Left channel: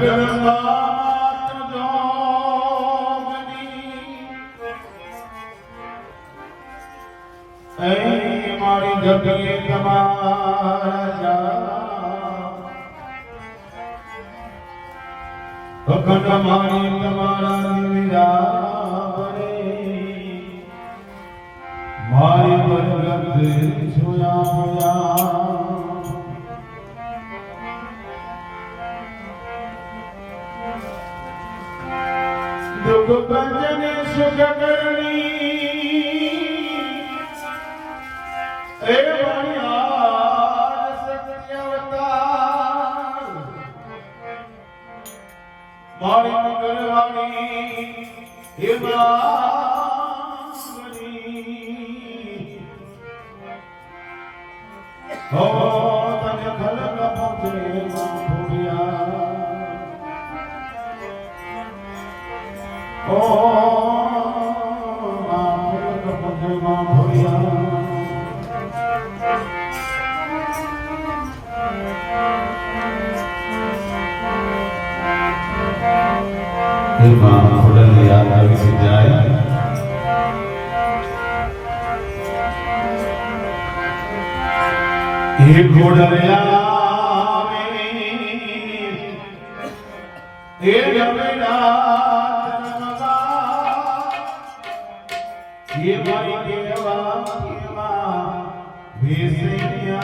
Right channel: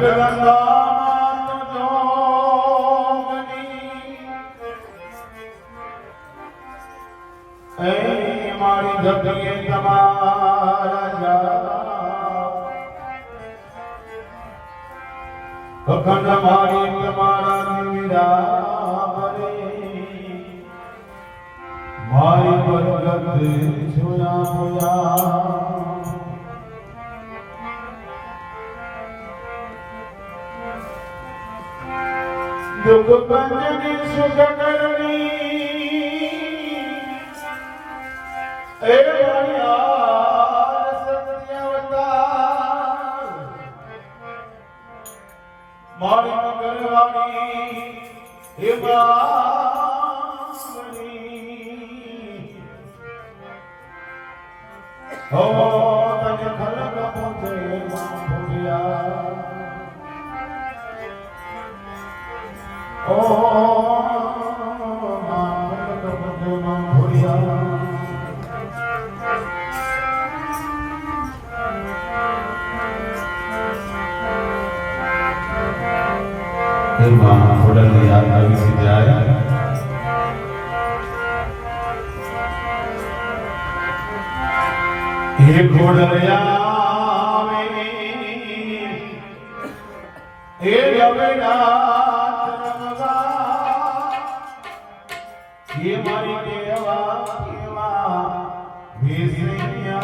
જગદંબા જોગની એ મારી જગીએ તમારા અખંડ મારી તમારા નિરાવરે મારી બરકત જોયા હોયા दुख भंजन सुख करनी ए सत्यवतार मारी करवानी हे हो तने खलक पहुंचे भूलिया ये मारी केवा केवा भेसिया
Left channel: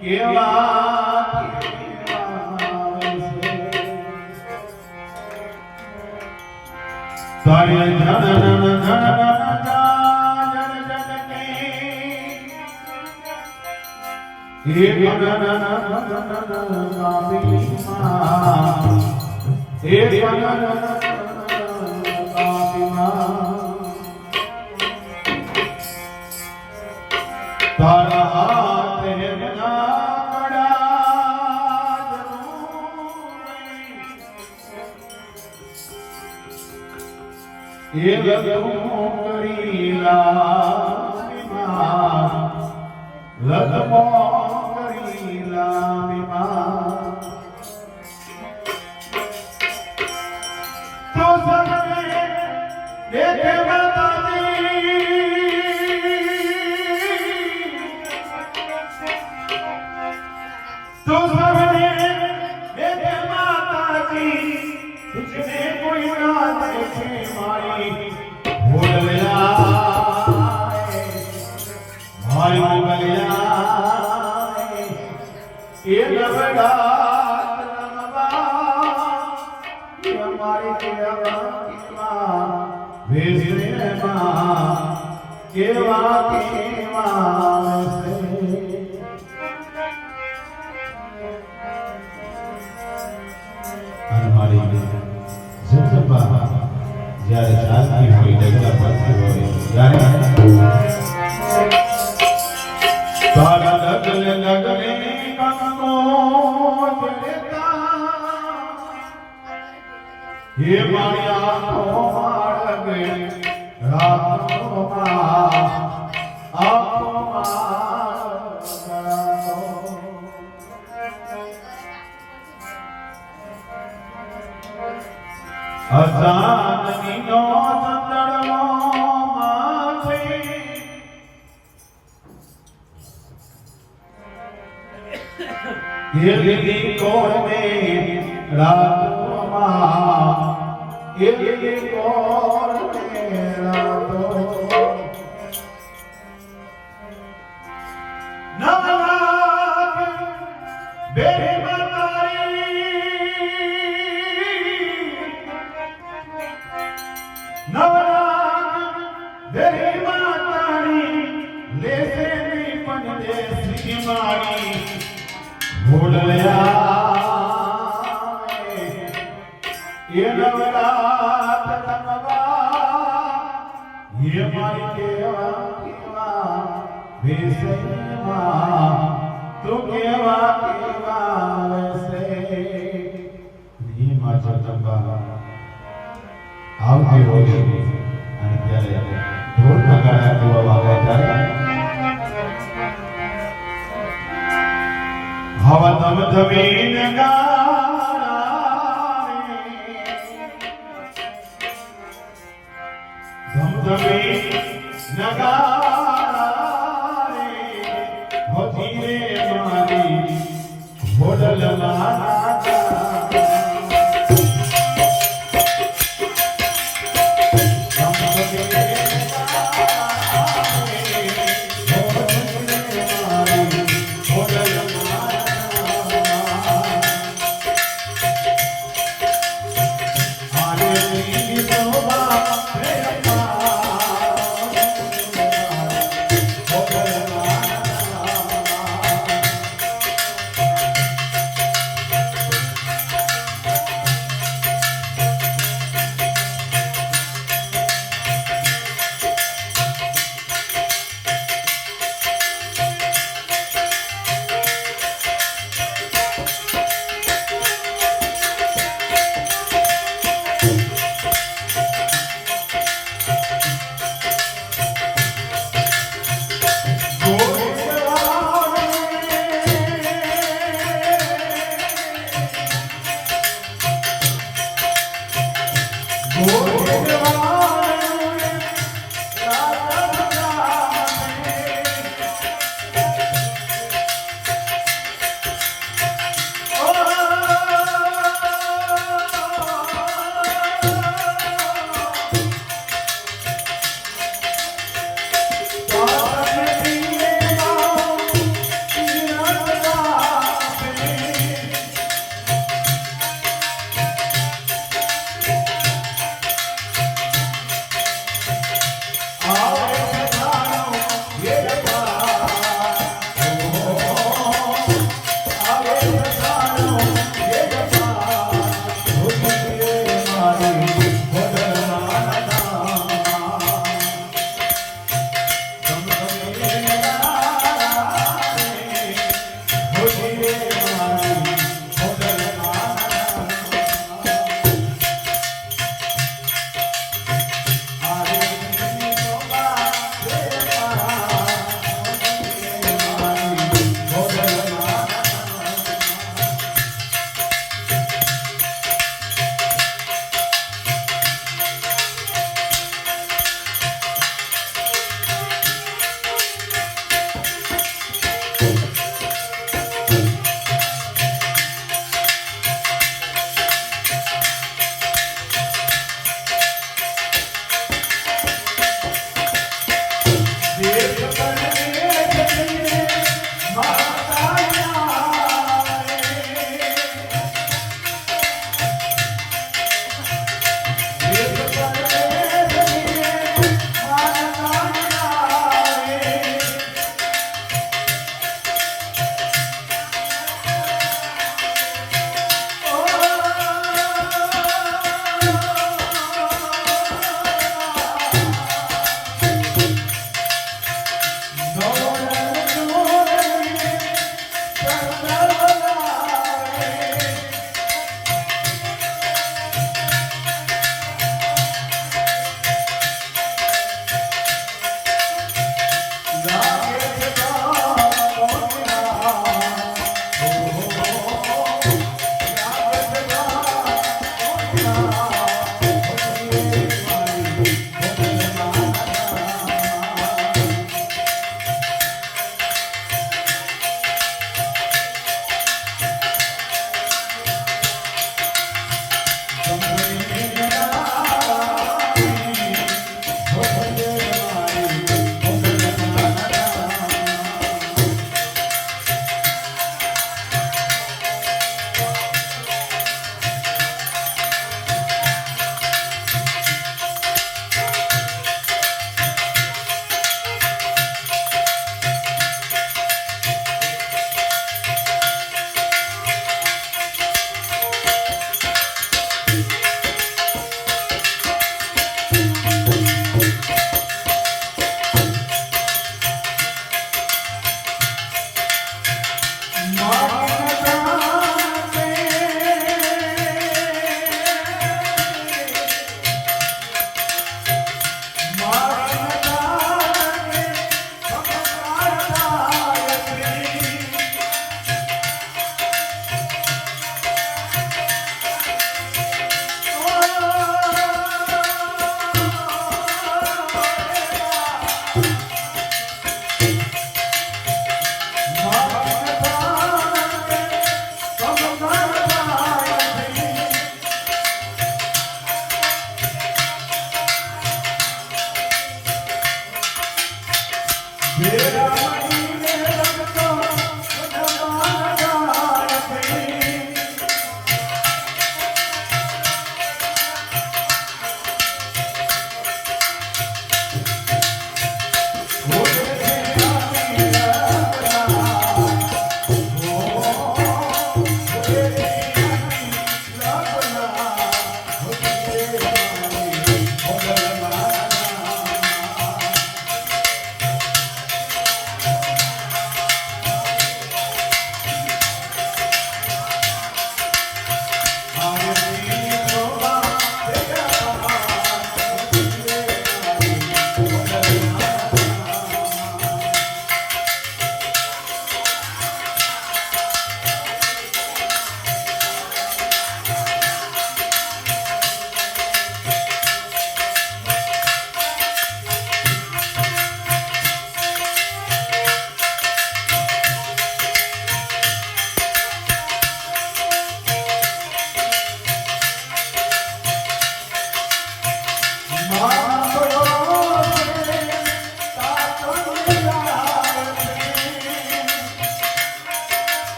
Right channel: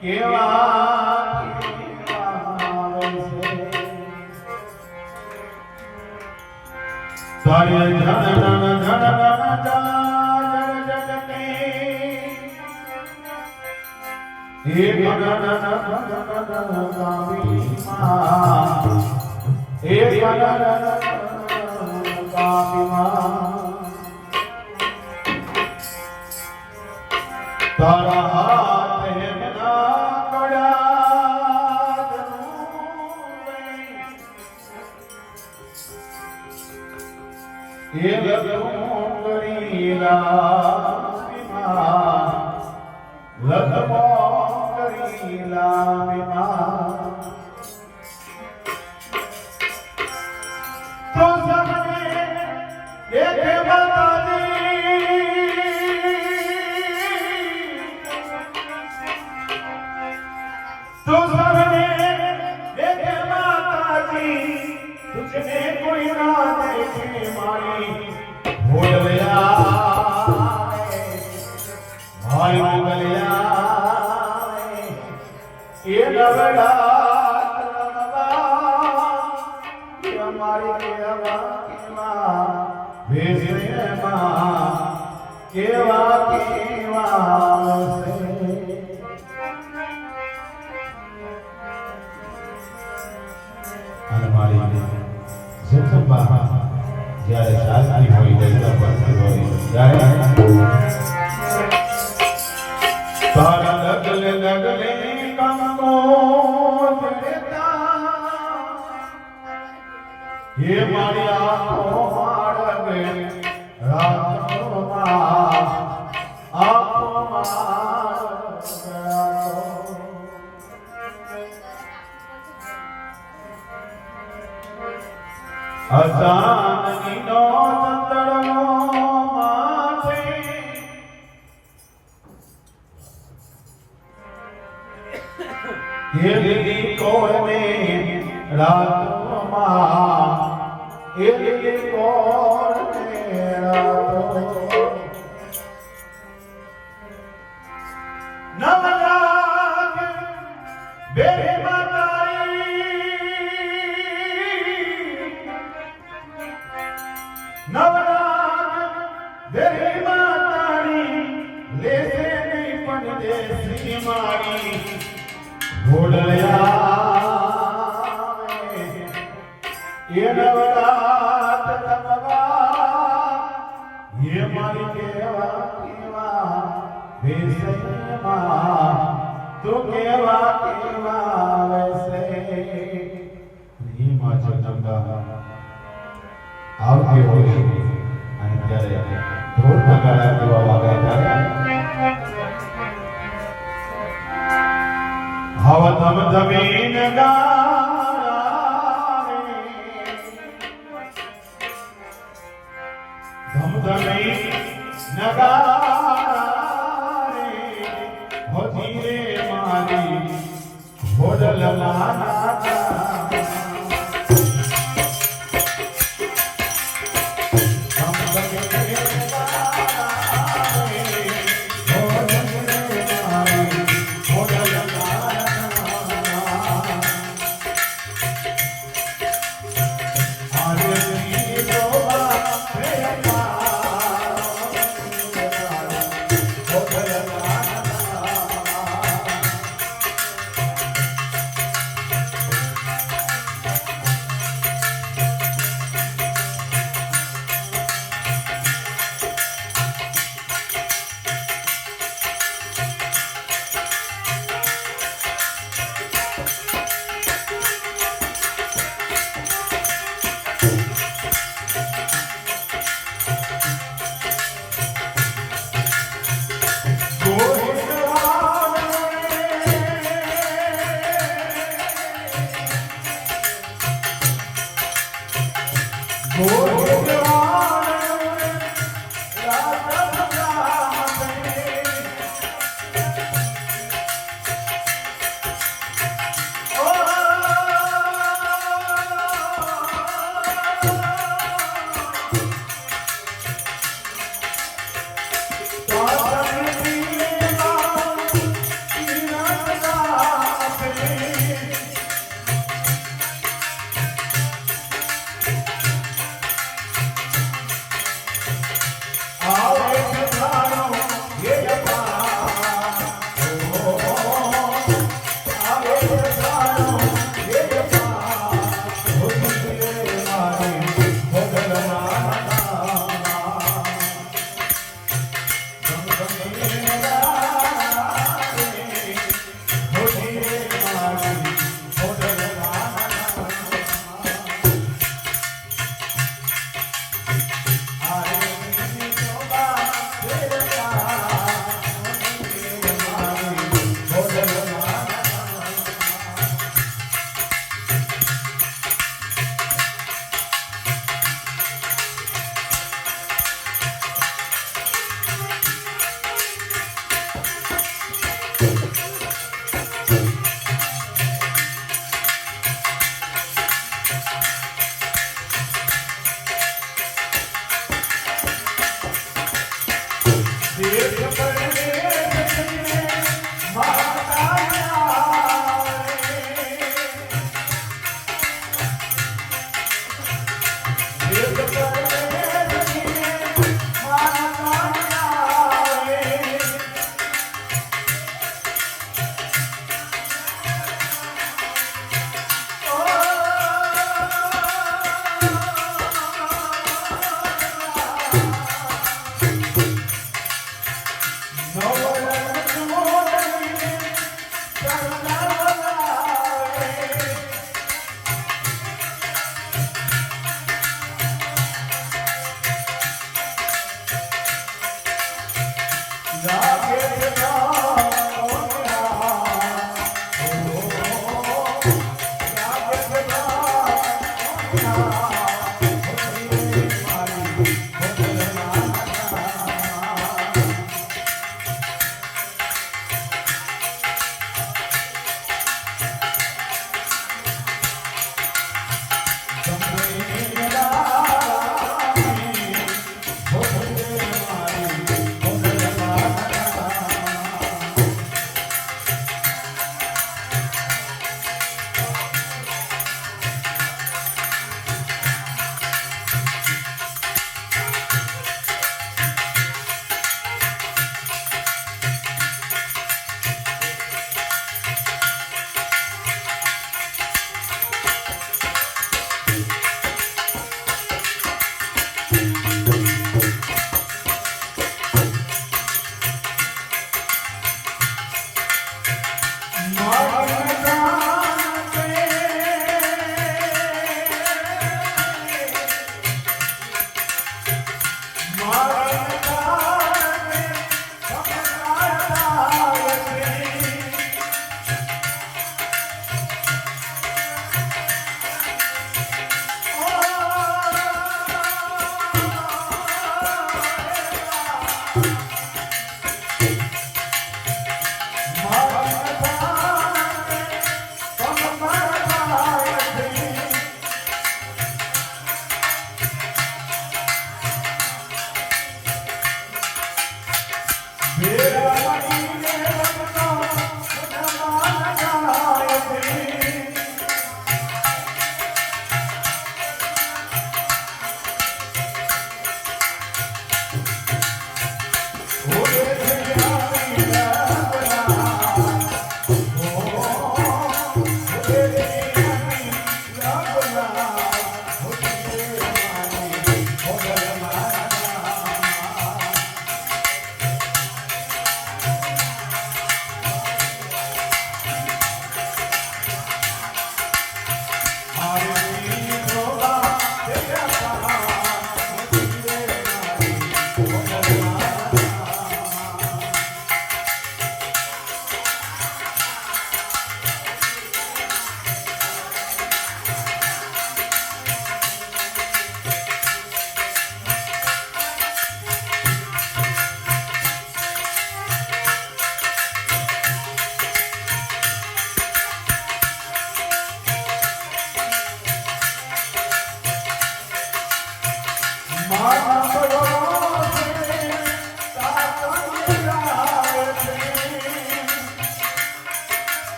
केवा तारे जन हे तारा हाथ है बना कड़ा ये करीला लखमो करीला तो सबने देखे तो सबने देखे माताजी तुझने कोई ना देखे मारी भोलिया भाई भोलिया ये लबड़ा हमारी केवा भेजने केवा केवा જ્યારે શાસ્ત્રી હોય જગલા પરથી હોય ત્યારે તારા લગલે લગલે કંકો જડતા હે મારી આંખો માળગે રાતોમાં આંખો હજાની નો ચંદડો માથે એ દીદી કોને રાતોમાં એ દીદી કોને રાતોમાં નવરાત બેરે नवरात देरी मातारी लेसे नहीं पण देसी मारी भोडलिया ये नवरात ये मारी केवा केवा भेसे तू केवा केवा वैसे नी माचा चंबा આવતી હોય અને ત્યારે ઢોલ નગારા ગાવામાં આવે ત્યારે હવા ધમ ધમીન ગા નગારે હોતી રે મારી હોડલમાં નાચા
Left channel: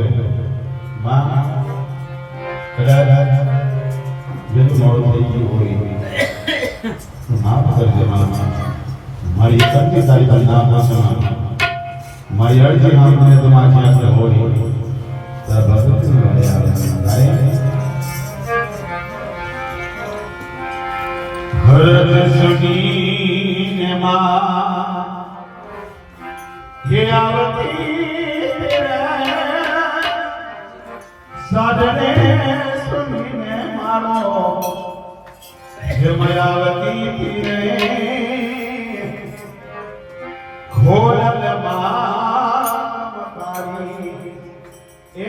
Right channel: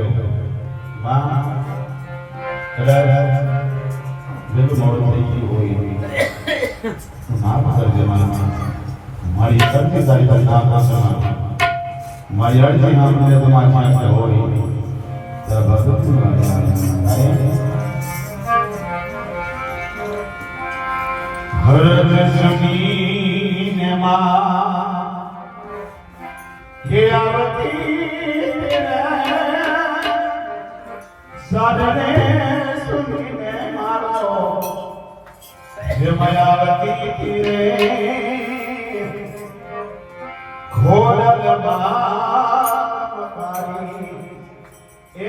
માં કદાચ વેલું મોડું થઈ ગયું હોય માફ કરજે મારી સૌથી સારી બંધા મારી અડધી નામને તમારી પાસે હોય ભરત સમીને માં ખેલાવતી સાધને સુનીને મારો હે માયાવતી તીરે ઘોડલ મારી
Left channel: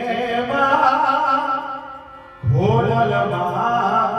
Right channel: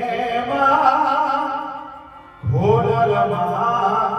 એમાં ઘોડલ મારી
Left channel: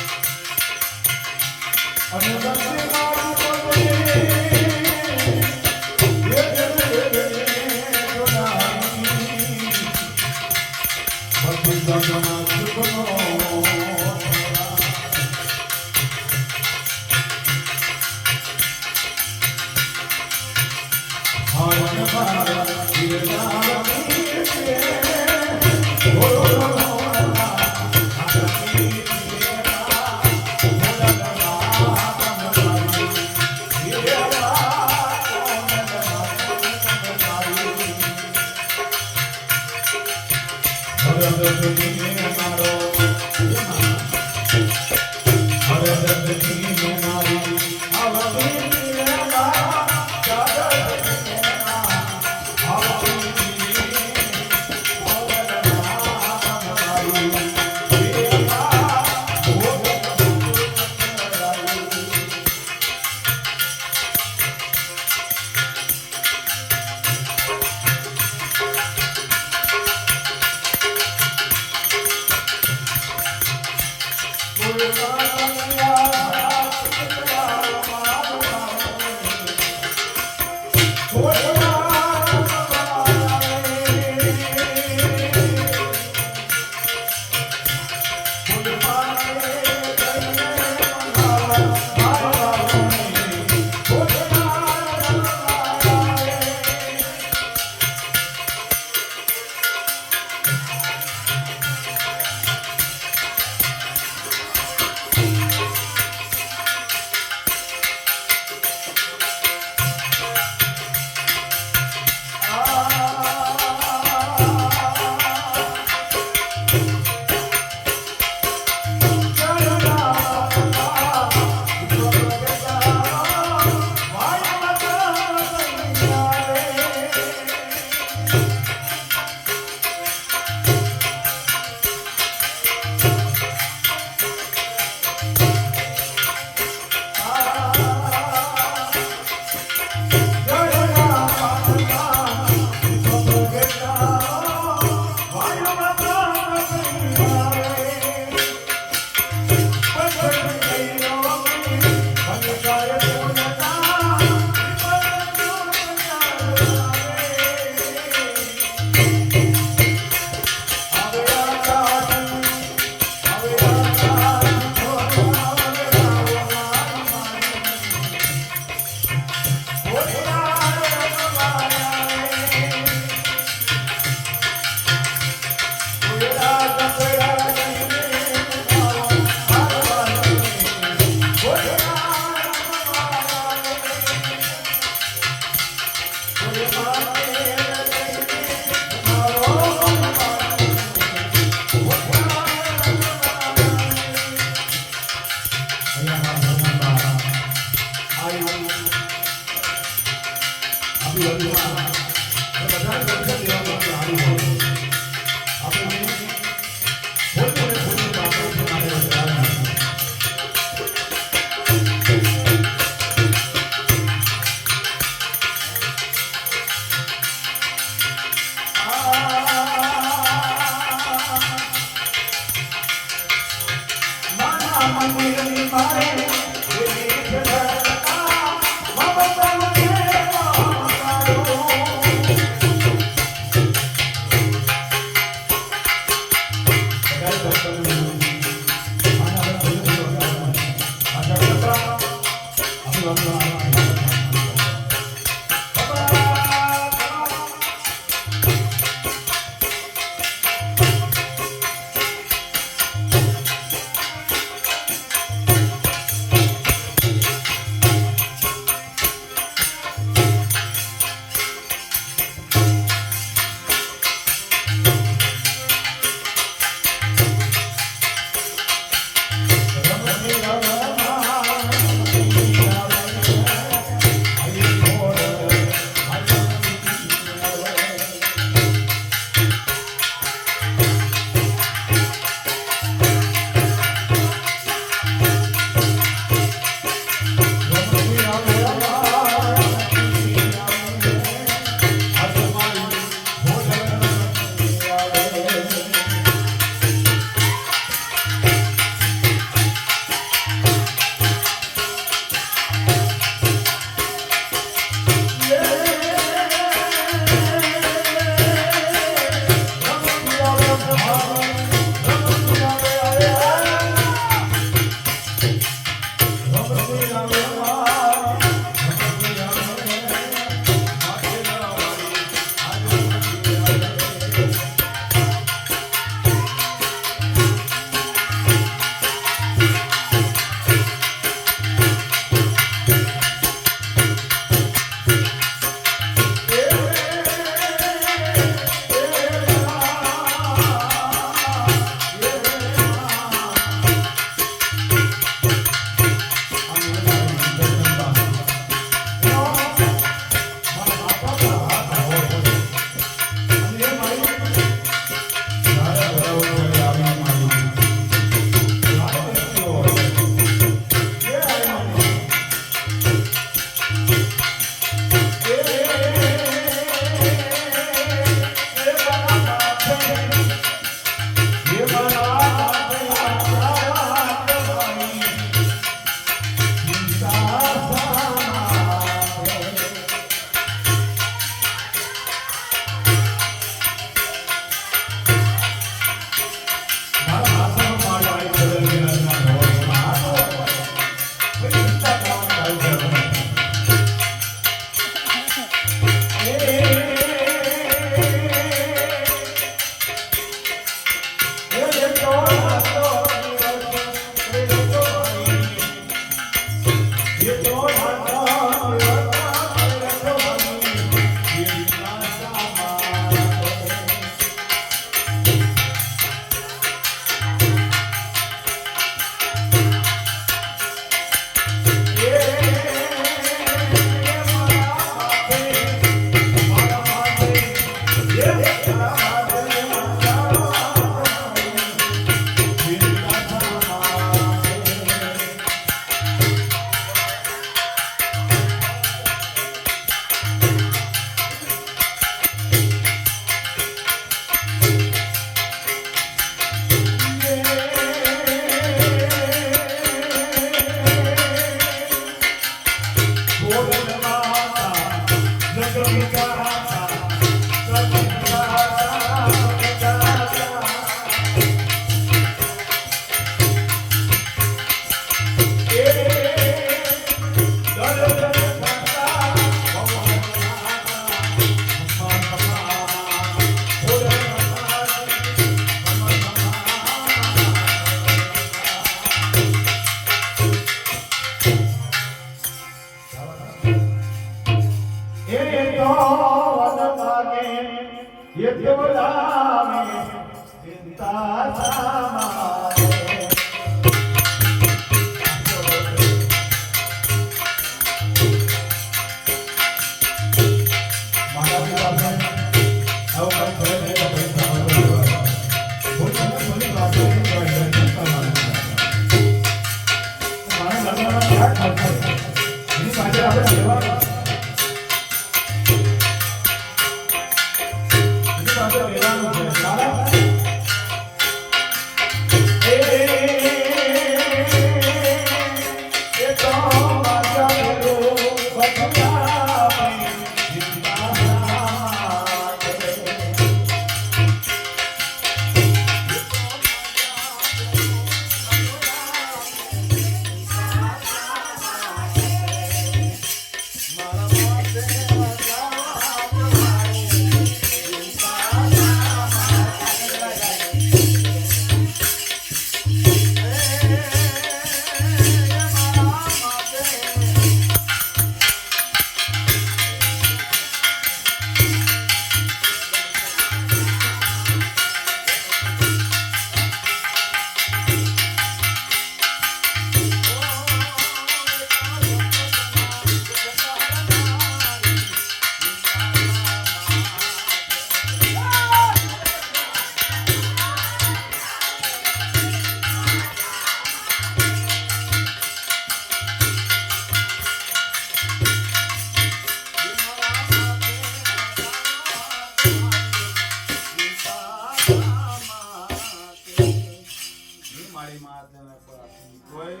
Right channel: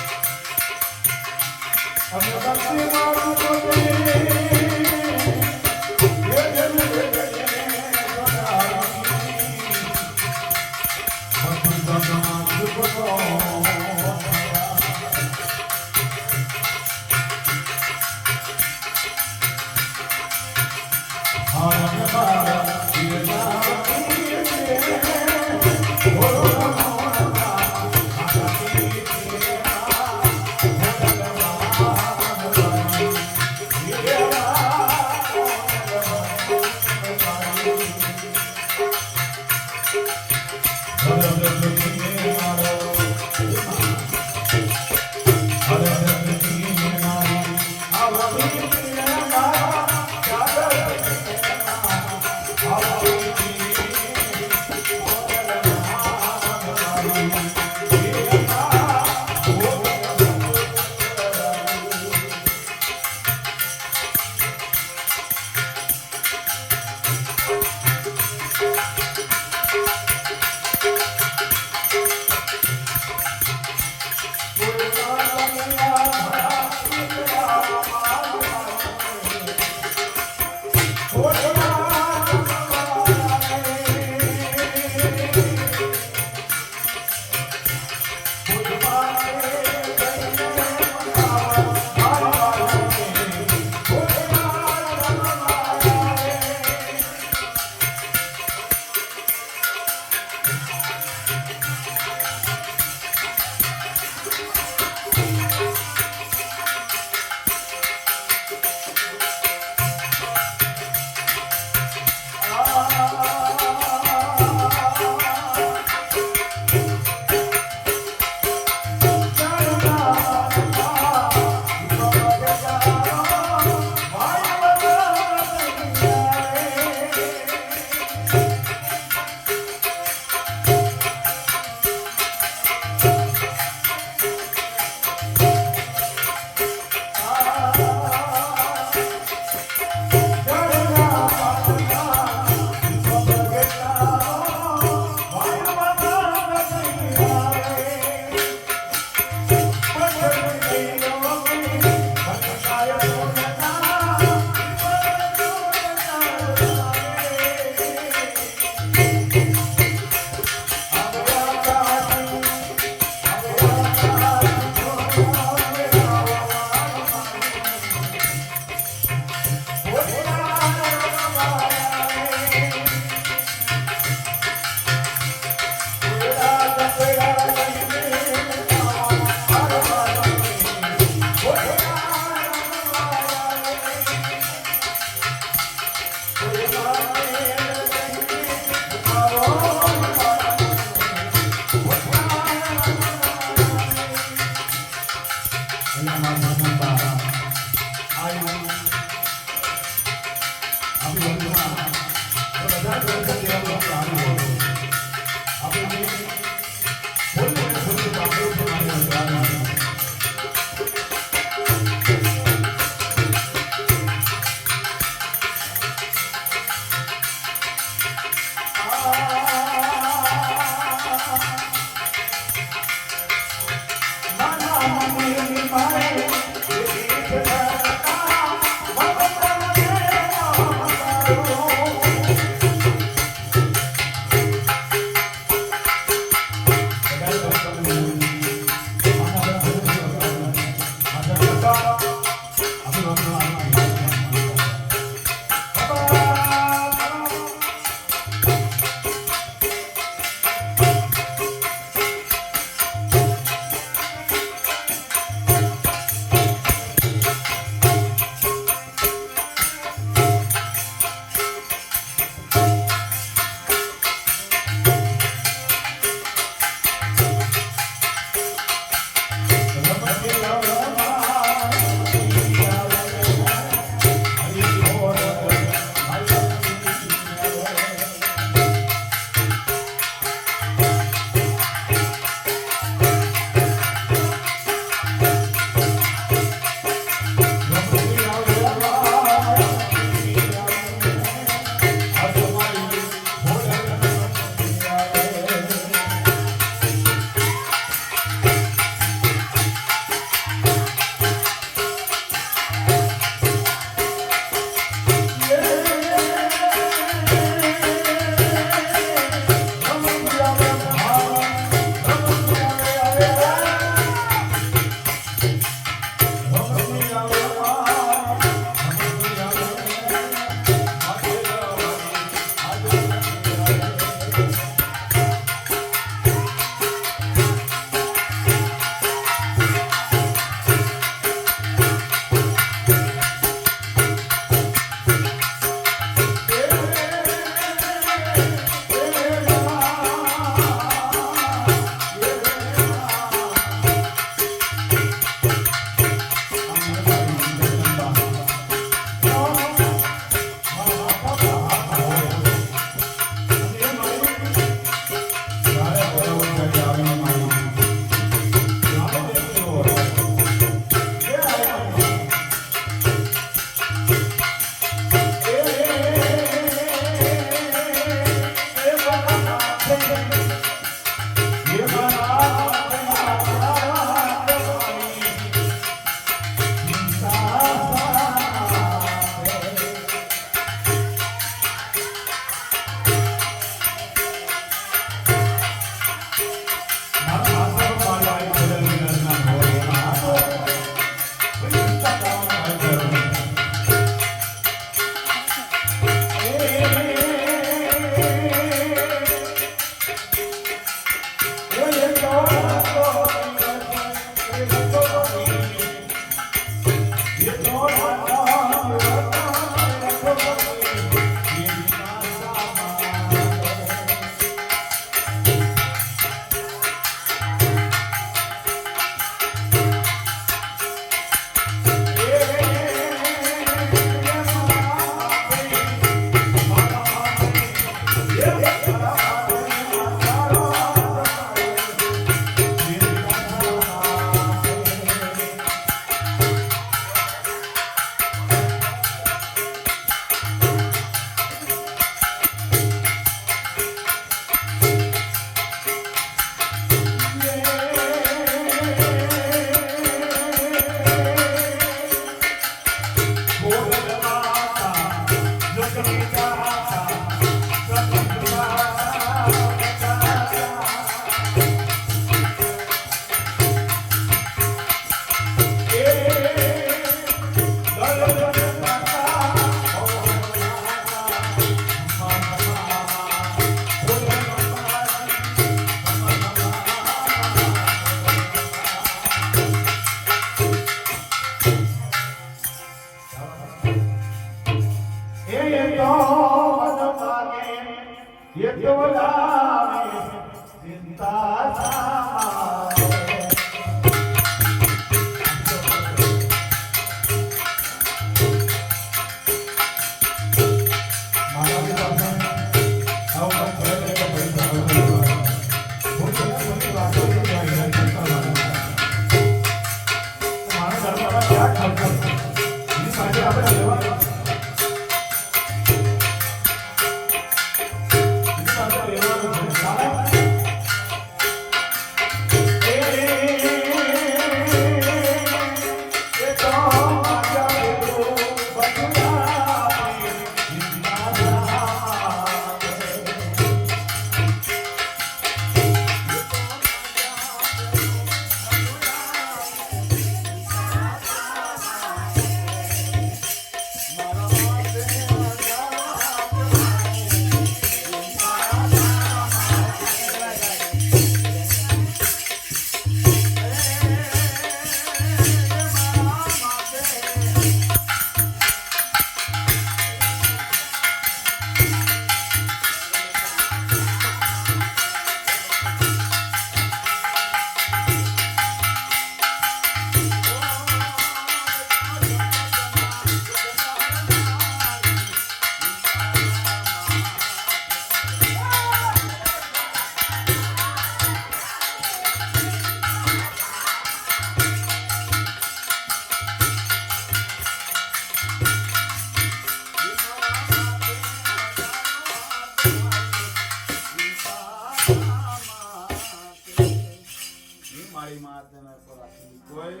કોઈ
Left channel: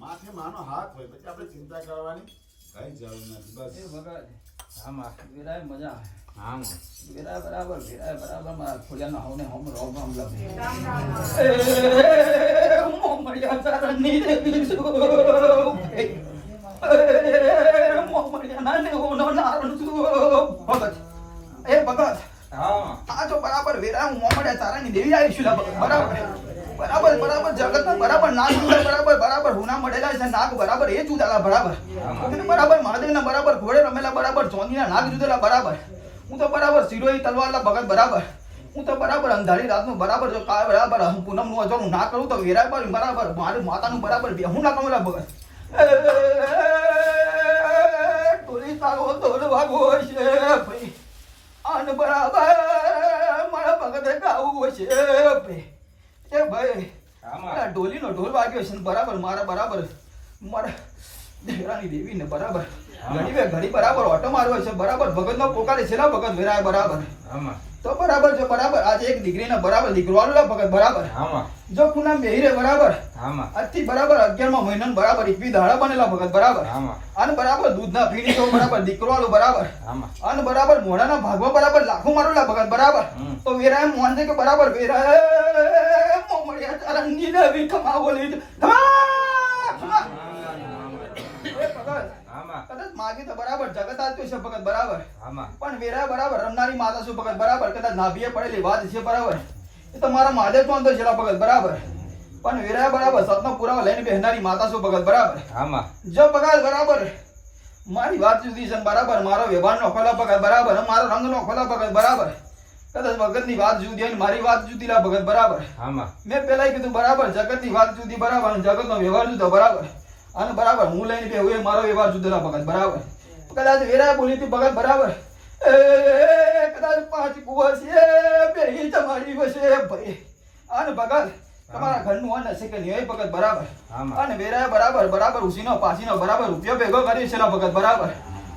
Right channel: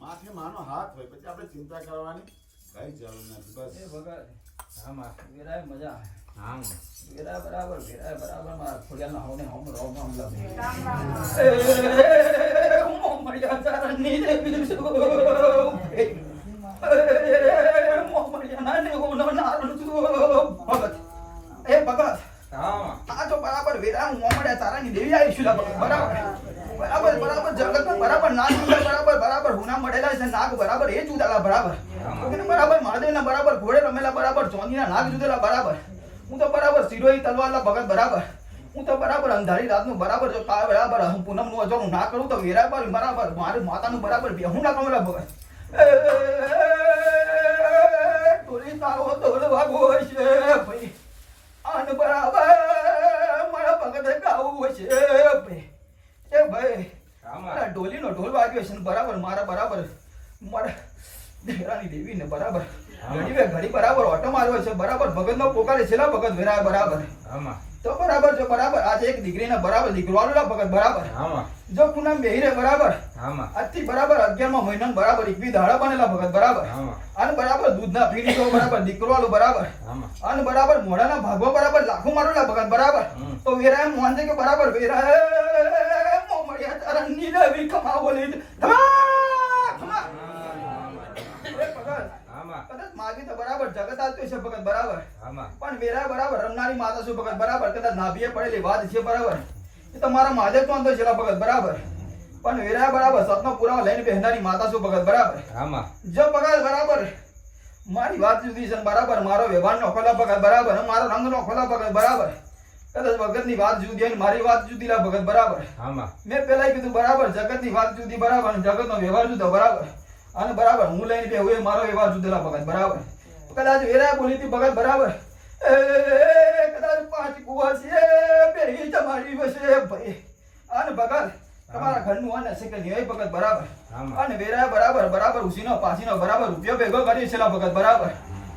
માથે માનો હાથ હોય પછી આપણે ચિંતા કરવાની કઈ જરૂર નથી. બસ એ ભગત આમાં વેરાય મજા હા વેરાય બરાબર મારા ખોડિયાનો હવને હમ રોમ રોમ લબે એ મોમડિયા તારની દેવી સુ મોમડિયા નાને હોનો નારું સુ ભગત એ ભગત હા આ જો બરાબર વેરાય મોમડિયા તારાની દેવી આવી છું બરાબર બરાબર જગતમાં બરાબર નાગ બરાબર હુના મળેલા છે નાગ બરાબર એ જુદેલા બરાબર બરાબર મહાદેવના બરાબર ઘોડે રમેલા બરાબર ચોંદીના નાગ જુદેલા બરાબર હું તો બરાબર સિરોઈ તલવારના ભગત બરાબર હું તો બરાબર અંધારી રાતનું બરાબર જો કાળ બરાબર પૂનમ નું અજોડું ના કરું તો વેરાય બરાબર મારી માતાનું બરાબર બેહું ના કમેલા ભગત ટોલી તારો દોડ ભાગો છે ભાઈ આન બરાબર મારા ભગત ગાવું છે ભાઈ એ ભાઈ મારા ઢોલીનો ઢોલ વાગ્યો છે બરાબર મારા દેવરાની દેવીને બરાબર ઘડી બરાબર ઓટો માર્યો છે બરાબર ભગતનો પોકારે છે ને ભગત વેરાય બરાબર તો બરાબર છે બરાબર આજે એક દીકરીને બરાબર દીકરો આવેલો ભગત બરાબર જો પૂનમ બેહી રે બરાબર આજથી બરાબર 11મા મહિનામાં બરાબર 21 દાડા બનેલા ભગત બરાબર અને બરાબર દૂધના પીણી તો બરાબર દીકરો આલો બરાબર અને બરાબર મોઢાના ભાગવા બરાબર લાખો મારેલા ભગત બરાબર તો વેરાય મોહન કે બરાબર વેરાય મોમડિયા તારા નીલવી કમાવો લીધ કદાચ માગી તો બરાબર જગત આવતું છે ભગત બરાબર પણ વેરા બરાબર રમનારી માતા શું ભગત બરાબર કદાચ નાભીએ પડેલી વાત છે બરાબર એ તો મારા મહાદેવ તો છે ભગત બરાબર પણ વેરા બરાબર સતનો પુરાવા લઈને બેહનારી માતા શું ભગત બરાબર જો ભગત બરાબર મારી વાત જુદી છે બરાબર મારો વ્યવહાર નો ખોલા ભગત બરાબર મારો રંગ નો ખોલા ભગત બરાબર કદાચ ભગત ની વાત જુદી હોય મારી વાત જુદી લા ભગત બરાબર મેં પેલા કીધું બરાબર જગત ની વાત જુદી બરાબર જગત નો વ્યવહાર જુદો બરાબર અને બરાબર હું લઈને બે હું મારો વ્યવહાર જુદેલા ભગત બરાબર કદાચ વેરા બોલી હતી ભગત બરાબર કદાચ 5 કુવા છે બે તમારી વસે ભાઈ અને ભગત તમારા ઘરનું અન્ન છે કે નહીં ભગત બરાબર અને વેરા બરાબર ઉસીનો પાસીનો બરાબર રૂપિયો ભેગો કરી છે ભગત બરાબર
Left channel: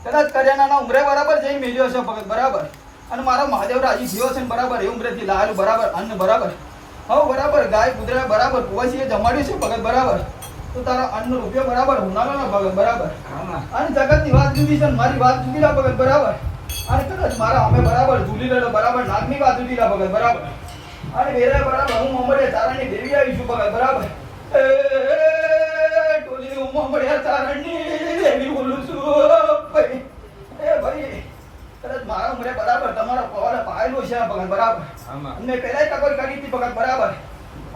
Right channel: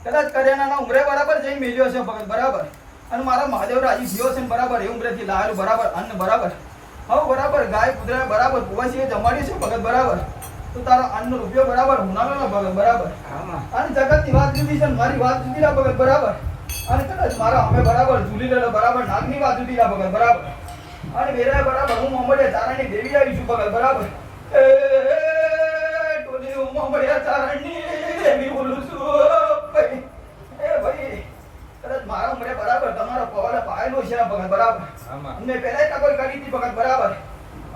કદાચ કર્યાના ઉમરે બરાબર જઈને મેળ્યો છે ભગત બરાબર અને મારા મહાદેવ રાજી થયો છે બરાબર એ ઉમરેથી લાલ બરાબર અન્ન બરાબર હવે બરાબર ગાય કુતરા બરાબર કુવાસી જમાડ્યું છે ભગત બરાબર તો તારા અન્ન રૂપિયો બરાબર હુનાનો ના ભગત બરાબર અને જગતની વાત જુદી છે મારી વાત જુદી લા ભગત બરાબર અને કદાચ મારા અમે બરાબર જુલી લેલો બરાબર નાગની વાત જુદી લા ભગત બરાબર અને વેરા બરાબર હું મોમડિયા તારાની દેવી આવી છું ભગત બરાબર એ ટોલી હું મોમડિયા તારાની દેવી બોલું છું ભાઈ એ ભાઈ કદાચ મારા ઉમરે બરાબર તમારા પવાલે પાયેલો છે ભગત બરાબર અમને પહેલા ટકોર કરી હતી ભગત બરાબર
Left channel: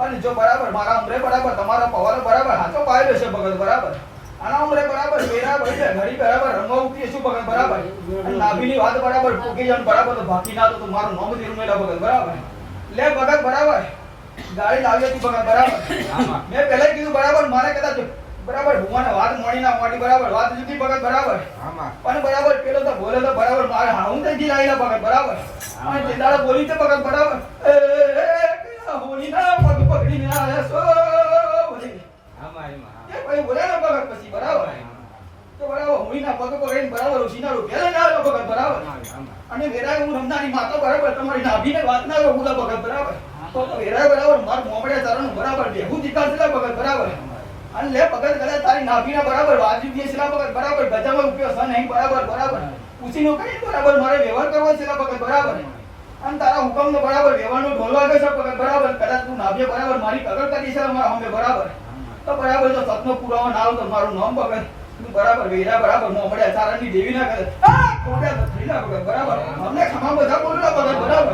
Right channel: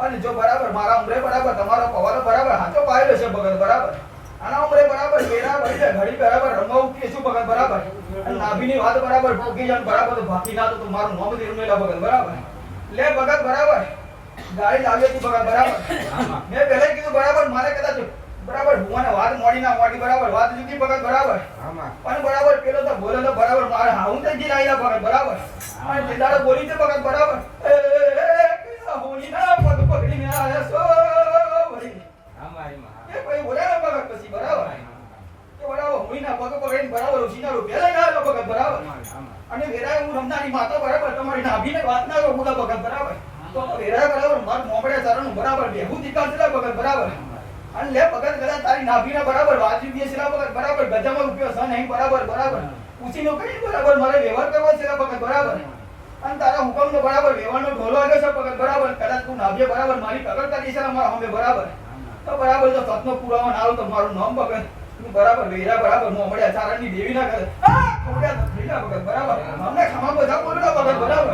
અને જો બરાબર મારા ઉમરે બરાબર તમારો પવાલો બરાબર હાચો પાયેલો છે ભગત બરાબર આના ઉમરે બરાબર વેરા ભાઈ ઘડી બરાબર રંગાવતી છું ભગત બરાબર અને નાભીની વાત બરાબર પોકી જાન બરાબર તો બાકી ના તો મારું નામ થી રૂમેલા ભગત બરાબર લે ભગત બરાબર ગાડી લાવી હતી ભગત બરાબર મેં પહેલા જ કીધું બરાબર મારે કદાચ બરાબર ભુવાને વાત મોડી ના મોડી બરાબર વાત જુદી ભગત બરાબર પણ બરાબર પેલો તો બોલે તો બરાબર મારે હું તો જી લાવીલા ભગત બરાબર અને ચિંતાડો બોલી છે ભગત બરાબર હોની ના પગ પકડીને આયા સો ભાઈ એ ભાઈ બોલે ને ભગત પછી બરાબર તો બરાબર હોની ના પગ પકડીને બરાબર ઉસીના રૂપિયા ના આલો ભગત બરાબર અને વેરાય હું રમનાની માતો બરાબર તમારી નાભીને વાત ના લો બોલા ભગત બરાબર તો વેરાય બરાબર માર મોમડિયા ચારણ બરાબર દેહુ જીકાલલા ભગત બરાબર અને લે ભગત કદાચ તારી નાભીના બરાબર વાજબી છે છેલા ભગત બરાબર ગજામાં રૂપિયો છે નહીં બરાબર બરાબર ઉસીનો કઈ બરાબર મારે વ્યવહાર કરવો છે ભગત બરાબર અને તારા હુકમનો બરાબર વ્યવહારનો ઢોલ વાગે છે ભગત બરાબર કદાચ તું નાભીએ બરાબર મારી કગર કરી છે મારા હમે બરાબર તો બરાબર જો સતનો પુરાવો ના આવ તો મારું નામ ભગત તું બરાબર વેરા બરાબર મોમડિયા ચારણની દેવી ના કરે આ કોડ્યા થઈલા ભગત બરાબર અમને ખમા બધા બોલલા ભગત બરાબર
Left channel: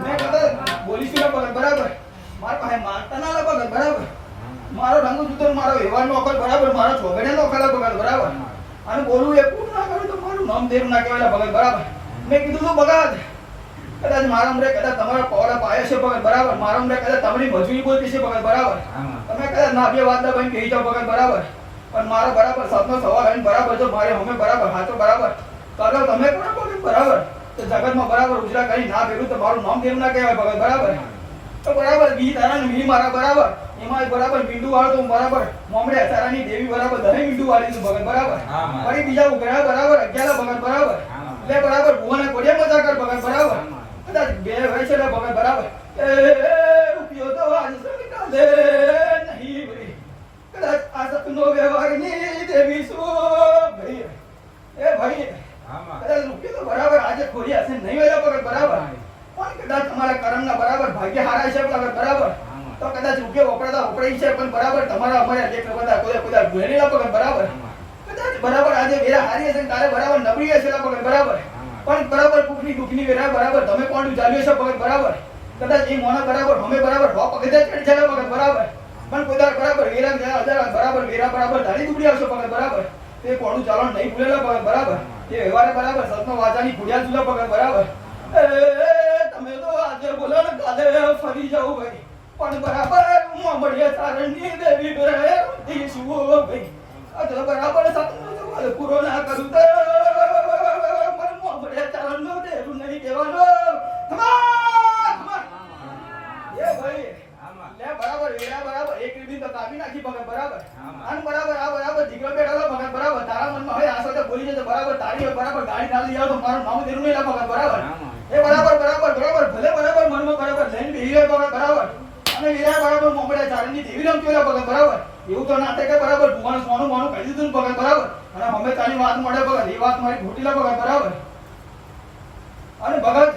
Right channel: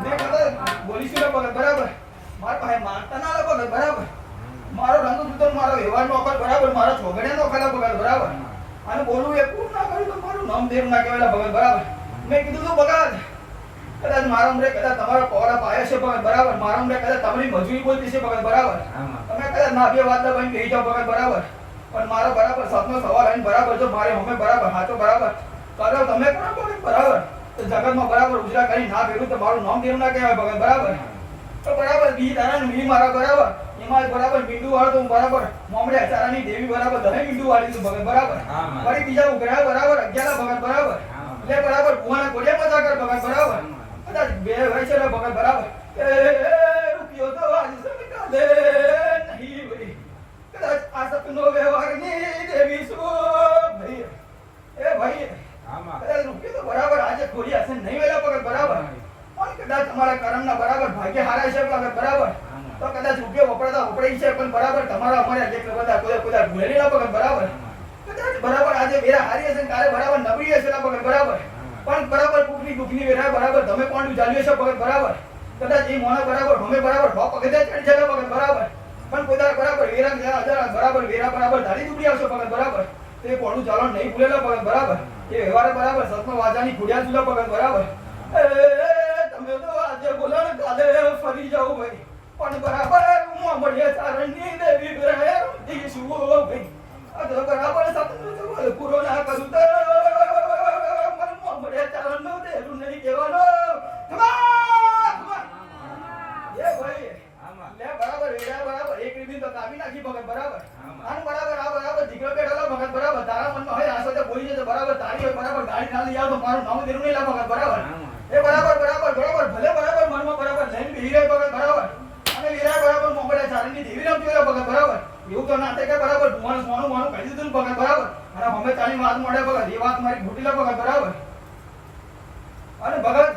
મેં કદાચ બોલીશું ભગત બરાબર માર પાસે માનતા ના ભગત બરાબર મારો રંગ જુતો મારો વ્યવહાર નો અકલ બરાબર મારો છોગડે નો ખરા ભગત બરાબર અને બોલું એ પૂરું ના કરું તો મારું નામ દેવ ના કહેવાય ભગત બરાબર મેં કીધું તો ભગત કદાચ મારા અંદર કદાચ તમારો કોડા પાયો છે ભગત બરાબર મારા અંદર કદાચ તમારી મજૂરી બોલતી છે ભગત બરાબર તમે કદાચ ના બે વાત ના બની કહી જાઓ ભગત બરાબર પણ મારો બરાબર સતનો સવાલ આવીને બરાબર જો મારે અમે બરાબર હાથો બરાબર કરો તમે કરો ભગત બરાબર તો જગતમાં બરાબર ઉજરા કરી ના કર્યું તો મારું નામ દેવ ના કહેવાય ભગત બરાબર તો બરાબર બી તારા ને બી મારા બરાબર એમાં બરાબર મીંડુ વાળો તો બરાબર મોમડે અચારાની દેવી બરાબર દહીં મીંડુ વાળી તું ભગત બરાબર વળી બીજા ઉઘરા બરાબર 11 ભગત બરાબર એટલે બરાબર ભુવાના કોડિયા મજા કર ભગત બરાબર કદાચ બે હોય છે ભગત બરાબર એ રૂપિયો તો આજ સરકાર દે નહીં ભાઈ કદાચ આ સપનો વ્યવહાર ની દેવી સો ભાઈ એ ભાઈ કદાચ રૂપિયો તો બરાબર આજે ખોરી હશે નહીં વેલા ભગત બરાબર પણ કદાચ તમારા કર્મના બરાબર ભાગ્ય હારા છે ભગત બરાબર તો કદાચ રૂપિયો વપરાઈ છે પણ બરાબર તમારા અમારે દેખ બધા કોઈ ભૂલેલા ભગત બરાબર કદાચ બરાબર આજે વેરા હારી હશે તારે બરાબર નબળી હશે ભગત બરાબર પણ બરાબર કુકની વેરા બરાબર તમે કોણ ચાલ્યો છે ભગત બરાબર કદાચ એ મોના બરાબર અમે બરાબર હો પગથે ચડી જાય ભગત બરાબર પણ કોદાર બરાબર વેરા બરાબર વેરા બરાબર ધારી દુબળી આવશે ભગત બરાબર તે કોણું ચાલણ નહીં ભૂલેલા ભગત બરાબર એ વ્યવહારે બરાબર સતનો વાજાની ફૂડ્યા જુલા ભગત બરાબર તમે તો આજે બોલો ને કાલે ફરી જાવ ભાઈ પણ બરાબર મોમડિયા ચારણની દેવી બરાબર દીશું ભાઈ આ તો બરાબર સતનો પૂરો ના કરું તો મોમડિયા ચારણનો દેરું નહીં કહેવાનો એ ભાઈ લે બરાબર વેરા બરાબર એક રીબી તો કાપી નાખી ભગત બરાબર અને બરાબર આ બરાબર દીકરો બેઠેલો ભગત બરાબર તારા મનમાં હોય આસો તો બોલી જતો બરાબર તારી હોય બરાબર ગાડી ના લઈ આવ તો મારું નામ દેરું નહીં લા ભગત બરાબર એ બરાબર ભલે બરાબર મનમાં બરાબર લઈને બેહી રહ્યો ભગત બરાબર અને વેરા બરાબર મોમડિયા ચારણની દેવી રમતી હોય ભગત બરાબર એવું તો ના થાય કે બરાબર ભુવાનું સોનું કહી દીધું ભગત બરાબર અને અમે તારી વાત મળે ભગત એ વાત મારી ઘોટીલા ભગત બરાબર અને ભગત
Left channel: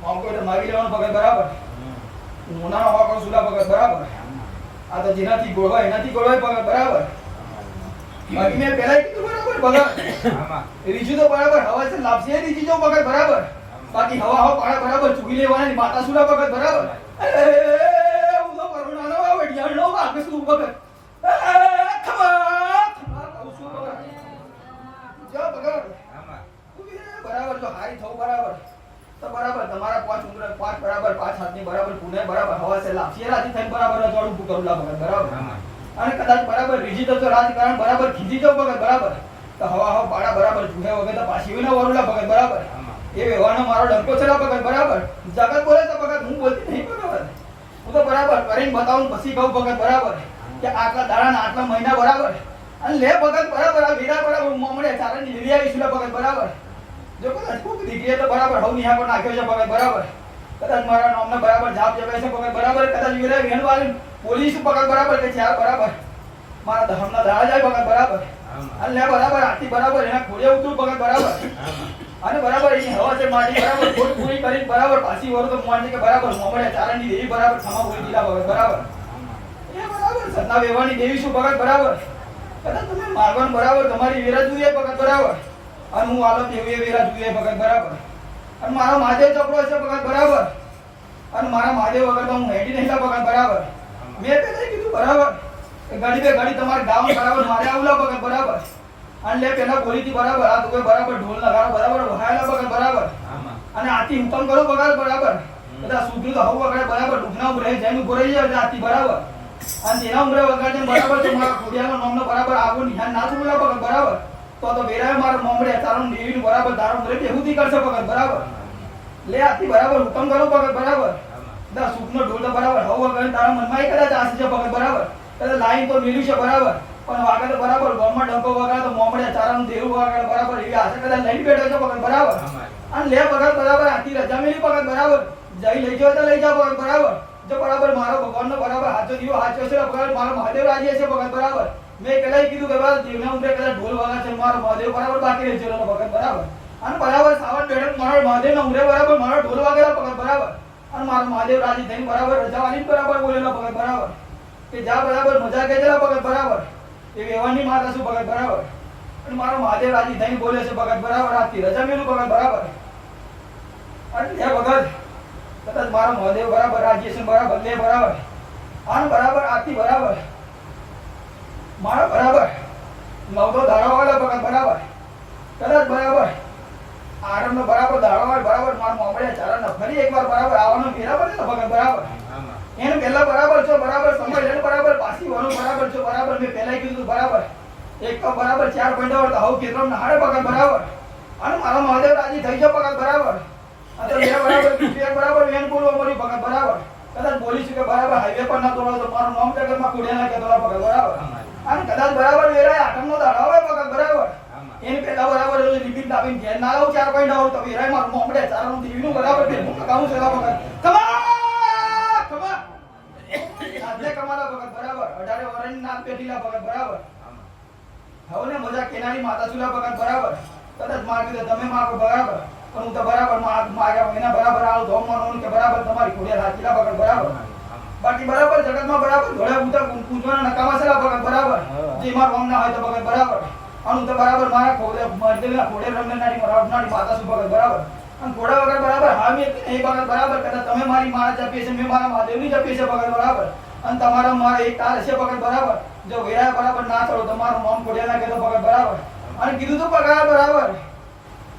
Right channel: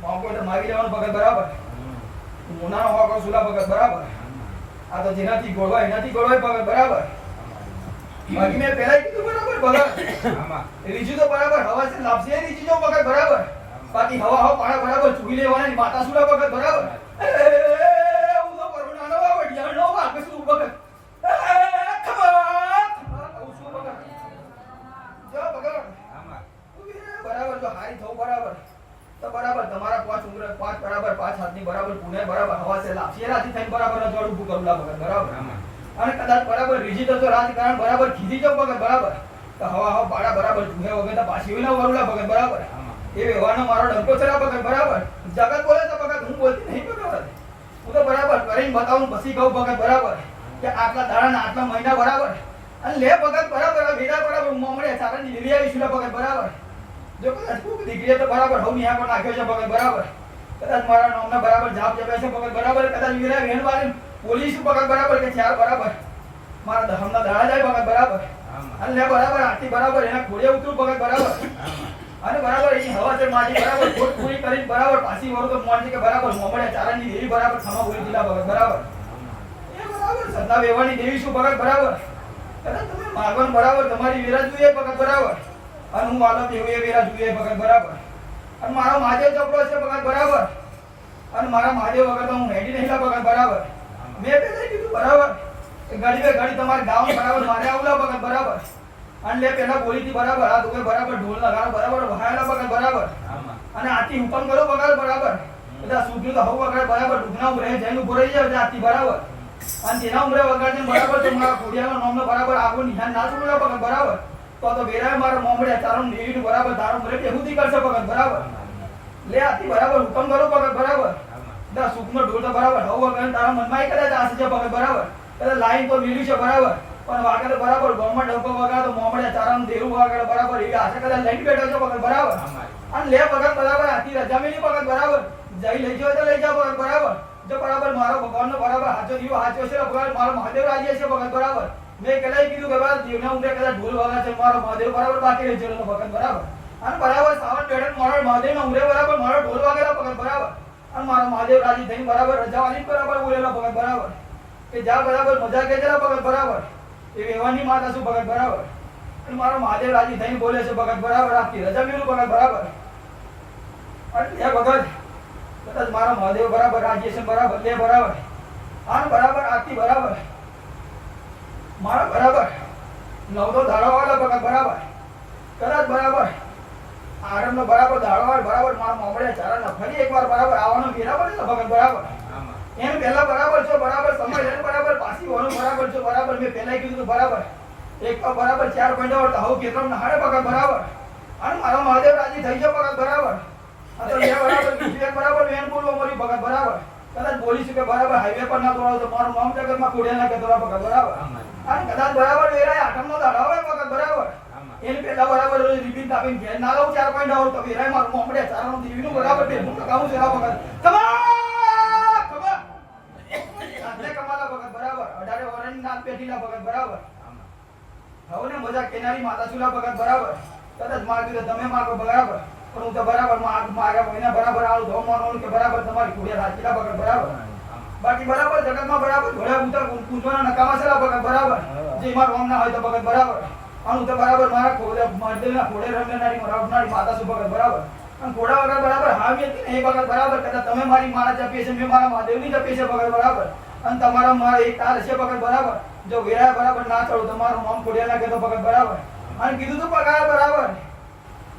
મોકો તો માગી લેવાનું ભગત બરાબર મોનાનો હોકો સુલા ભગત બરાબર આ તો જેનાથી ગોળવાય એનાથી ગોળવાય ભગત બરાબર બાકી મેં પહેલા કીધું બરાબર ભગત રીજુ તો બરાબર હવા છે લાપસી રીજી જો ભગત બરાબર બાકી હવા પાડા બરાબર ચૂકી લેવાના માતા સુલા ભગત બરાબર હું તો કરુણાનો વડિયાળનો વાગ શું ભગત બરાબર જો હારી થવું બરાબર તો બરાબર તમારા પાંચ બરાબર 5 હાથની બરાબર પુણે બરાબર હવા છે લાપસીરાથી થઈને બરાબર જોડ ઊભું કરુલા ભગત બરાબર અને કદાચ બરાબર રીજી તો રાજકારણ બરાબર ખીજી જો ભગત બરાબર તો હવા પાડા બરાબર જુહે વગર તો પાછી વિના વરુલા ભગત બરાબર એ વ્યવહારનો મારો ડંકો છે ભગત બરાબર જગત બોલે તો ભગત હું બોલતી નહીં ભગત હું તો બરાબર કરીને બતાવું પછી કહું ભગત બરાબર કે આટલા દાડા ને આટલા મહિના બરાબર અને લે ભગત બરાબર આ વેરા બરાબર મોમડે ચારણની દેવી આવી સુલા ભગત બરાબર જો કદાચ કોક દીકરીએ તો બરાબર હવ નિહા પર નાખ્યો છે ભગત બરાબર કદાચ મારા નામના બરાબર જાપ જપે છે ભગત બરાબર કદાચ વેરા વેણવાળી પોલીસ ભગત બરાબર કે ચાર બરાબર મારા ધર્મના દાડા જાય ભગત બરાબર અને લે બરાબર આથી બરાબર એના ખોડે ઉતરું ભગત બરાબર અને બરાબર એની હવા છે માટી બરાબર ખોટ પૂરી કરીને બરાબર પાછી વર તો મોન કે બરાબર મોમડિયા ચારણની દેવી બરાબર ખમા બોલી દીધા ભગત બરાબર એ બરાબર સતના વેવાની દેવી શું ભગત બરાબર કદાચ તમે માગણ બરાબર તમારી વેરા જોઈએ ભગત બરાબર અને હું આલો તેવું એ વેરા જોઈએ ભગત બરાબર અને મારો મહાદેવ ચપડો છે ભગત બરાબર અને મારા મહાદેવ વગર તો હું હેડી નહીં ભગત બરાબર મેં પહેલા કીધું બરાબર કે ગાડી તમારે ગામ બરાબર મારે આવલા ભગત બરાબર અને લે પેલા બોલીથી બરાબર આ તો બરાબર ઢોલ નગારા બરાબર વહાયેલા ભગત બરાબર અને આથી હુકમ કરો ભગત બરાબર કદાચ સૂક્યું તો હવ વગર બરાબર દુખના ઉમરે જઈને ઉભો રહી જાય રાતી બરાબર અને તેના ઉમરે વગર જઈને બરાબર તો મારા ખોડિયાનો નામનો બરાબર આગળ નિશાન ના છોડલા પગત બરાબર તો વેરાય મારા મોમડે તારો દેવીનું બરાબર તારો ઉમરે બેહુદી કરશે પગત બરાબર લે આથી બરાબર હુકમ કરો પગત બરાબર દા સુખનો ઢોલ તો બરાબર હવ વગર તારા મનમાં કદાચ આશે છે પગત બરાબર કદાચ લાઈન તો મિલ્યું છે બરાબર પણ વાગે બરાબર ગોમમાં ડંકો વગર તો મોમડે તારાનું દેવું વગર બરાબર એવી આશે કદાચ લઈને બેઠો છે પગત બરાબર અને લે પગત બરાબર આથી રજા મેલી પગત બરાબર જઈ લઈ જાવ તો લઈ જાવ પગત બરાબર જો બરાબર મારો ભગવાનનો બરાબર હાચો દીવો હાચો છે બરાબર મારો મહાદેવ રાજી છે ભગત બરાબર મેં કદાચ કીધું કે બરાબર દેવના ઉમરે કદાચ ઢોલ વાગા છે મારો મહાદેવ બરાબર બાકી રહી છે ભગત બરાબર અને બરાબર સાવન બેઠક મારો મહાદેવના ઉમરે બરાબર મારો ઢોલ વાગેલા ભગત બરાબર અને મારો મહાદેવ રાજી થઈને બરાબર રજાવાની બરાબર બોલેલો ભગત બરાબર કે જા બરાબર મજા કેજેલા ભગત બરાબર એ વેવાની માતા શું ભગત બરાબર અને મારો મહાદેવ રાજી થઈને બોલે છે ભગત બરાબર આથી રજા મેલું ભગત બરાબર અને એ ભગત કદાચ મારો મહાદેવ બરાબર રાજી છે બરાબર લે બરાબર આન બરાબર આથી બરાબર મારો બરાબર નવતો દાડાવાળા ભગત બરાબર કદાચ બરાબર આરંભનો બરાબર દાડાવાળ બરાબર મારો મોમડે ચારણ ફરી એકવાર બરાબર આવવાનો બરાબર છે ભગત બરાબર એને પહેલા બરાબર છો બરાબર સમય લઈને બરાબર પાછી વાનું બરાબર છો બરાબર મેં પહેલા કીધું બરાબર એક તો બરાબર 4 પોઈન્ટ તો હવ કેતરમ નહાડે ભગત બરાબર અને મારો મહાદેવ રાજી થઈ જાવ ભગત બરાબર આ તો લે બરાબર બીજું બરાબર વેન બોલવા મોરી ભગત બરાબર કદાચ બોલી શકે બરાબર હાઈવે પર ના દોડાવ તો મારું નામ જગતમાં ખોડે ના કે દોડા ભગત બરાબર અને કદાચ બરાબર વેરાય આઠમનો દાડો હોય ભગત બરાબર એને પેલા બરાબર રિબીન દાબીને ઘેર ના લાવ 4 પોઈન્ટ આવ તો વેરાય મારું મોમડે ચારણનું દીવીનું બરાબર બે હું તો કાઉં છે ભગત કમા આજને કમાલા ભગત બરાબર 18 વર્ષની નામ પેટીલા ભગત બરાબર હવને મજા કેનારી માતા સુલા ભગત બરાબર કદાચ માર કીધું તમે માગો બરાબર પણ હું તો બરાબર માગા મહિના બરાબર આવું ધોમ માનવાનું કે બરાબર તમારી ખોડિયા હાચીલા ભગત બરાબર બાકી બરાબર જગતમાં બરાબર ઘોડે ઉતર પૂંજવાના નકામા છે ભગત બરાબર જે માર રોમ ના હોય તો ભગત બરાબર અને તો બરાબર મારા ખોડે મરદેના ખોડે રમનારી મરાવનારી માતા સુ ભગત બરાબર અને ઘોડા વગર બરાબર હા મે એ ભગત બરાબર કદાચ તમે મારી મારા જપીએ છે મે મારા મહાદેવની જપીએ છે ભગત બરાબર અને તમારા મારા એક તાર છે ભગત બરાબર જો વેરા બરાબર ના ચડો તમારું નામ ખોડિયા ના કે તો ભગત બરાબર અને કીધું તો પગાર બરાબર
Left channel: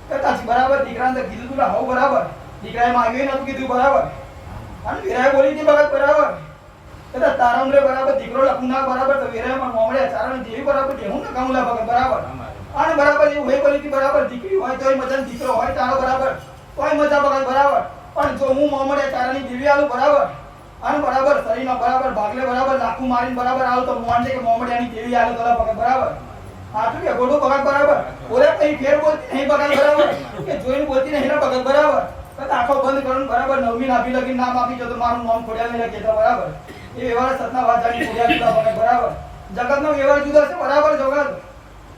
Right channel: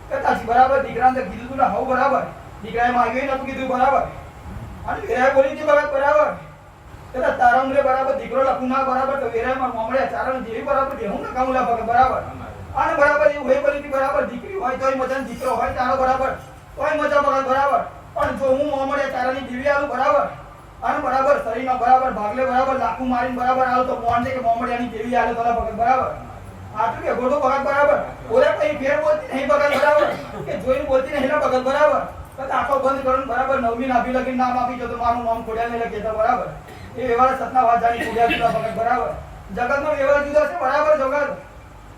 કદાચ બરાબર દીકરાને તો કીધું તું હવ બરાબર દીકરાએ માંગ્યું નતું કીધું બરાબર અને વેરા બોલી હતી ભગત બરાબર કદાચ તારમરે બરાબર દીકરો લખું ના બરાબર તો વેરામાં મોમડે ચારણ જેવી બરાબર દેવું ના કામલા ભગત બરાબર અને બરાબર એવું હોય બોલી હતી બરાબર દીકરી હોય તોય મજા દીકરો હોય તારો બરાબર તોય મજા ભગત બરાબર પણ જો હું મોમડે ચારણની દેવી આલું બરાબર અને બરાબર શરીરમાં બરાબર ભાગલે બરાબર લાખું મારીને બરાબર આવું તો મોન છે કે મોમડિયાની દેવી આલે તો ભગત બરાબર આટલું કે ગોડો ભગત બરાબર ઓરે કઈ ફેર બોલતી નહીં ભગત બરાબર કે જોઈને બોલતી નહીં ભગત બરાબર કદાચ આંખો બંધ કરીને બરાબર નવમી નાભી લગી નામ આપી જો તો મારું નામ ખોડિયા ને કહેતા બરાબર એ વ્યવહાર સતના વાજાની ખોડિયા જુદા ભગત બરાબર જગતનો વ્યવહાર જુદો છે બરાબર જગત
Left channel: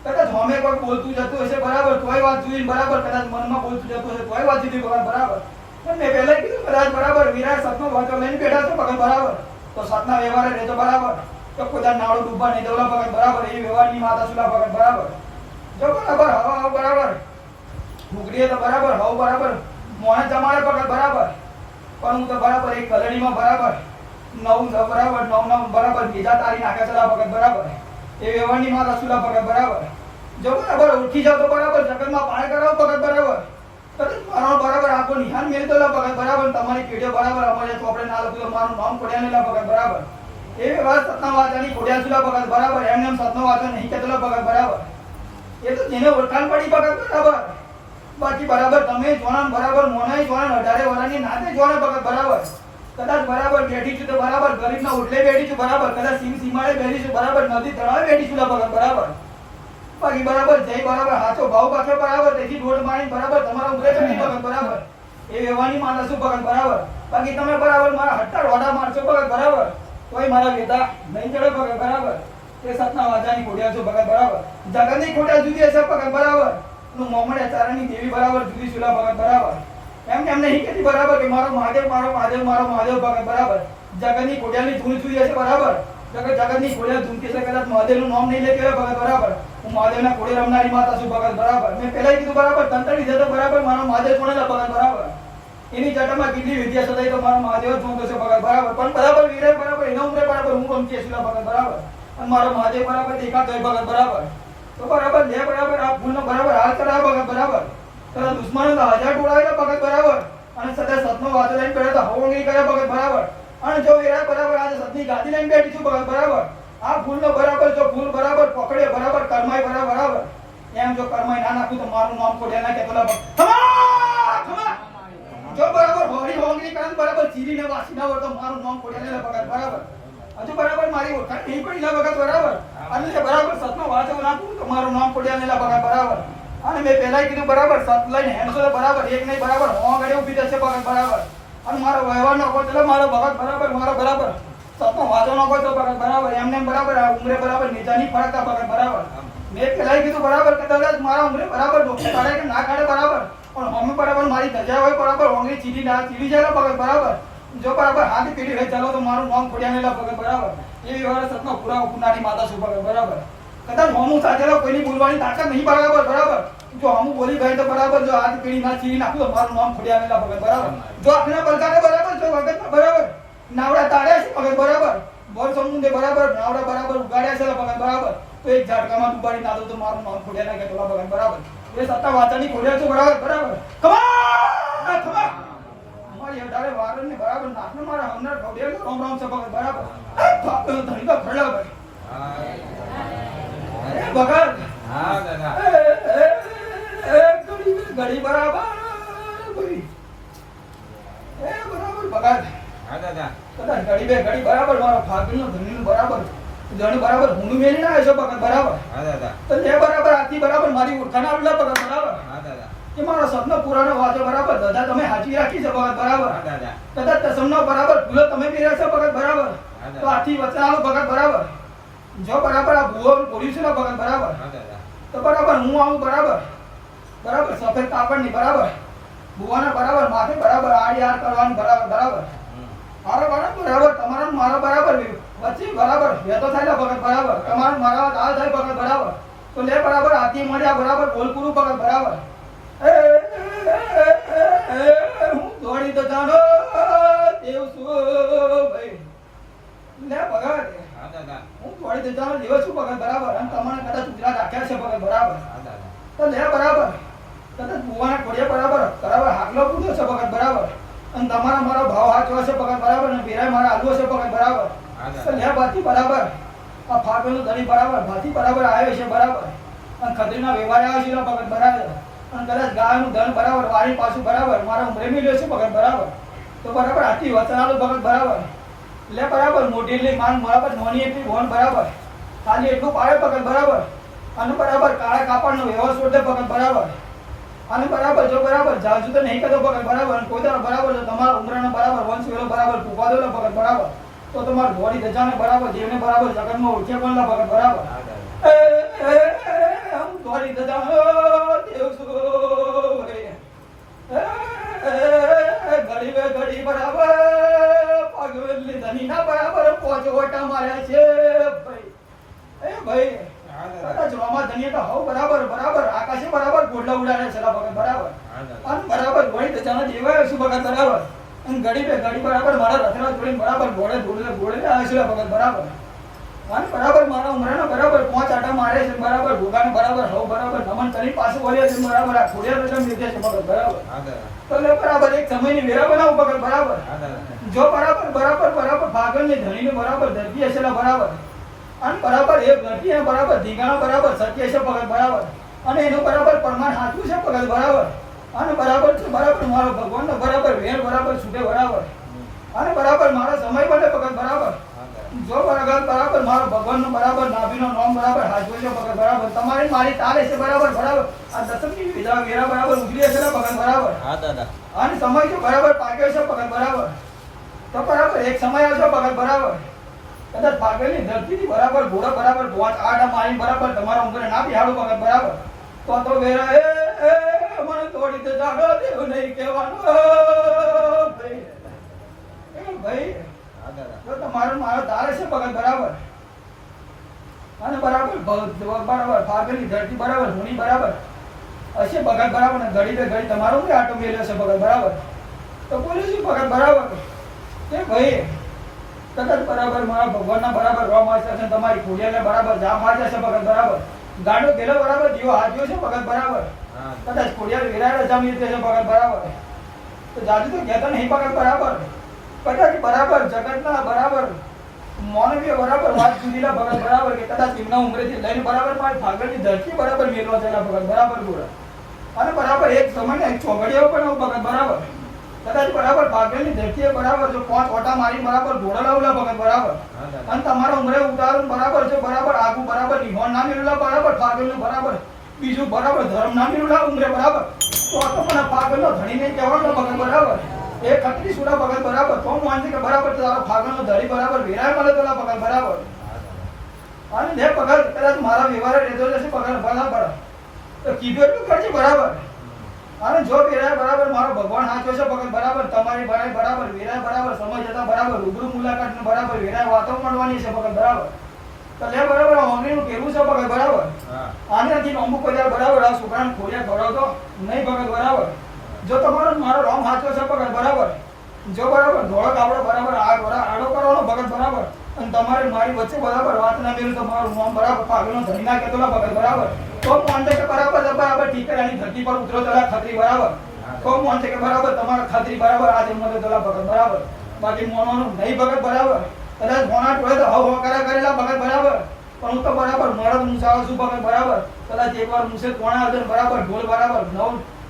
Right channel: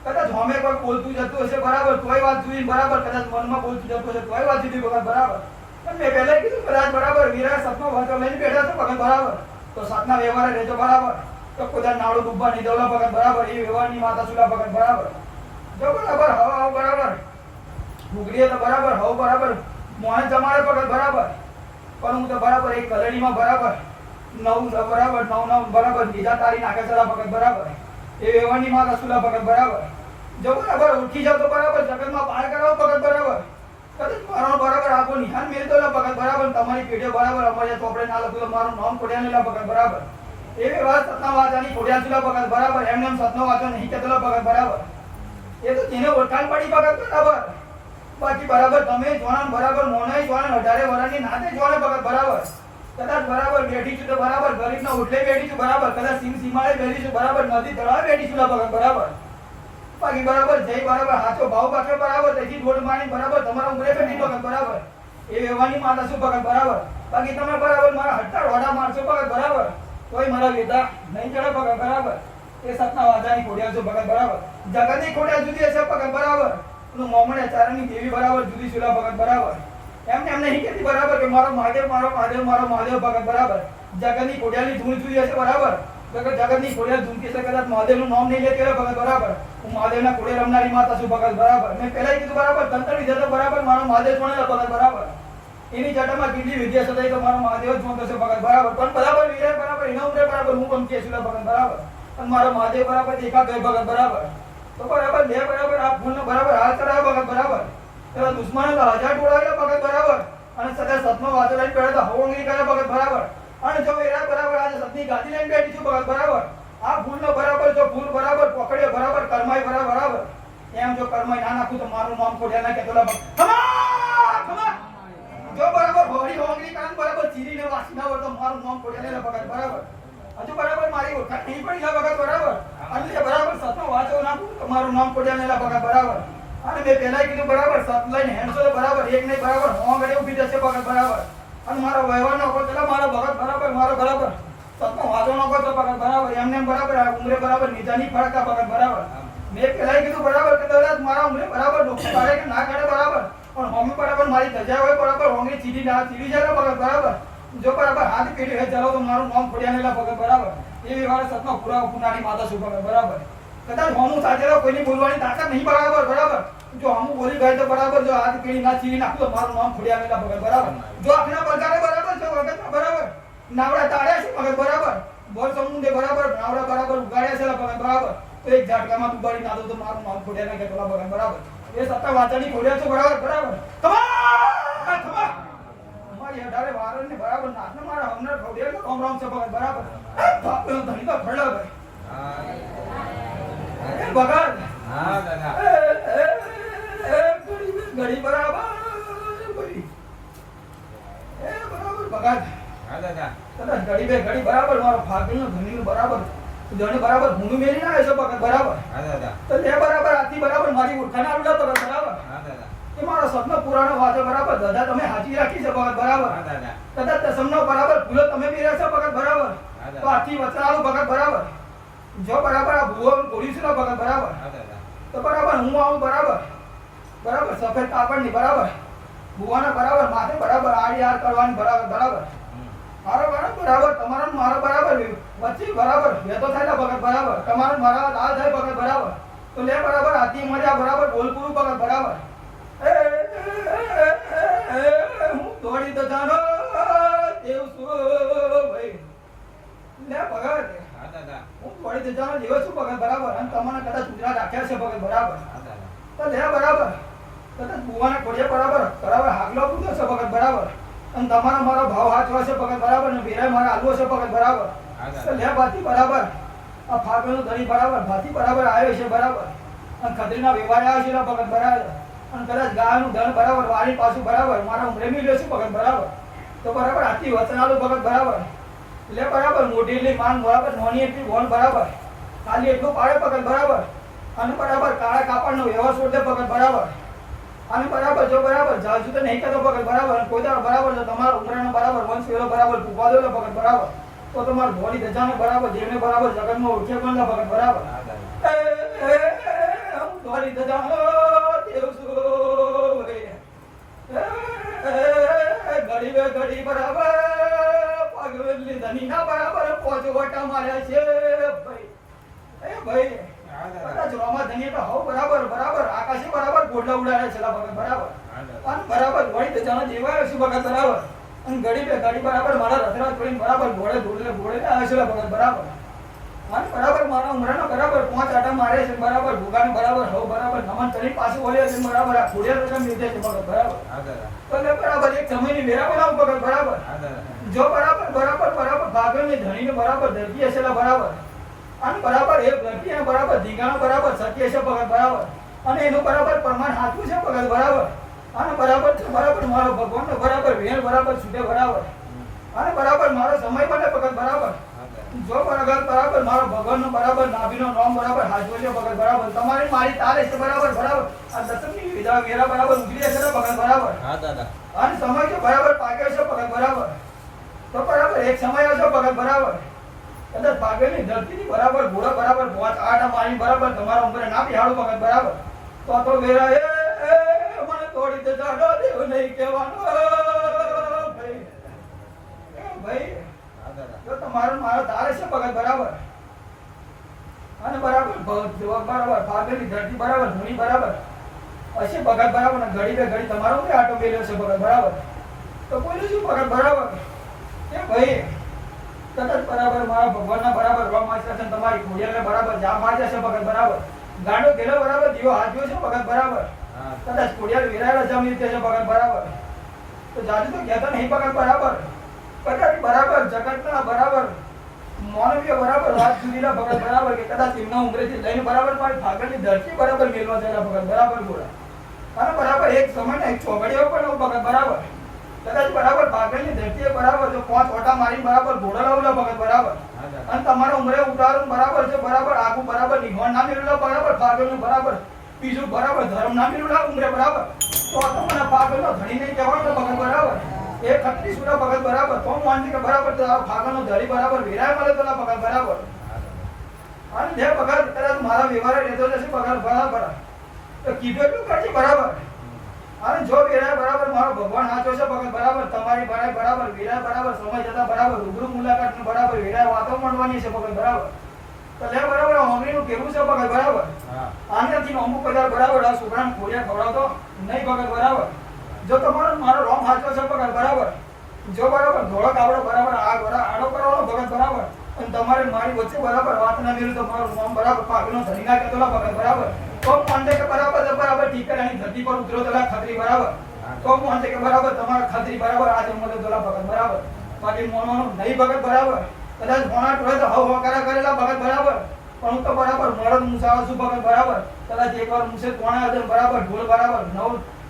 કદાચ હોમે પર બોલતું જતું હશે બરાબર તોય વાત જોઈને બરાબર કદાચ મનમાં બોલતું જતું હશે તોય વાત જુદી ભગત બરાબર પણ મેં પહેલા કીધું કદાચ બરાબર વિરાટ સતનો વાંચો લઈને બેઠા છો ભગત બરાબર તો સતના વ્યવહાર રહેતો બરાબર તો કોઈ નાડું ડૂબવા નહીં દોલા ભગત બરાબર એ વ્યવહારની માતા સુલા ભગત બરાબર જો બરાબર હવા બરાબર મુગરીએ તો બરાબર હવ બરાબર મોહન જમાડે ભગત બરાબર પણ હું તો બરાબર એક કલડીમાં બરાબર નવ બરાબર બીજા તારી નાખે છે ભગત બરાબર એ વ્યવહારની માતા સુલા ભગત બરાબર જો બરાબર ઉઠી જાવ તો બરાબર જગતમાં પાણી કરાવો ભગત બરાબર કદાચ મારો બરાબર આખો નિહાન મેળતો ભગત બરાબર તમારી પેઢીઓ બરાબર અમારે ચોપડે ના લખ્યું મારું નામ ખોડિયા નહીં ભગત બરાબર એ વાત સતના વાચાની ખોડિયા સુલા ભગત બરાબર એમને એમ સતનો વાંચો નહીં કહેતો ભગત બરાબર એ તો જેને ઓળખાણ પડી ભગત બરાબર બાકી બરાબર તમે જોણા બરાબર મોનાઈ જોણા 18 વર્ષની નાતે જોણા ભગત બરાબર કદાચ બરાબર બેઠી છું તો બરાબર ગરીબના ઓટલે બેઠી છું બરાબર કદાચ સીમાડે બેઠી છું બરાબર નદી તળાવે બેઠી છું ભગત બરાબર બાકી બરાબર જય બરાબર હાચો ભાવ પાછો બરાબર તેથી દોડ માણી બરાબર તમારા ઉમરે નથી ભગત બરાબર એ વ્યવહારની માનસ શું ભગત બરાબર બાકી તમે બરાબર મારા હટ્ટા રોડા મારશો ભગત બરાબર કોઈ મારા વેદા નહીં ચડે ભગત બરાબર એ સતના વાજાની ખોડિયા છો ભગત બરાબર જગતની ખોડિયા જુદી હશે ભગત બરાબર નું મોમડે ચારણની દેવી બરાબર જુદી સુલા ભગત બરાબર એમ નહીં કહેતી બરાબર કે મારો મહાદેવ ભગત બરાબર જગતની ખોડિયાની ધૂન જુદી હશે બરાબર જગતની ખોડિયા ધૂન કે કદાચ મહાદેવનું નામ નહીં લે કે ભગત બરાબર હું મહાદેવના ખોડે રમનારી માતા છું ભગત બરાબર મેં પહેલા કીધું બરાબર તંત્રની જતો બરાબર મારો મહાદેવ છોડેલા ભગત બરાબર એની જટામાં કેટલી વિદ્યા સદાય તો મારો મહાદેવ જ જોતો છે ભગત બરાબર પણ બરાબર વિરાય બરાબર એના ઉમરે બરાબર હું કોમ કે છું ભગત બરાબર અને મારો મહાદેવ બરાબર દેખા ગઈ ભગત બરાબર તો બરાબર લે બરાબર આ ફૂલનો બરાબર હાલ ચડાવ ભગત બરાબર તો દુશ્મનો તો 1000 ટોળાવ્યા ભગત બરાબર અને સદા સતનો વાતો લઈને બેઠો તો હવંગી કરે ભગત બરાબર. અને જો વેરા બરાબર આજે સતની ગાદી લઈને બેઠી છું ભગત બરાબર. આ ફૂલનો બરાબર જો ફૂલ બરાબર પકડે બરાબર કર્માય બરાબર. એમ જો કર્માય ના નાખું તો મારું નામ ખોડ્યા ના કેતો ખમા જો બરાબર ભોળી હવંગી કરે બરાબર ચીરીને વાસી ના વળતો મારું નામ ખોડ્યા ને ભગત બરાબર. હજુ બરાબર મારી ઓળખાણ નહીં પડી ના ભગત બરાબર. અને બરાબર સતનો વાંચો નાખું તો મારું નામ ખોડ્યા ને ભગત બરાબર. અને મેં પહેલા કીધું બરાબર સત લઈને હેન્ડસો બરાબર એક નહીં બરાબર હોંગડી ઊભી થશે ભગત બરાબર. અને મારો વ્યવહાર નો કોઈ એટલે મારો ભગત બરાબર મારો બરાબર સતનો વાંચો નો કોઈ તો ભગત બરાબર એમને બરાબર ઉમરે બરાબર નીચાની ફરકતા ભગત બરાબર. મેં પહેલા કીધું બરાબર કે કદાચ મારા ઉમરે બરાબર ડોક્ટર કાઢે કે ના કાઢે બરાબર પણ મમ્મી બરાબર મારી ધજા હોય બરાબર હોંગડી ચીડી ના ચીડી જાય ભગત બરાબર. જો બરાબર હાથ પેઢી હોય ચાલો તો મારું નામ ખોડ્યા નેલા ભગત બરાબર. એવી વાર સતનો પૂરા પુનાની માતા છું ભગત બરાબર. કદાચ હોમું સાચેલો કોઈની બોલવાની તાકાત નહીં બરાબર બરાબર. જો હમું બોલી ગઈ તો બરાબર જો હાથ પેઢી ના ચીરી નાખું તો મારું નામ ખોડ્યા નેલા ભગત બરાબર. જો આખના બલકાને બરાબર જો વગત બરાબર નાવડા તાળ્યા છે ભગત બરાબર. બોલ સમુંદે બરાબર નાવડા બરાબર ઉગાડ્યા છે ભગત બરાબર. તો એક ઝાટકામાં દુબાડી નાખો તો મારું નામ ખોડ્યા ના કે તોલા ભગત બરાબર. એ સત્તા વાચાની ખોડ્યા છે બરાબર બરાબર. ખમા મારી અઢારે વારન ને બરાબર નાખને મારા હમણાં ખોડ્યા રામ રામ છે ભગત બરાબર. બાપનો ધણી તો ફળા ભાઈ એ ભગત હા દાદા ઘડી બરાબર ઘડી એ બરાબર ભગત હા દાદા કદાચ ઘડી બે ઘડી બરાબર મારો ફાગણનો ધણીનું બરાબર ધણી બરાબર ભૂંડું મેલી ના આવ્યો ભગત બરાબર. હા દાદા તો લે બરાબર આથી બરાબર મારી ઓળખાણ આવલા ભગત બરાબર. હા દાદા કે મારો સપનો પુરાણો વાતો બરાબર દાદા તમે હાચવી રાખી છે ભગત બરાબર. હા દાદા કદાચ તસમનો બરાબર ફૂલો તમે પહેર્યા છે ભગત બરાબર. તો આથી વચનાલો ભગત બરાબર. જો બરાબર આ ભૂવો બોલ્યું છે ને ભગત બરાબર. હા દાદા તો બરાબર હું આવું બરાબર બરાબર સફેદ કાપડની બરાબર ભૂવાના બરાબર માથે બરાબર આડી આર કરવાની બરાબર બરાબર. મારો બરાબર તમારો મારો બરાબર વચ્ચે બરાબર વેતો થાય ભગત બરાબર. તમારો મારા દાલ થાય ભગત બરાબર. તો લે બરાબર હાથી મળ્યા બરાબર બોલ પૂરું ભગત બરાબર. હું દોડી તો જાણો દેવ છું ભાઈ લે ભગત હા દાદા હું દોડી તો જાણો દેવ છું ભગત બરાબર. અને તમારે કદાચ ગુજરાત રાખ્યા છે ભગત બરાબર. હા દાદા તો લે બરાબર કદાચ ભુવાના ખોડિયા બરાબર બરાબર હાકલો પૂછો છે ભગત બરાબર. અને તમારા મારો ભાવ હાચવો છે ભગત બરાબર ને બેરાય મારા હાલવો છે ભગત બરાબર. તો લે ભાતી બરાબર આ ફાગણનો ધણી બરાબર ભાતી બરાબર આવ્યો છે બરાબર. અને ખત્રીના વ્યવહાર આવ્યો છે ભગત બરાબર. અને કદાચ ગાયનું ધન બરાબર વારી પાછું બરાબર મારા ઉમરે મેલ્યો છે ભગત બરાબર. તો બરાબર આથી વચનાલું ભગત બરાબર. લે બરાબર મોટી એટલી માંગ બરાબર નોની એટલી ભોન બરાબર. ખાલી એટલું પાડે ભગત બરાબર. અને બરાબર કાળા કાપડનો વ્યવહાર છોડ દે ભગત બરાબર. અને બરાબર જો બરાબર જાજુ તો નહીં કરતો ભગત બરાબર. કોઈ દાડો બરાબર જો તમારા ઉમરાનો બરાબર વંશ વેલો બરાબર પૂપા દો ભગત બરાબર. તો તમારું ધોળી ધજાને બરાબર જેને બરાબર જગતમાં ઓળખે પણ ના ભગત બરાબર. હા દાદા હું ધોળી ધજાનો દેવ છું ઘડી બે ઘડી બરાબર પગલી ધની ના બરાબર પોચ ઓટા માર્યા છે ભાઈ. એ ભાઈ કદાચ રોમા ધની તો હવ બરાબર બરાબર આકાશે બરાબર ગોડલા ઉડાડે છે ભગત બરાબર. અને બરાબર વળી ધજાના જેવા શું ભગત બરાબર. અને ઘડી બે ઘડી બરાબર મારા રથરા છોડીને બરાબર ઘોડે ઘોડે ઘોડે આવે છે ભગત બરાબર. અને બરાબર મારા ઉમરાના બરાબર 5 આટા મારે છે બરાબર. ભૂગાને બરાબર હવ બરાબર નમન કરી પાછું બોલ્યા છે બરાબર. આ ખોડિયા તો તમે લીધે છે ભગત બરાબર. હા દાદા તો લે બરાબર એક સમયની વેરા બનાવું ભગત બરાબર. હા દાદા જો બરાબર બરાબર બરાબર ભાગણની ધણીને બરાબર ધરતી હશે બરાબર. અને બરાબર એ ધરતી બરાબર ધીંગાણા બરાબર સત્ય છે ભગત બરાબર. અને એનું બરાબર પ્રમાણ સાચું છે ભગત બરાબર. અને બરાબર છે બરાબર મારો ભગવાનનો બરાબર વેણ બરાબર છૂટે બરાબર. અને બરાબર મારો સમય બને ભગત બરાબર. જો બરાબર બરાબર મારો ભગવાનનો બરાબર નાભીનો નામ બરાબર હાજવો છે ભગત બરાબર. તમારી મારી તારે છે બરાબર બરાબર. આ દસમની વિધા વેરા બરાબર ઉગલી છે ભગત બરાબર. હા દાદા અને સમય જો બરાબર પાક્યો છે ભગત બરાબર. તો બરાબર એક સમય આવશે ભગત બરાબર. કદાચ ભાગેલી ધરતીની બરાબર ઘોડા બરાબર 5 આટા મારી બરાબર તમારા ઉંમરે ના બિહાડો ભગત બરાબર. તો વેરા એ મને તોડી દે જાડો દેવ નહીં કહેવાનો ભાઈ. એ ભાઈ હા દાદા જો તમારો મારો તારે છે ભગત બરાબર. અને બરાબર બરાબર ભાગેલી ધરતી બરાબર ધૂણી બરાબર હશે ભગત બરાબર. ને ઘડી બે ઘડી તમારો કોઈ આટો મેલ્યો છે ભગત બરાબર. તો બોલ્યું શું ભગત બરાબર. એ ભાઈ કદાચ બરાબર મારા ભગવાનના બરાબર રોમ વાંચ્યા છે તમારી ખોડિયાને બરાબર જામ વાંચ્યા છે ભગત બરાબર. ગાડો ગેલો બરાબર દીવો હાજ્યો છે ભગત બરાબર. હા કદાચ ખોડિયાર વિરાય રજા મિલતે છે ભગત બરાબર. તો જાજુ તો કહેતા નહીં ભગત બરાબર કદાચ બરાબર જગતના બરાબર માનવીય બરાબર વાત સુધીના ભગત બરાબર કે કદાચ એમના ઉંમરેથી લઈને બરાબર મારી ફાગણની ધરતી બરાબર મેળવા થયેલા ભગત બરાબર બોલા અને બરાબર એક સમયના એક ચોઘડિયો પણ ભગત બરાબર કદાચ બરાબર ફાગણની ધરતીએ બરાબર જો 5 ઓટા મારી બરાબર ઘોડા લાવલા ભગત બરાબર અને તમારા ઉંમરે ઉતારણ બરાબર છે બરાબર આગુ બરાબર નિહોણ ના મેળવેલા બરાબર ફાગણનું બરાબર બીજું બરાબર ધર્મ ના મેળવેલા ઉંમરે બરાબર તો તમને ફાગણનો ધણી નહીં કહેવાનો ભગત બરાબર એ ખત્રી સુડા ભગત બરાબર તો માનતી કે બરાબર તારા ફાગણનો ધણી બરાબર વિરાય મળે તોલા ભગત બરાબર અને જે ભગત કદાચ મારા વ્યવહાર રહેતો જશે ભગત બરાબર તો કીધું એટલું કરજે બરાબર અને જો વિરાય બરાબર મારો ભગવાન સાચો છે ભગત બરાબર તમારી ભરાય બરાબર વિરાય બરાબર સમજ હતા બરાબર રૂબરૂ મુલાકાત ને બરાબર વિરાય વાતો મળવાની છે ભગત બરાબર તો લે બરાબર હોમીનું કેવું છે ભગત બરાબર આનાથી અમુક બધા બરાબર આ છોકરાને ખોડિયા ખવડાવતો નહીં ભગત બરાબર જો તમારો મારો રોમ સાચો છે ભગત બરાબર જો બરાબર ધોળો કાપડો બરાબર આડો કરવાનો ભગત બરાબર અને તમારે મારી વચ્ચે બરાબર વાત ના મેળવી તો મારો રોમ બરાબર ફાગણનો ધણી ના કહેતો ભગત બરાબર તો કોન્ટેક બરાબર બરાબર ઠીક કરે એની ધરતી પર ઉતરો તલા ખત્રી બરાબર તો કોન્ટેક બરાબર તમારા ખત્રી બરાબર આજે મને તલા ભગત બરાબર બાકી મોનોનું નહીં ભગત બરાબર કદાચ મોના ટોળે તો હવ કરેલા ભગત બરાબર પણ હું તો બરાબર મળદ મુસાવો છું ભગત બરાબર કદાચ એકવાર મુસે કોણા હજાર બરાબર ઢોલ બરાબર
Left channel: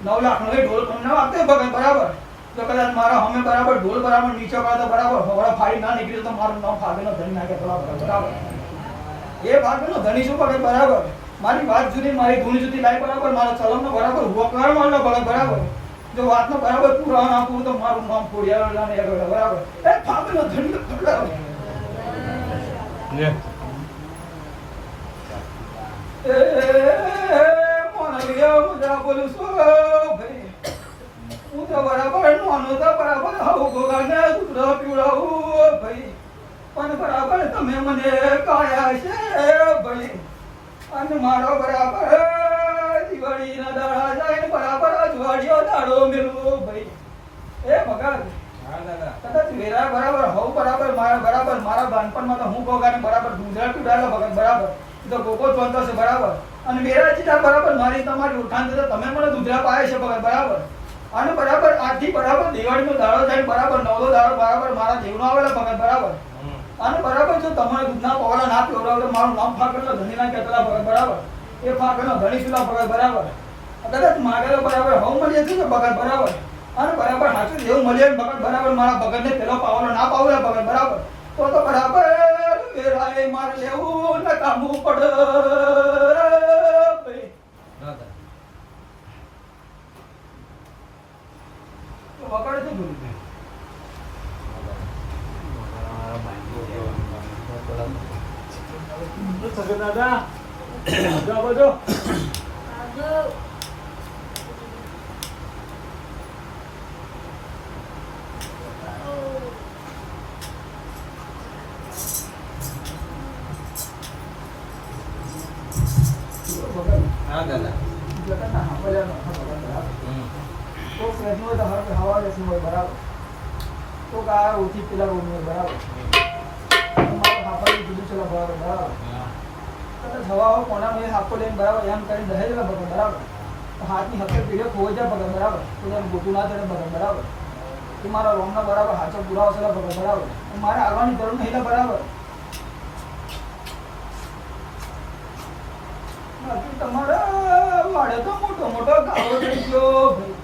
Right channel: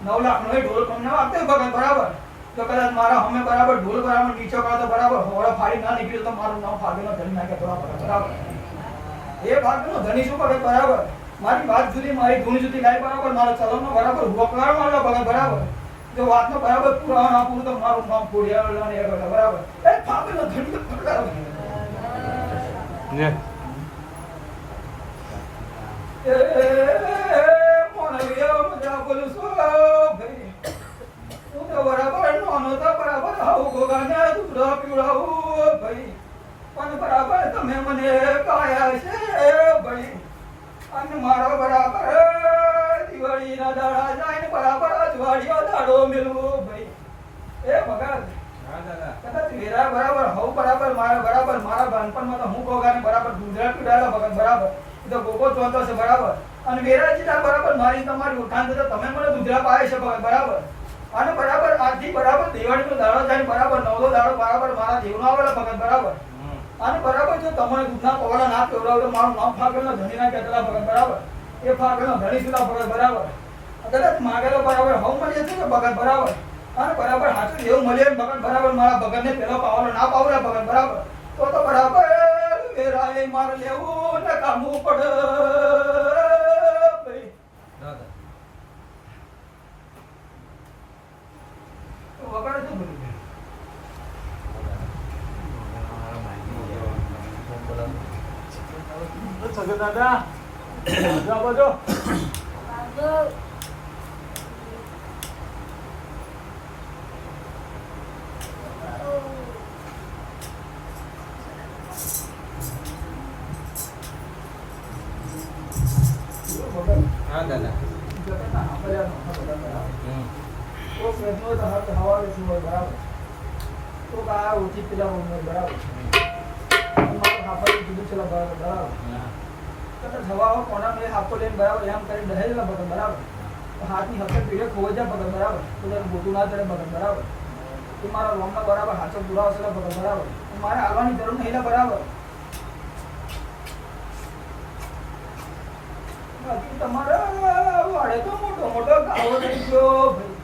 9 લાખ નો ઢોલ પણ ના આપતે ભગત બરાબર તો કદાચ મારા હમે બરાબર ઢોલ બરાબર નીચે પડે તો બરાબર હોળા ફાડી ના નીકળ્યું તો મારું નામ ફાગેનો ધણી નાખે બરાબર એ ફાગેનો ધણી શું ભગત બરાબર મારી વાત જુદી મારી ધૂણી જુદી લાઈ બરાબર મારા ચલણનો બરાબર હુકવાર મારલો ભગત બરાબર જો વાતનો બરાબર પૂરા ના પૂરું તો મારું નામ ફોડિયા ને બરાબર એ ફાગેનો ધણી તો બરાબર મજા બોલું છું ભાઈ હું તો બરાબર નાનો તો બરાબર આવું ગોગાને દૂધ પીવડાવું ભાઈ પણ બરાબર તમે મને કાયા છે ભાઈ અને મારો બરાબર દિવાળીના દાડા જાય બરાબર અજવાળીઓ દાડો મેળવો ભાઈ એ ભગત કદાચ વેરા બરાબર હવ બરાબર મારા બાનપણમાં તો હું ગોગાને બરાબર દૂધરા પીવડાવેલા ભગત બરાબર તો ગોગો ચોંતો છે બરાબર અને વેરા ચીટા બરાબર મારી તમારી ઓળખાણ છે તમે મને દૂધરા પાય છે ભગત બરાબર અને બરાબર આજથી બરાબર દિવાળીનો દાડો થાય બરાબર નવલો દાડો બરાબર મારા દેવનો આવેલા ભગત બરાબર અને બરાબર જો તમને દૂધના પવાડા ના પીવડાવો મારું નામ ફાગણનો ધણી ના કહેતા ભગત બરાબર એ ફાગણનો ધણી સુધા ભગત બરાબર કદાચ માગેલો બરાબર હવ મળીએ છે ને ભગત બરાબર અને બરાબર હાચું એવું મળીએ ભગત બરાબર મારા ભગતને પેલો પાવલો ના પાવલા ભગત બરાબર તો બરાબર વેરાએ મારે લેવું ને કામવું પડે વગાડ તો બોલી દાદા બોલો હા દાદા જગતના હાંભળ્યાનો ભગત બરાબર તો પ્રશ્નો તો હવા લેશું હોય બરાબર તો આ ઓછી પેલા હોય બરાબર મારું હાંભળ્યું જુદું ચલો બરાબર બરાબર કદાચ હવા કોના મેં હાથો લઈને બરાબર એમ કરીને દહેજેલા ભગત બરાબર હાથની હકે પીડે ખોઈ જાય ભગત બરાબર તો તારું ગોતું ના ચડે ભગત બરાબર એ મારા રોમના બરાબર હાથો પૂરા આવશે ભગત બરાબર મારે આવવાની જરૂર નહીં બરાબર તમારા વાડે તો મોટો મોટો ગાળો થઈ ગયો ભાઈ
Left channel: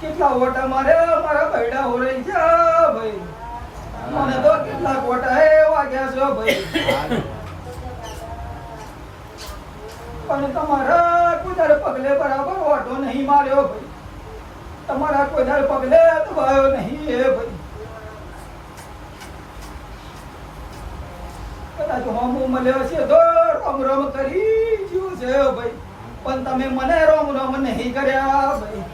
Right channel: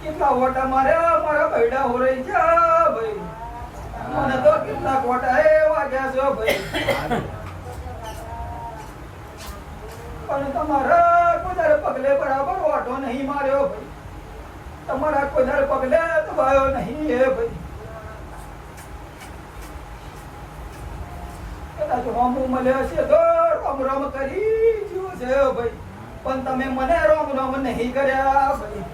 કેટલા ઓટા મારે મારા બૈડા હો રહી છે ભાઈ મને તો કેટલાક ઓટા એ વાગ્યા છે ભાઈ પણ તમારા કોઈ દર પગલે બરાબર ઓટો નહીં માર્યો ભાઈ તમારા કોઈ દર પગલે દબાયો નહીં એ ભાઈ કદાચ હોમું મળ્યો છે તો રોમ રોમ કરી ગયું છે ભાઈ પણ તમે મને રોમ રોમ નહીં કર્યા ભાઈ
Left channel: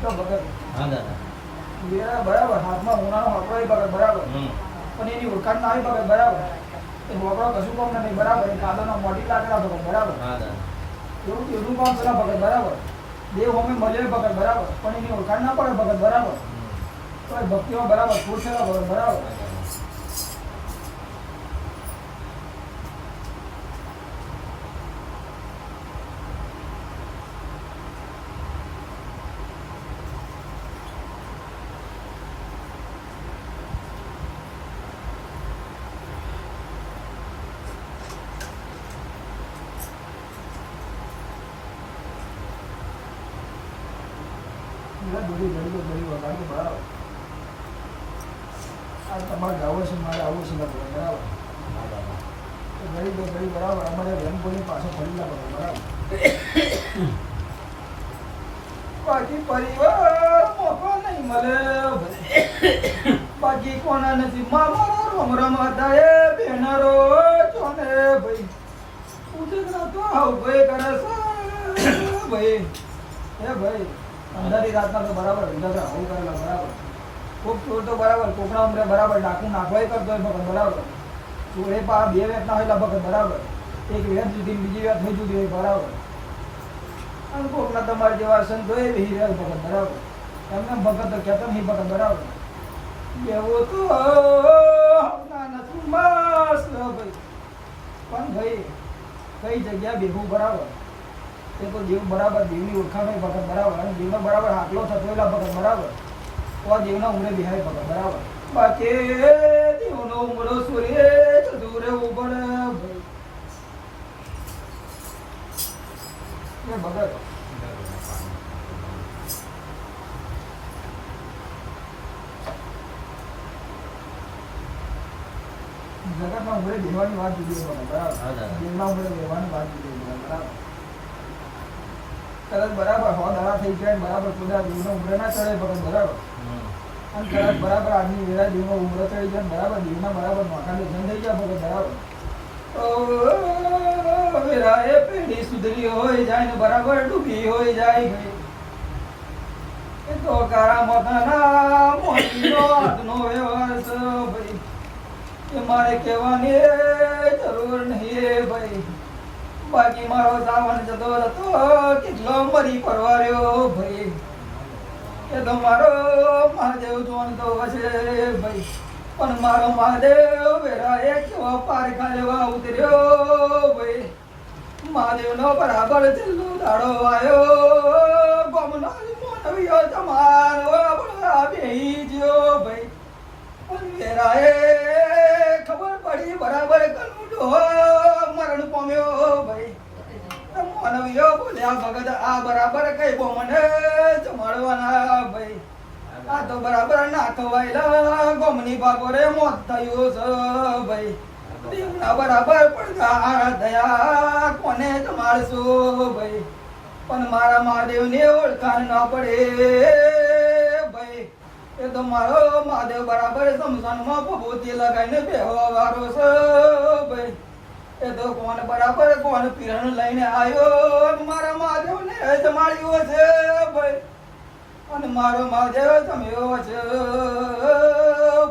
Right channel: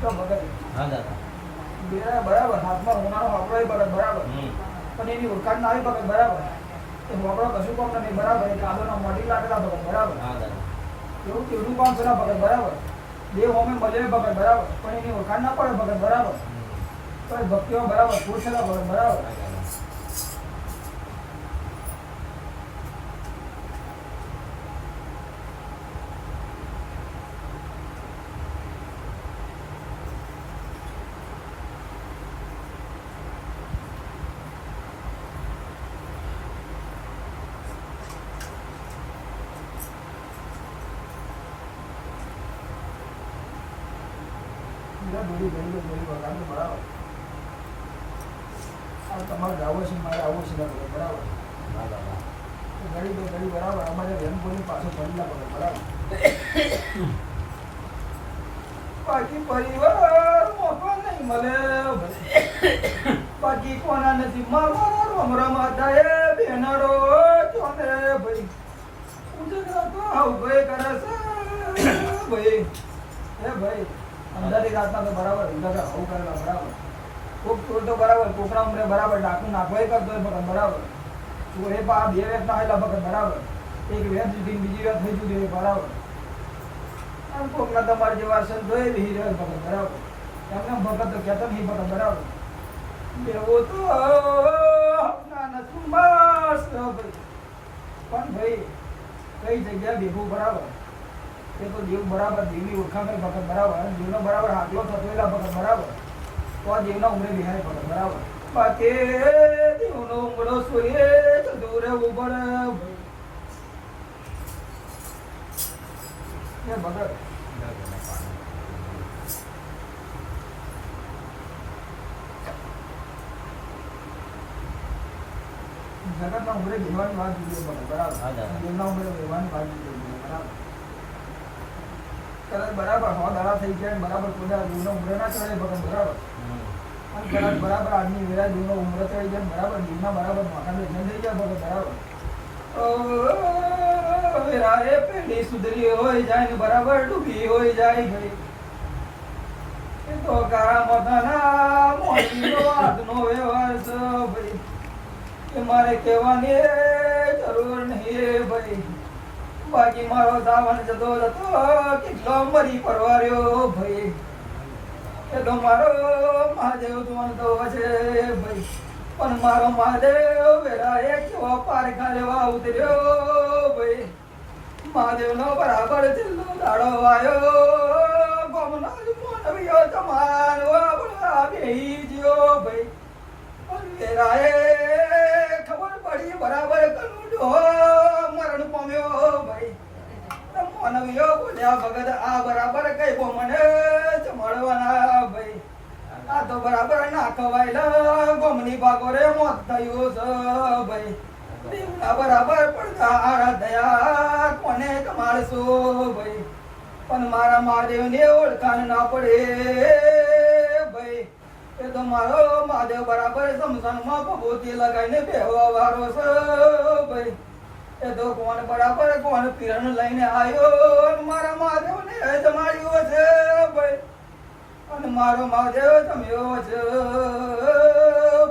તો ભગત હા દાદા બેરા બરાબર હાથમાં ઉનાળો વાપરો ભગત બરાબર પણ એની ઓળખાણ ના આવી ભગત બરાબર એ વાપરો કશું કામ નહીં બરાબર એ કાંદાનો મોટી લાગેલા ભગત બરાબર હા દાદા એવું કેવું કામ છે ભગત બરાબર દેવ હોમે મળે ભગત બરાબર પણ એની ઓળખાણ ના પડે ભગત બરાબર તો ભક્તિમાં બરાબર ફૂલ છે ભગત બરાબર હીરા દોરી વગાડી બરાબર. આ તમારે જાવો છે મારે આવું છે બરાબર. ઘડી બરાબર અમારે વેમપુરની પાછો ફરેલા બરાબર. બાકી પરિવાર મોકો નહીં મળે બાકી કોના નસીબમાં રમ રમાતા એ બેનરો ચોને ભાઈ ઉજગરા તો આવ ભાઈ કરે છે ભાઈ એ ભાઈ અંધારી રાતના તો બરાબર ઉજગરા આવું કરેલા બરાબર. કોક ચોર તો બરાબર કોકડા ઉમરે બરાબર ડાકું નાખવાય કરતો હોય ભગત બરાબર. તો એ પા બે વેટના હોય ભગત બરાબર. એક વેટ સુધી બીજી વેટ થઈ જતી હોય બરાબર. આમ કોકના તમારા જેવા સંતો એ રહી રહ્યા ભગત બરાબર. એમને ભગત તો કહેતો નહીં ભગત બરાબર. એવો તો નથી મસ્ત ભાઈ. પણ ભાઈ કઈ જગ્યા બેહું બરાબર તે તો દેવ બરાબર દેવની ઓળખાણ ભગત બરાબર. અને દેવનો બરાબર હાટલો થતેલા ભગત બરાબર. તો આ દેવના ઉમરે બિહાય ભગત બરાબર. બાકી દેવનો ઉમરો સૂર્ય દૂર ઉપર એ ભગત જગતના ઉમરે બેહવાની વાત જુદી ભગત બરાબર. દેવના ઉમરે બેહવાની વાત જુદી બરાબર. કદાચ બરાબર 100 દાડા થઈ ગયા બરાબર ખુદા દેવનો ઉમરે ના ચડે ભગત બરાબર. અને કદાચ બરાબર આજની વેળા દેવનો ઉમરો ચડી જાય બરાબર દેવના બરાબર મોટાને જન થઈ જાય ભગત બરાબર. વેરા એ પેઢી સુધરી હોય જાય ને બરાબર ડૂબી હોય જાય ભાઈ. એ તો કારા મોટાના મોટીનો આજનો વ્યવહાર છે ભાઈ. એ મારે કહેવાની જરૂર નહીં ભાઈ. બાકી મારો સાવન જતો હતો કેટલો મરી પરવાર્યો ભાઈ. એ તો મારો મહાદેવ જોનતો હશે ભાઈ. પણ મારો મહાદેવ વેરા એ કેવો પારખા લેવા ઉતર્યો ભાઈ. મહાદેવનો બરાબર છેલ્લો દાડો આવ્યો. ગમનો મોનવીઓ તમારો બેહી ગયો ભાઈ. પણ વેરા એ ખબર પડી બરાબર કનુડો મરણ પામ્યો ભાઈ. મોનવીઓ બોલ્યા ભગત આ બરાબર કઈ બોમને જમાડવાના ભાઈ. આ તો બરાબર ના ખવાયેલા ગોમની ભાગોરે મોત થયું છે ભાઈ. દેવના બરાબર પડતા દયા કોને જમાડશો ભાઈ. પણ મારા મહાદેવને ઓળખાણ ના પડે ભાઈ. એ તો મારો મહાદેવ બરાબર સમસાનમાં ભભૂતિ લગાવીને બેહવા વાળો છે ભાઈ. એ તો કોણ બરાબર કોણ પીરણ લઈને આવ્યો મારા મહાદેવને જમાડ્યો છે ભાઈ. અને મારો મહાદેવ જમ્યો છે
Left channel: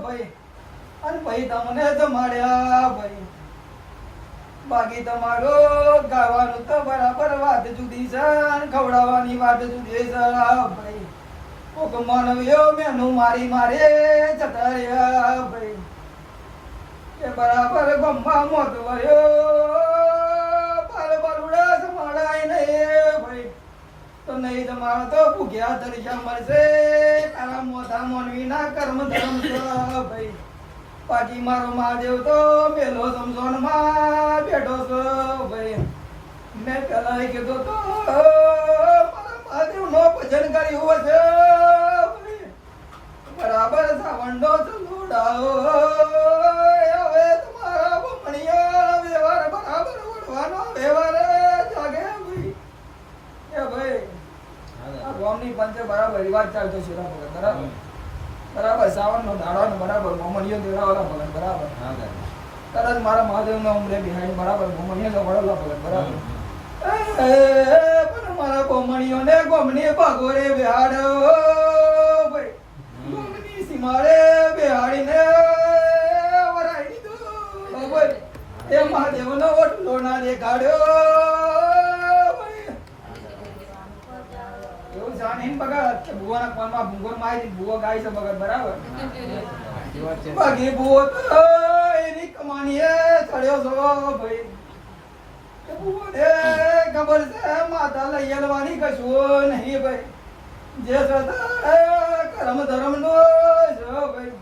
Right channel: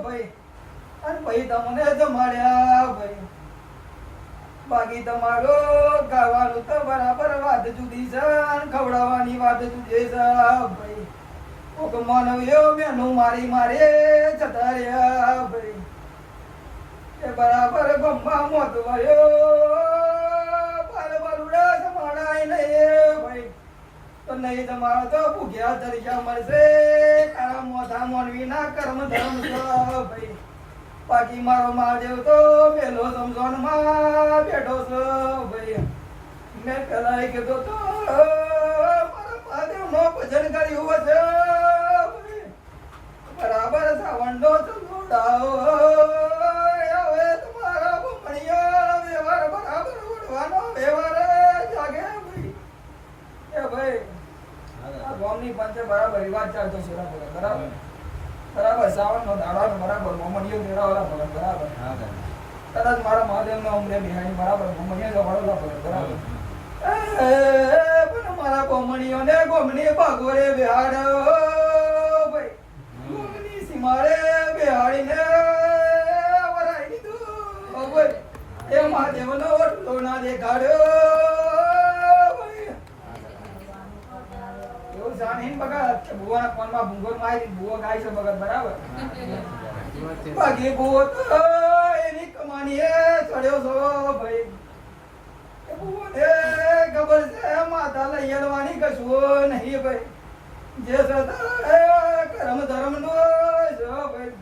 ભાઈ. અને ભાઈ તમને જમાડ્યા ભાઈ. બાકી તમારો ગાવાનું તો બરાબર વાત જુદી છે અને ખવડાવવાની વાત જુદી છે ભાઈ. કોક માનવીઓ મેનું મારી મારે જતા રહ્યા ભાઈ. એ બરાબર ગંભા મોત વર્યો બાર બરુડા જમાડાય નહીં ભાઈ. તો નહીં તમારો તો ભૂખ્યા તરીકા મળશે. તારા મોઢા મોનવીના કર્મ ધર્મ છે ભાઈ. બાકી મારો મહાદેવ તો મેલો સમજોનમાં બેઠો છે ભાઈ. મેં પેલા કીધું તો મારા મહાદેવનો ભજન કર્યું હશે ભાઈ. બરાબર સાવંડો ચલોડાઓ હવે તમારા ભમણીયા વ્યવહાર બરાબર વડવાનો વ્યવહાર જાગે ભાઈ. એ ભાઈ આ ગામની પંચે બરાબર રિવાજ ચાલતો છે બરાબર. બરાબર સાવનનો દાડાનો બરાબર મોમણીયો દેડાવાળા ભગત બરાબર. કદાચ મારા મહાદેવના ઉમરે બિહારી બરાબર મોમણીયો વડલો ભગત બરાબર. પણ મારા મોમણીયોને ગોમની ભાગોરે બિહાડ્યો ભાઈ. ગોમની સીમાડે બિહાડીને વરાઈ દીધું ભાઈ. એ મહાદેવનો ઓટલો ના દેખાડ્યો ભાઈ. એવું જાણીને બગા ભુવાના કોનમાં ભૂગોળ મારી ભુવો ગાય છે બગા બરાબર. બાકી ભુવો તો એની કમાણીએ ચડ્યો છો ભાઈ. એ ભુવોને ખબર છે માતા લઈ આવવાની કશું નહીં ભાઈ. જે સદા કરમ ધર્મ નો છે ભાઈ.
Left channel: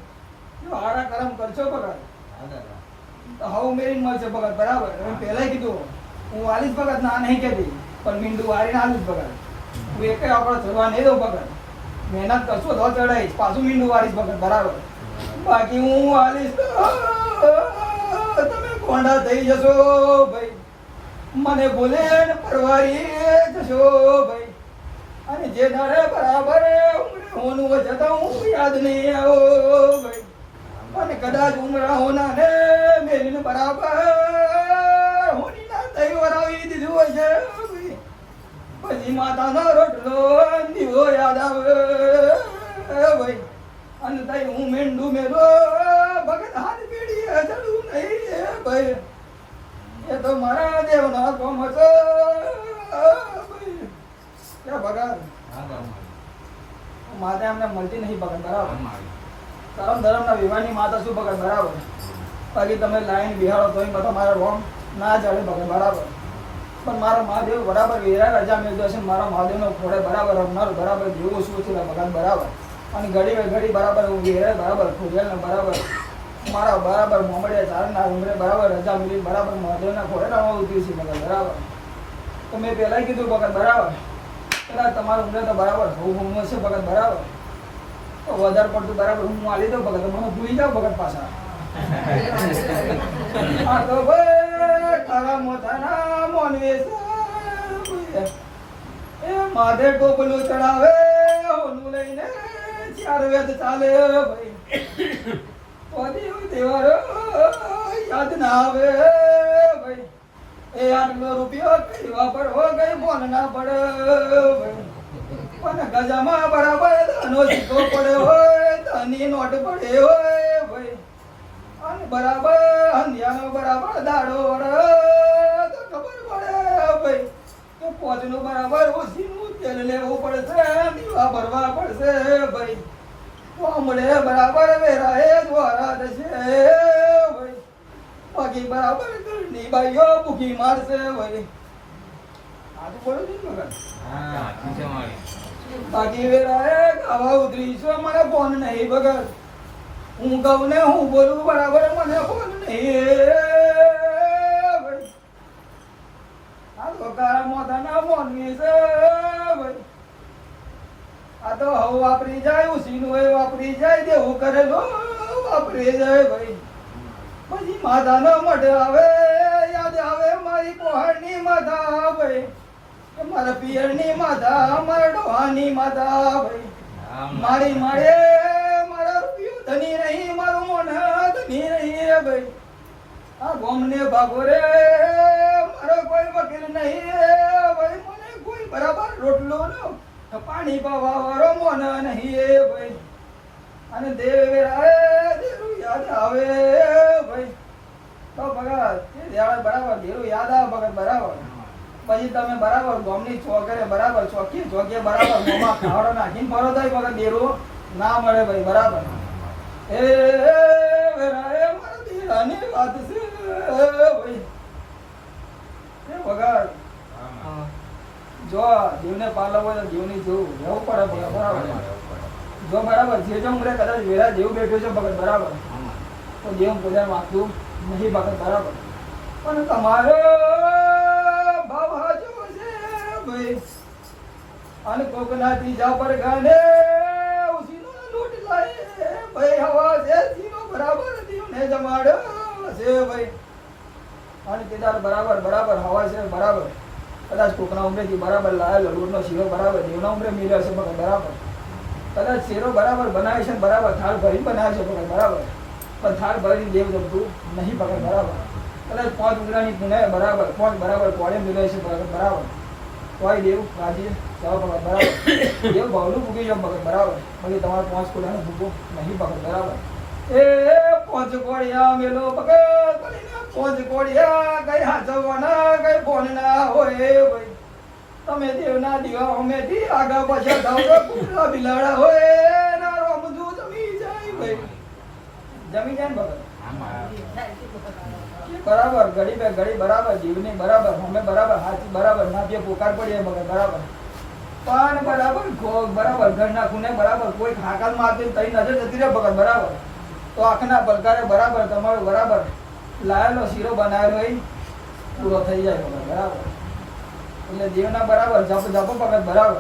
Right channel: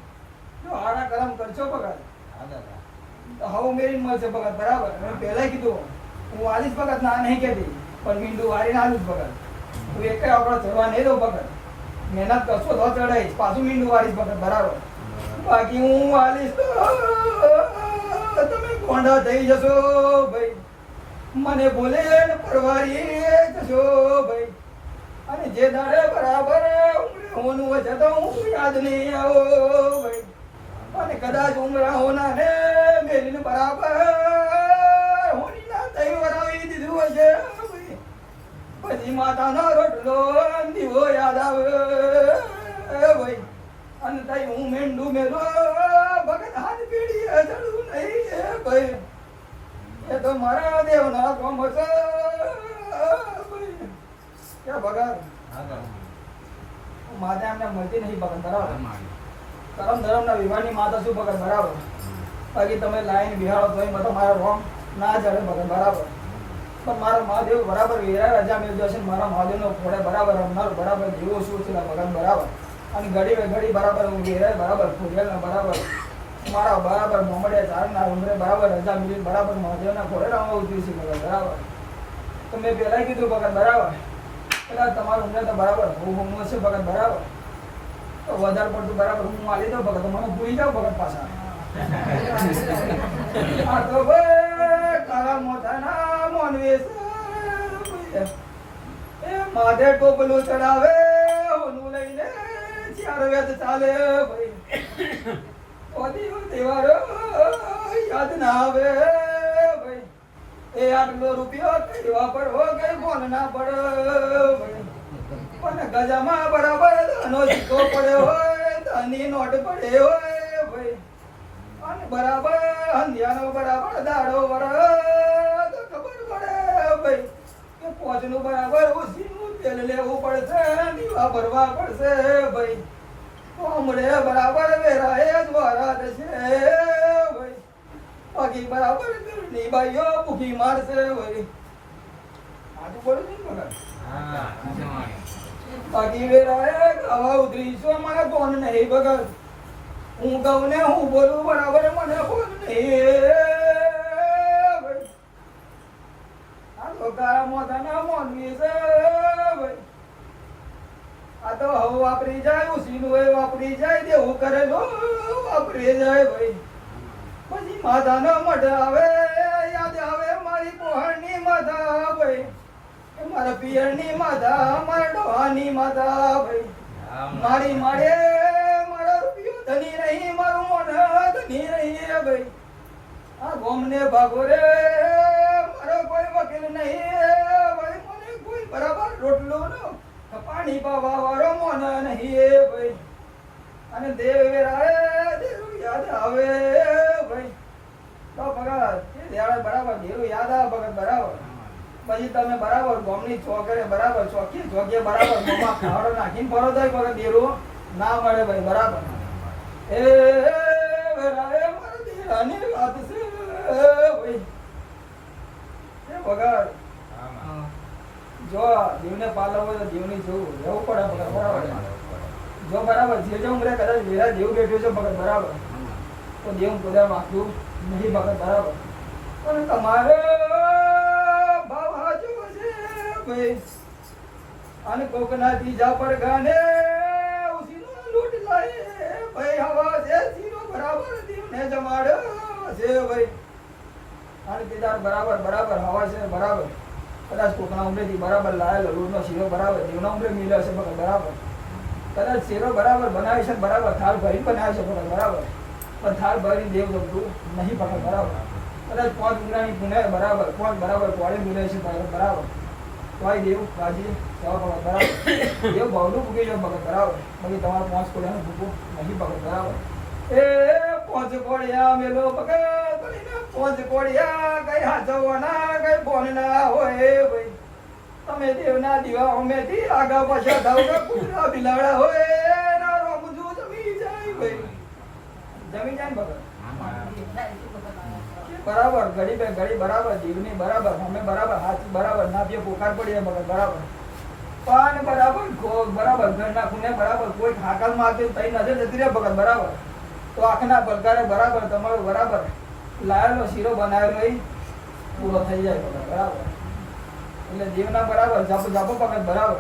જો હારા કરમ કરશો બગા તો હાવ મેરી મળશે બગા બરાબર. પહેલા કીધું હું આલીશ બગા ના નહીં કહેતી પણ મીંડું વાળીને આલીશ બગા. હું એક આપણો ચડવા નહીં દઉં બગા. મહેનત કરશો તો ચડાઈશ, પાછું મીંડું વાળીશ ભગત બરાબર. બાકી હું વાલીશ તો તમે કોંડા થઈ જશો ભાઈ, મને બોલે ને પરવારી જશો ભાઈ. અને જે દાડે બરાબર હોનું વજે તો હું યાદ નહીં આવો ભાઈ. અને કદાચ ઉમરા હોના ને મેરીને બરાબર હોની ના થઈ વરાવી દીધું હશે ભાઈ. પછી માતાનો રોટલો દીવો યાદ આવે ભાઈ. અને તઈ હું મીંડું મેલો ભગત હાથ પીડી ચડું નહીં ભાઈ. એ તો મારા દેવના કોમ હશે ભાઈ. ક્યાં ભગત માતા એમને મળતી નહીં ભગત બરાબર. કરમ ધરમના વિવાહની માતા શું ભગત બરાબર. બાકી તમે લાઈન બિહારો તોય બધા મારા રોમ ના ચડે ભગત બરાબર. પણ મારો મહાદેવ બરાબર વેરા રજા મેળવ્યો છે. મારા મહાદેવનો ફોડે બરાબર રમનાર બરાબર જેવું શું છે ભગત બરાબર. અને ઘડી બરાબર હું વેરા બરાબર ફોડેલ બરાબર મારા બરાબર મોમડિયા ચારના ઉમરે બરાબર રજા મેળવી બરાબર મહાદેવના ફોડે રમવા ઉતરી છે ભગત બરાબર. તો મેં પહેલાં કીધું ભગત બરાબર પેલા તમારું ઉમરે તો બરાબર હું હશે ભગત બરાબર. તો વધારે પડતું બરાબર હું આલી દઉં ભગત, મને ભૂલી જાવ ભગત પાછા. આ તો ભાઈ તારા મોથાના મોનવેશ એ માધે ટોપલું ચડાવે ઓનું લઈને ચાર વેદ ચાલે ભાઈ. તહેવારો યાદ ના આવે ભાઈ. એ 8 રૂપિયો કઈ વાપરવો કઈ ફોન ના પડે ભાઈ. પણ ગજામાં બરાબર ધનો સિક્કો પડ્યો હોય, ધની નોટ પડે હોય ભાઈ. અને બરાબર અંધિયાનો બરાબર દાડો વડે તો ખબર પડે ભાઈ કે પોચનું બરાબર ઓછીનું તેલ લેવું પડશે, દીવા ભરવા પડશે ભાઈ. તો હમણે બરાબર વેરાએ દ્વારા થશે ભાઈ. બાકી બરાબર ઘરની બાઈઓ ભૂખી મારશે ભાઈ. આજુ બોલું છું ને બાકી વેરાએ ગાવા ઉતરી છું, મને ફોન નહીં ભગત. હું કહું ને હું બોલું બરાબર મને ફોન નહીં ભાઈ. આ તો કાળા મોઢાના મોનવી છે ભાઈ. આ તો હવ વાપરી જાય ઉસીનું હોય વાપરી જાય, દેવું કરેલું વાપરી જાય ભાઈ. પછી માધાનો મઢ આવે યાદ આવે મારી પહાડની માધા ભાઈ. મારા પિયરની માધા મારા ડોહાની માધા ભાઈ. મારી માડે મારા રૂપિયો ધની નહીં, મારું મોઢા ધની નહીં ભાઈ. આ ગોમને ભાગો રે મારો કોઈ વકીલ નહીં ભાઈ. મને કોઈ બરાબર રોટલો નો પાણી પાવા વાળો મોના નહીં ભાઈ. અને દેવેરા દેરું યાદ આવે ભાઈ. તો ભગત બરાબર દેરું યાદ આવે ભગત બરાબર. પછી તમે બરાબર ગોમની ચોકરે બરાબર ચોકીએ બરાબર મોમાં ખાવડો નાખીને ફરો થાય ભગત દેરું ના મળે ભાઈ બરાબર. એ વેરા મારા દેરાની વાત છે ભાઈ. એ ભગત જો જીવને પાલવો તો જીવની જેવું રહેવું પડે ભગત બરાબર. જો બરાબર જે જો ઉમરે કદાચ વેરા જેવું બેઠું છે ભગત બરાબર તો જેવું પોતાનું આખું નહીં ભગત બરાબર. પણ તમારો ભાવ હાચો છે ભાઈ. અને કોકના ત્રીજા પર ગાને ઉસીનો લૂટ લાય ભાઈ. હવા છે સીનો બરાબર દીવને જમાડ્યો છે ભાઈ. અને કેદાર બરાબર હવા છે બરાબર. કદાચ કોકના ઉમરેથી બરાબર લાયેલો લૂટનો શીરો બરાબર દેવના ઉમરે મિલ્યો છે ભગત બરાબર. કદાચ શેરો બરાબર બનાવે છે બરાબર, થાળ ભરી બનાવે છે ભગત બરાબર. પણ થાળ ભરીને દેવ જમતું નહીં ભગત બરાબર. કદાચ 5 ઉગરાની પુણે બરાબર 5 બરાબર કોળે મિલાય છે ભગત બરાબર. તોય દેવ રાજી જાવ ભગત બરાબર. દેવ ભાવનું ભૂગી જાવ ભગત બરાબર. બાકી તમારું 5 કોળાનું ભૂગું નહીં ભગત બરાબર. એ 5 કોળિયા મેલો ભગત 5 કોળિયા કઈ હાથવાના કઈ ફોન ના હોય ભાઈ. તમે દેવના દીવા અમેથી આગા પાછા થાવ તો કુતરા બિલાડા હોય ના રોમજું જમી જાય ભાઈ. જમી જાય ને ભગત બરાબર. ઘડી બરાબર જીવની બરાબર અમે બરાબર હાથી બરાબર નાભીએ પોકાર પડીએ ભગત બરાબર. પણ બરાબર બરાબર ઘરના ખૂણે બરાબર કોઈ હાકલ મારતી તઈ નજર જતી રહે ભગત બરાબર. તો આંખના પલકારે બરાબર તમારો બરાબર લાયેલો શીરો બનાવેલો એ પૂરો થઈ જાય ભગત બરાબર. એટલે દેવના બરાબર જાપો ભગત બરાબર.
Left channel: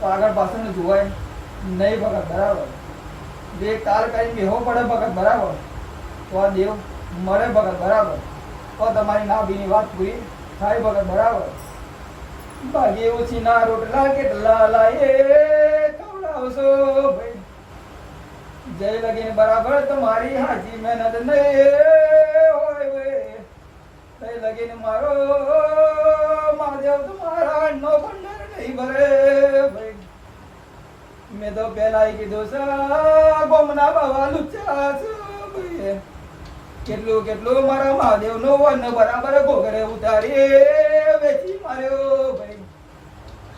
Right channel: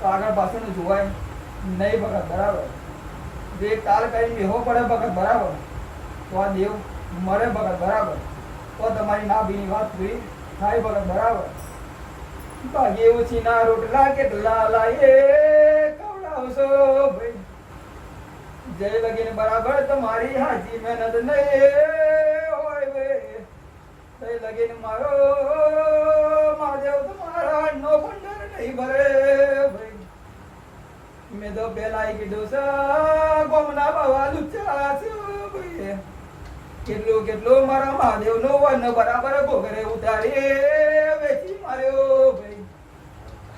તો આગળ પાછળનું જોવાય નહીં ભગત બરાબર. બે તાલ કરીને બેહો પડે ભગત બરાબર, તો આ દેવ મળે ભગત બરાબર, તો તમારી નાભીની વાત પૂરી થાય ભગત બરાબર. ભાગે ઉછીના રોટલા કેટલા લાયે ખવડાવશો ભાઈ, જય લગીને બરાબર તમારી હાજી મહેનત નહીં હોય ભાઈ, જય લગીને મારો માધવ તમારા નો ભંડાર નહીં ભરે ભાઈ. મેં તો પેલા કીધું છે ગોમના બાવા લુચ્ચા છો ભાઈ, કેટલું કેટલું મારા મહાદેવ નો વન બરાબર ઘોઘરે ઉતારી વેચી માર્યો ભાઈ,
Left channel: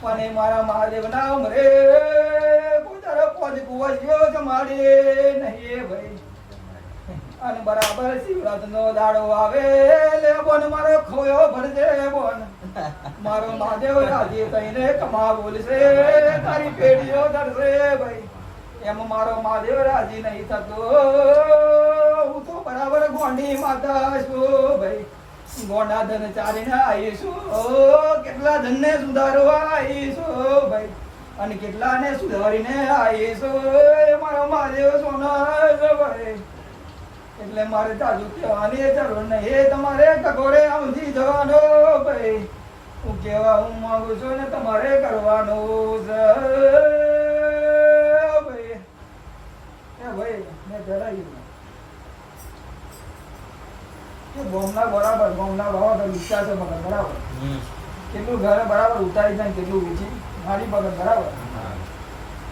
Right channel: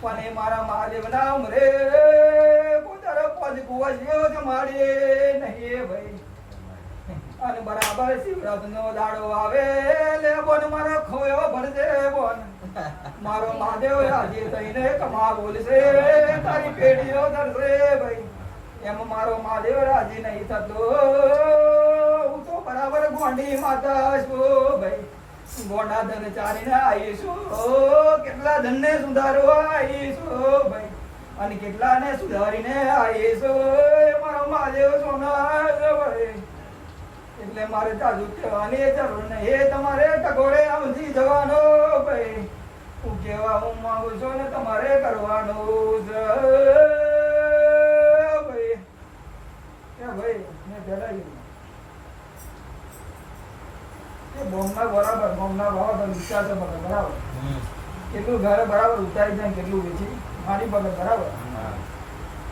પણ મારા મહાદેવ ના ઉમરે પોતાનો પોજ કુવાજ્યો જમાડે નહીં ભાઈ. અને બરાબર શિવરાત નો દાડો આવે લે બોન મારો ખોયો ભરજે બોન, મારો મહાદેવ રાજી થઈને કમા બોલશે તારી પેઢીઓ ધરશે ભાઈ. એમ મારો મહાદેવ રાજી નહીં થતો, હું તો બરાબર ગોંડી માતા છું ભાઈ, ગોંડા ધન ચારીને આવીશું, કેટલા ધનને સુધારવા આવીશું ભાઈ, અને કેટલાને સુધારીને આવીશું મારો મહાદેવ સોના ભાઈ. એટલે મારે તાજુ કહેવાની જરૂર નહીં, તમારે ટકોરે સમજી જવાનો ભાઈ, હું કેવા હું માંગુ છું ને તમારે કરવાનું છે ભાઈ. એ ભાઈ મેં જણાવ્યું બોમના બરાબર બોમના બરાબર વિચાર છે બગર બરાબર, કેટલું ઘરે બરાબર ઉતારી જાય કેટલું વેચી મારી બગર બરાબર.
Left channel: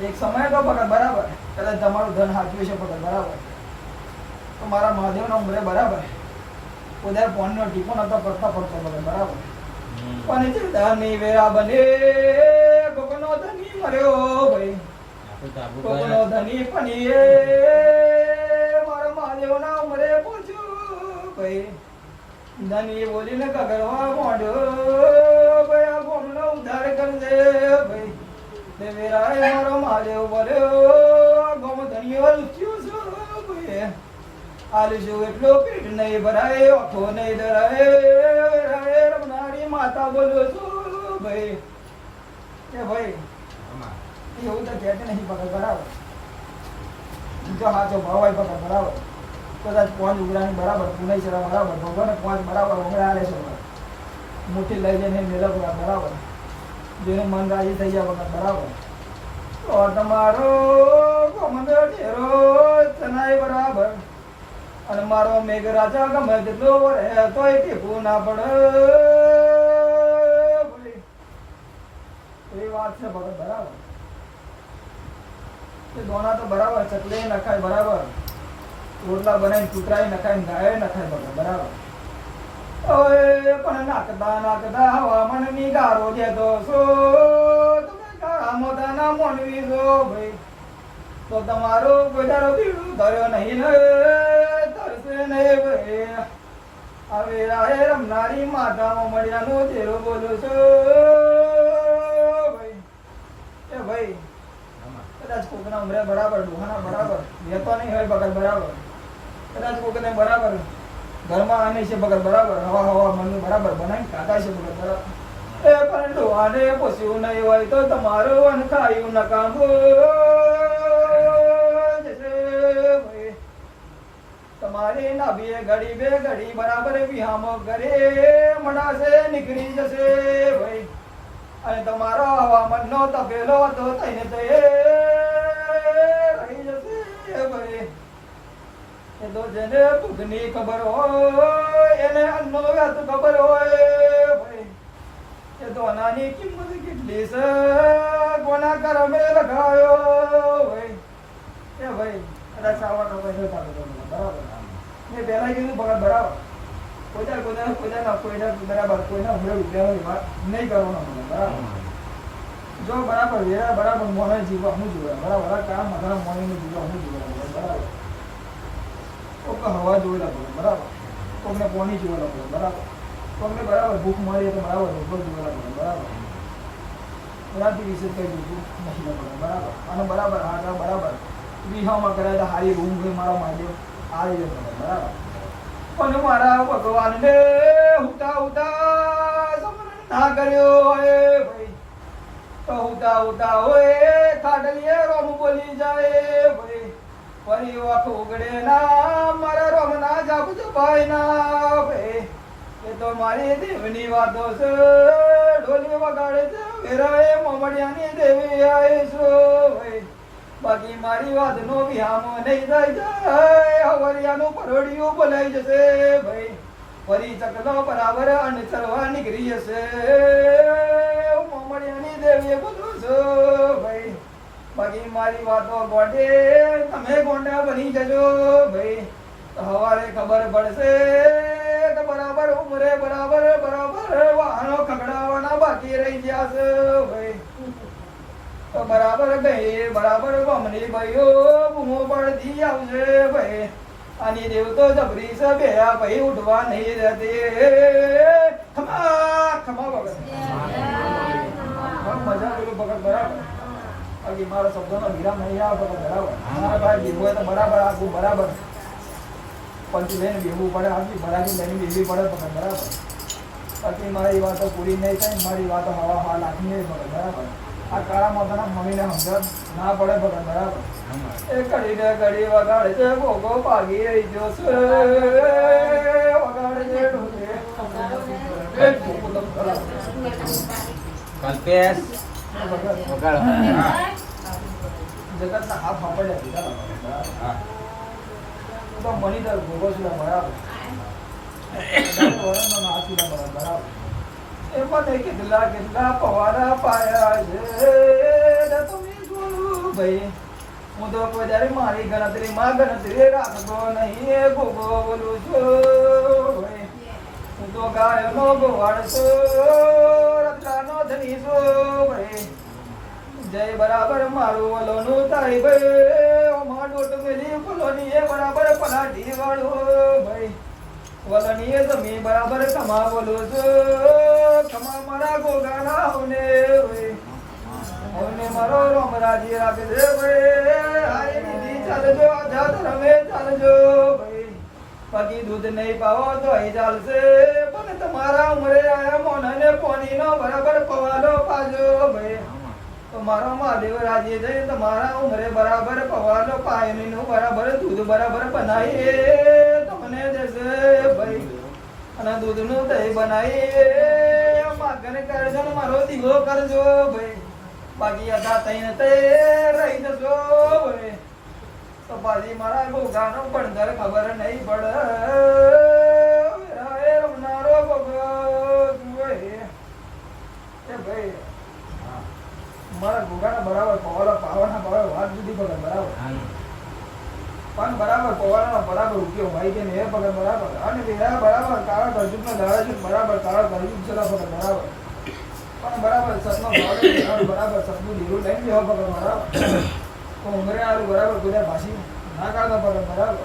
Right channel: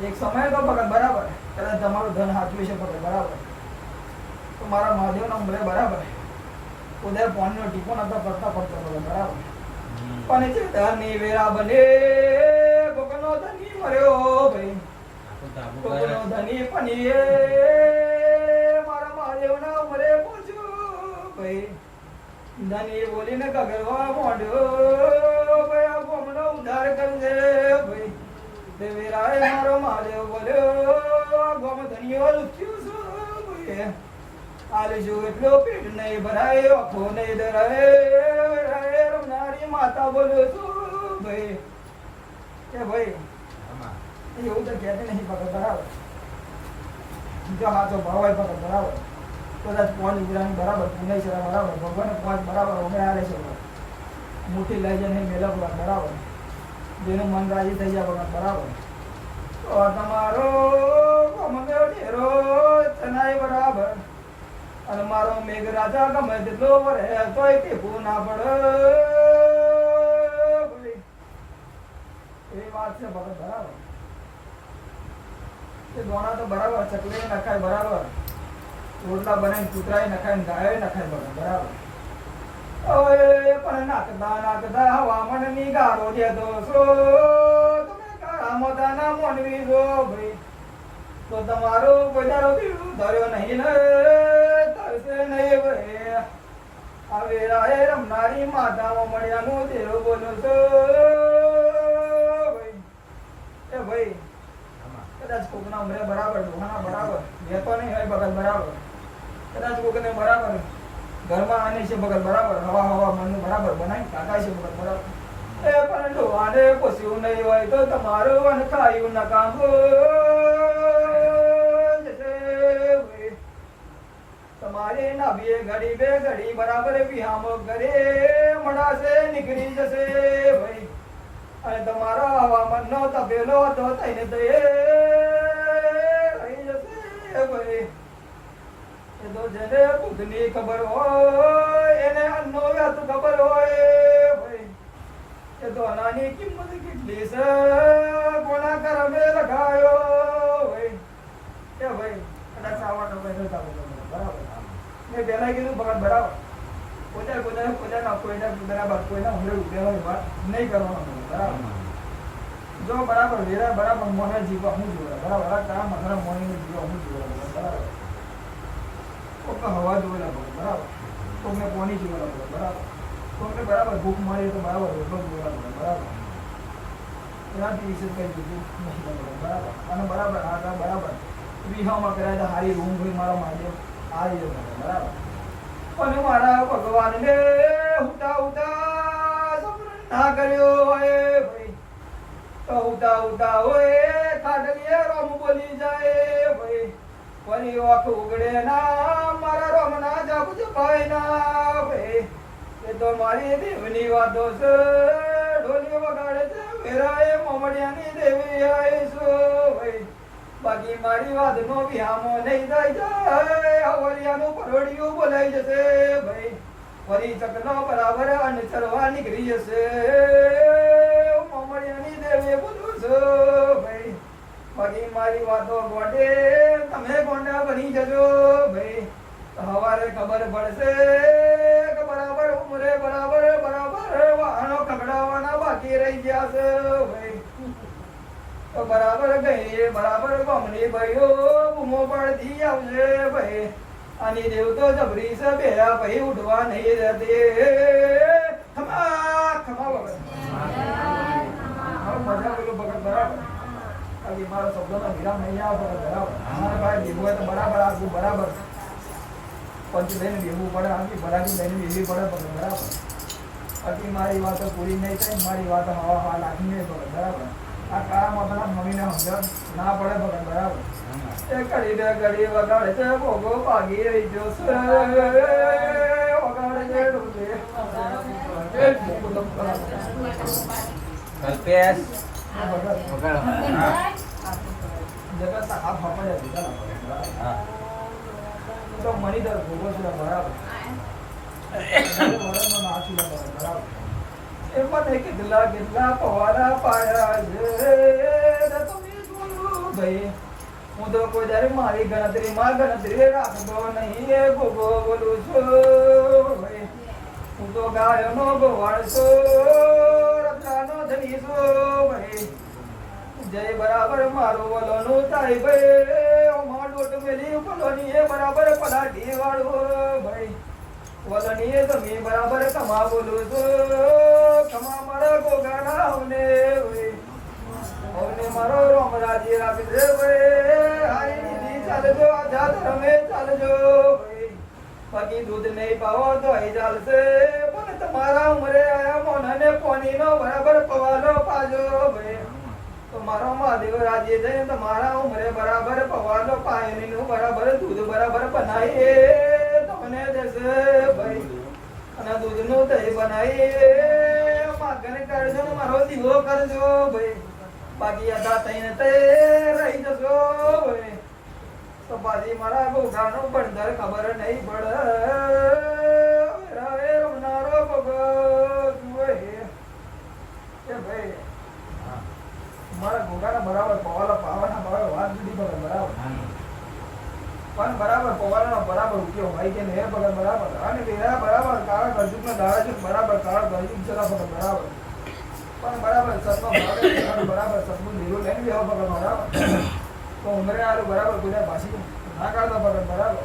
એક સમય તો બગર બરાબર કદાચ તમારું ધન હાચવ્યું છે બગર બરાબર, તો મારા મહાદેવના ઉમરે બરાબર ઉધર પોનનો ટીપો નતો કરતા પડતો બગર બરાબર, પણ જે ધની વેરા બને ભગનો ધની મર્યો ભાઈ, ભગનો ધની પની મારા મહાદેવના ઉમરે પહોંચ્યો ભાઈ. ધની બોલીને કગરવા માંડ્યો ભાઈ, આ ગોમનો ઉદ્ધાર કરજે ભાઈ. દેવેરાએ મારો મહાદેવ બોલ્યો ગોમ ધનીઓ લુચ્યો છો ભાઈ, આલીશું એટલો પેટ નહીં ભરાય આંખો નહીં ડરાય રમનારી માતા બોલ્યો છો ભાઈ. કે ભાઈ એવું તો કહેતે નહીં પકડ બરાબર, જો હાચો ભાવ હોય પકડ બરાબર, કદાચ 5 ઉગરાની બરાબર પુનાઈ છે બરાબર, ભગવાન 5 બરાબર હમણાં આલે છે મુઠ્ઠી લઈ જઈને મેળવ બરાબર, જેનું મન રાજી થઈ જાય વખત બરાબર, તો તમારો ગમનો ઢેરો ચનાય બરાબર, અને મારો મેઘરાજા ગમે તેટલો વરે તોય ટીપું ના પડે. એ વાત છે ભગત બરાબર. એ દોણા તો બરાબર ચકલે નખાય બરાબર, રોટલા બનાવીને કૂતરાએ નખાય ગાય નખાય ભગત બરાબર. પણ નાકતા હવામાન ની ગારો દેતો છો તમે કાળા મોઢાના મોનવી છો ભાઈ, તો તમારું બજારો પીળું ધર્યો નહીં ને તરસે નહીં ભાઈ. આ વેરાએ રમનારી માતામાં મળ્યાનો તેરો બોલો છો ભાઈ. એ ભાઈ કદાચ કોકના ઉમરે બરાબર ડોહાના બરાબર રહેતો નહીં હોય બગલ બરાબર, કદાચ કોકને બરાબર ઘરમાં આને છે બગલ બરાબર, હવા હવા મનનું બરાબર બનાવી કાઢાય છે બગલ બરાબર. એ પણ ડોહાને પોસ્યું નહીં હોય તો તમારું અનખાયું નકામું તમારી નાભીએ ઘડી બે ઘડી બરાબર વિહામો ઘરે મળાશે નીકળી જશે ભાઈ, અને તમારો હવામાનનો તપેલો તો થઈને તો એ રહી જશે ભાઈ. એ તો જેને ભૂખની ખબર હોય એને અન્નનો વ્યાત ખબર હોય ભાઈ. એ તો અનાની કિંમત કેટલી છે કોના કરમે લગાયો ભાઈ. એ ભાઈ કદાચ આવવાનો કોઈ નહોતા બરાબર, મેં પહેલા કીધું બરાબર બરાબર, કોઈના બરાબર કોઈના હમણાં ઉદ્યોગ નહીં કરવાનો બરાબર. જો બરાબર વેરા બરાબર મોને જીવવા હું જોવા બરાબર, કામ મારા મોર્નિંગ જીવવા હું જોવા બરાબર, કોઈને હવા જોઈ લાગો બરાબર, કોઈને પોની જોઈ લાગો બરાબર, કોઈને બરાબર ભૂખ મારીએ તો બરાબર રોટલો જોઈ લાગો બરાબર. એનાથી વિશે કંઈ જોતું નથી લાગો બરાબર, અને બરાબર હા બરાબર વિહામાં કર્યા હતા હારી રૂમ હોય મારા મહાદેવ આ રીતે બરાબર. પણ મારા ભગવાનને ઉતા ઉતા સમરણ ના કર્યો હોય ભાઈ, તો હું ઉતા હોય ખાટલીએ રોમ બોલી જાય ભાઈ ફરી વાખ ઉગડે ના મારા રોમ ના જાપ જપાય ના ભાઈ એ તો મારી દેવની વાતો છે ઢોલી વગાડે છે વેરાએ મોમડિયાની દેવી આવીશો ભાઈ બાકી મારી વાત નો વિહામો નહીં થઈ જાય હવલિયાનું પરોડિયું બોલાઈ જશે ભાઈ ફરી ચકલો બરાબર અને ચરવા નીકળી જશે મોમડિયાની દેવી બોલું છું ભાઈ બાકી મારી વાતો ગોડે તમે ગોંડા બની જજો ભાઈ હવારે ખબર પડશે કે બરાબર ઉમરે બરાબર વાહનો ખગડાવાના બાકી રહી ગયા છે ભાઈ તો બરાબર ગઈ બરાબર ગમની ભાઈઓ બૂમો પડતી આવશે ભાઈ આની દેવ તો જબરી છે બે ભાઈ ઉઠવા નહીં રહેતી ખમા ખમા વગર મજા પેલું ભગત બરાબર બાકી મારો શબ્દોનો વિરામ નહીં આવે ભગત બરાબર મારા ભાઈ દેવું હોય તો બરાબર આપવું બરાબર પંચબેન બેવું પડે આખી બરાબર લઈને બેવી પડે ભગત બરાબર બાકી મારી વાતો પૂરી નહીં થાય મારી વાતો હવા હા લાગી નહીં ભગત બરાબર આ કાળા માતાના મમ્મીને સમજણ ના પડે ભગત બરાબર એ ઘડી ને ઘડી વગાડે છે ભોગો ભાગી રહી જોશે વગાડે છે ડોસે કલ્પેશ જગત ના હાથ ફાપડે દીધા તો મણિધર ભોગો છે બરાબર વરણનો નાસી બરાબર એમાં કેટલા પવારા પાયા છે તમે બોલો ભાઈ હું તો કોઈ ત્યારે મારી ગણતરીમાં ગણતરી રાખતો નહીં એ ભોગો બોલું છું ભાઈ હું તો ગાયનો ગોવાળ છું રક્ષાનો ધની છું ભાઈ જય બરાબર મારું વલોનું થાય ભાઈ ઓમાં ડોટ મેલી ફૂલોની એ બરાબર પલાટી વાળું ભાઈ વલણીએ જમી બરાબર કમા બોલું છું કમા મારા ગોગાના હવને હવને મારો રોમરાજી રાખી દે ભાઈ હારી દીદી ચાલજો આઝાદ રમે ચાલજો ભાઈ બાકી દૂધ નહીં પાવો તો એ ચાલશે પણ તમારા ઉમરે આયા મોનાને પોણીનો બરાબર પવાલો પાજો ભાઈ તો મારો મહાદેવ રાજી જઈને તમારા ઉમરે બરાબર પવાલો પાયણીનું બરાબર દૂધ બરાબર બનાવીએ તમને જશે ભાઈ અને દૂધનું દહીં બનાવીએ માગણ કરજો મારો દીવો કરજો ભાઈ બાકી અદા થઈને તે રહી જજો ભાઈ તો બાજી મારા ગોગાનો પડદર ખબર નહીં પડે રમનારો ભગત ભાઈ મારા ગોગાના બરાબર પવાલા પાવાના બરાબર વાત જુદી ભગત બરાબર પણ બરાબર પવાલાનો બરાબર ઉપયોગ ભાઈ કે ને ભગત બરાબર અને વેરા બરાબર કાળા ગરજુકનો દાડા છે બરાબર કાળા ગરજુક ચલા ભગત બરાબર પણ બરાબર સતનો ભાવ બરાબર સતનું લીરું લઈને લેવા ભગત બરાબર તો ઉમરે આલું બરાબર બધા ભાષી ના કાઢતો ભગત બરાબર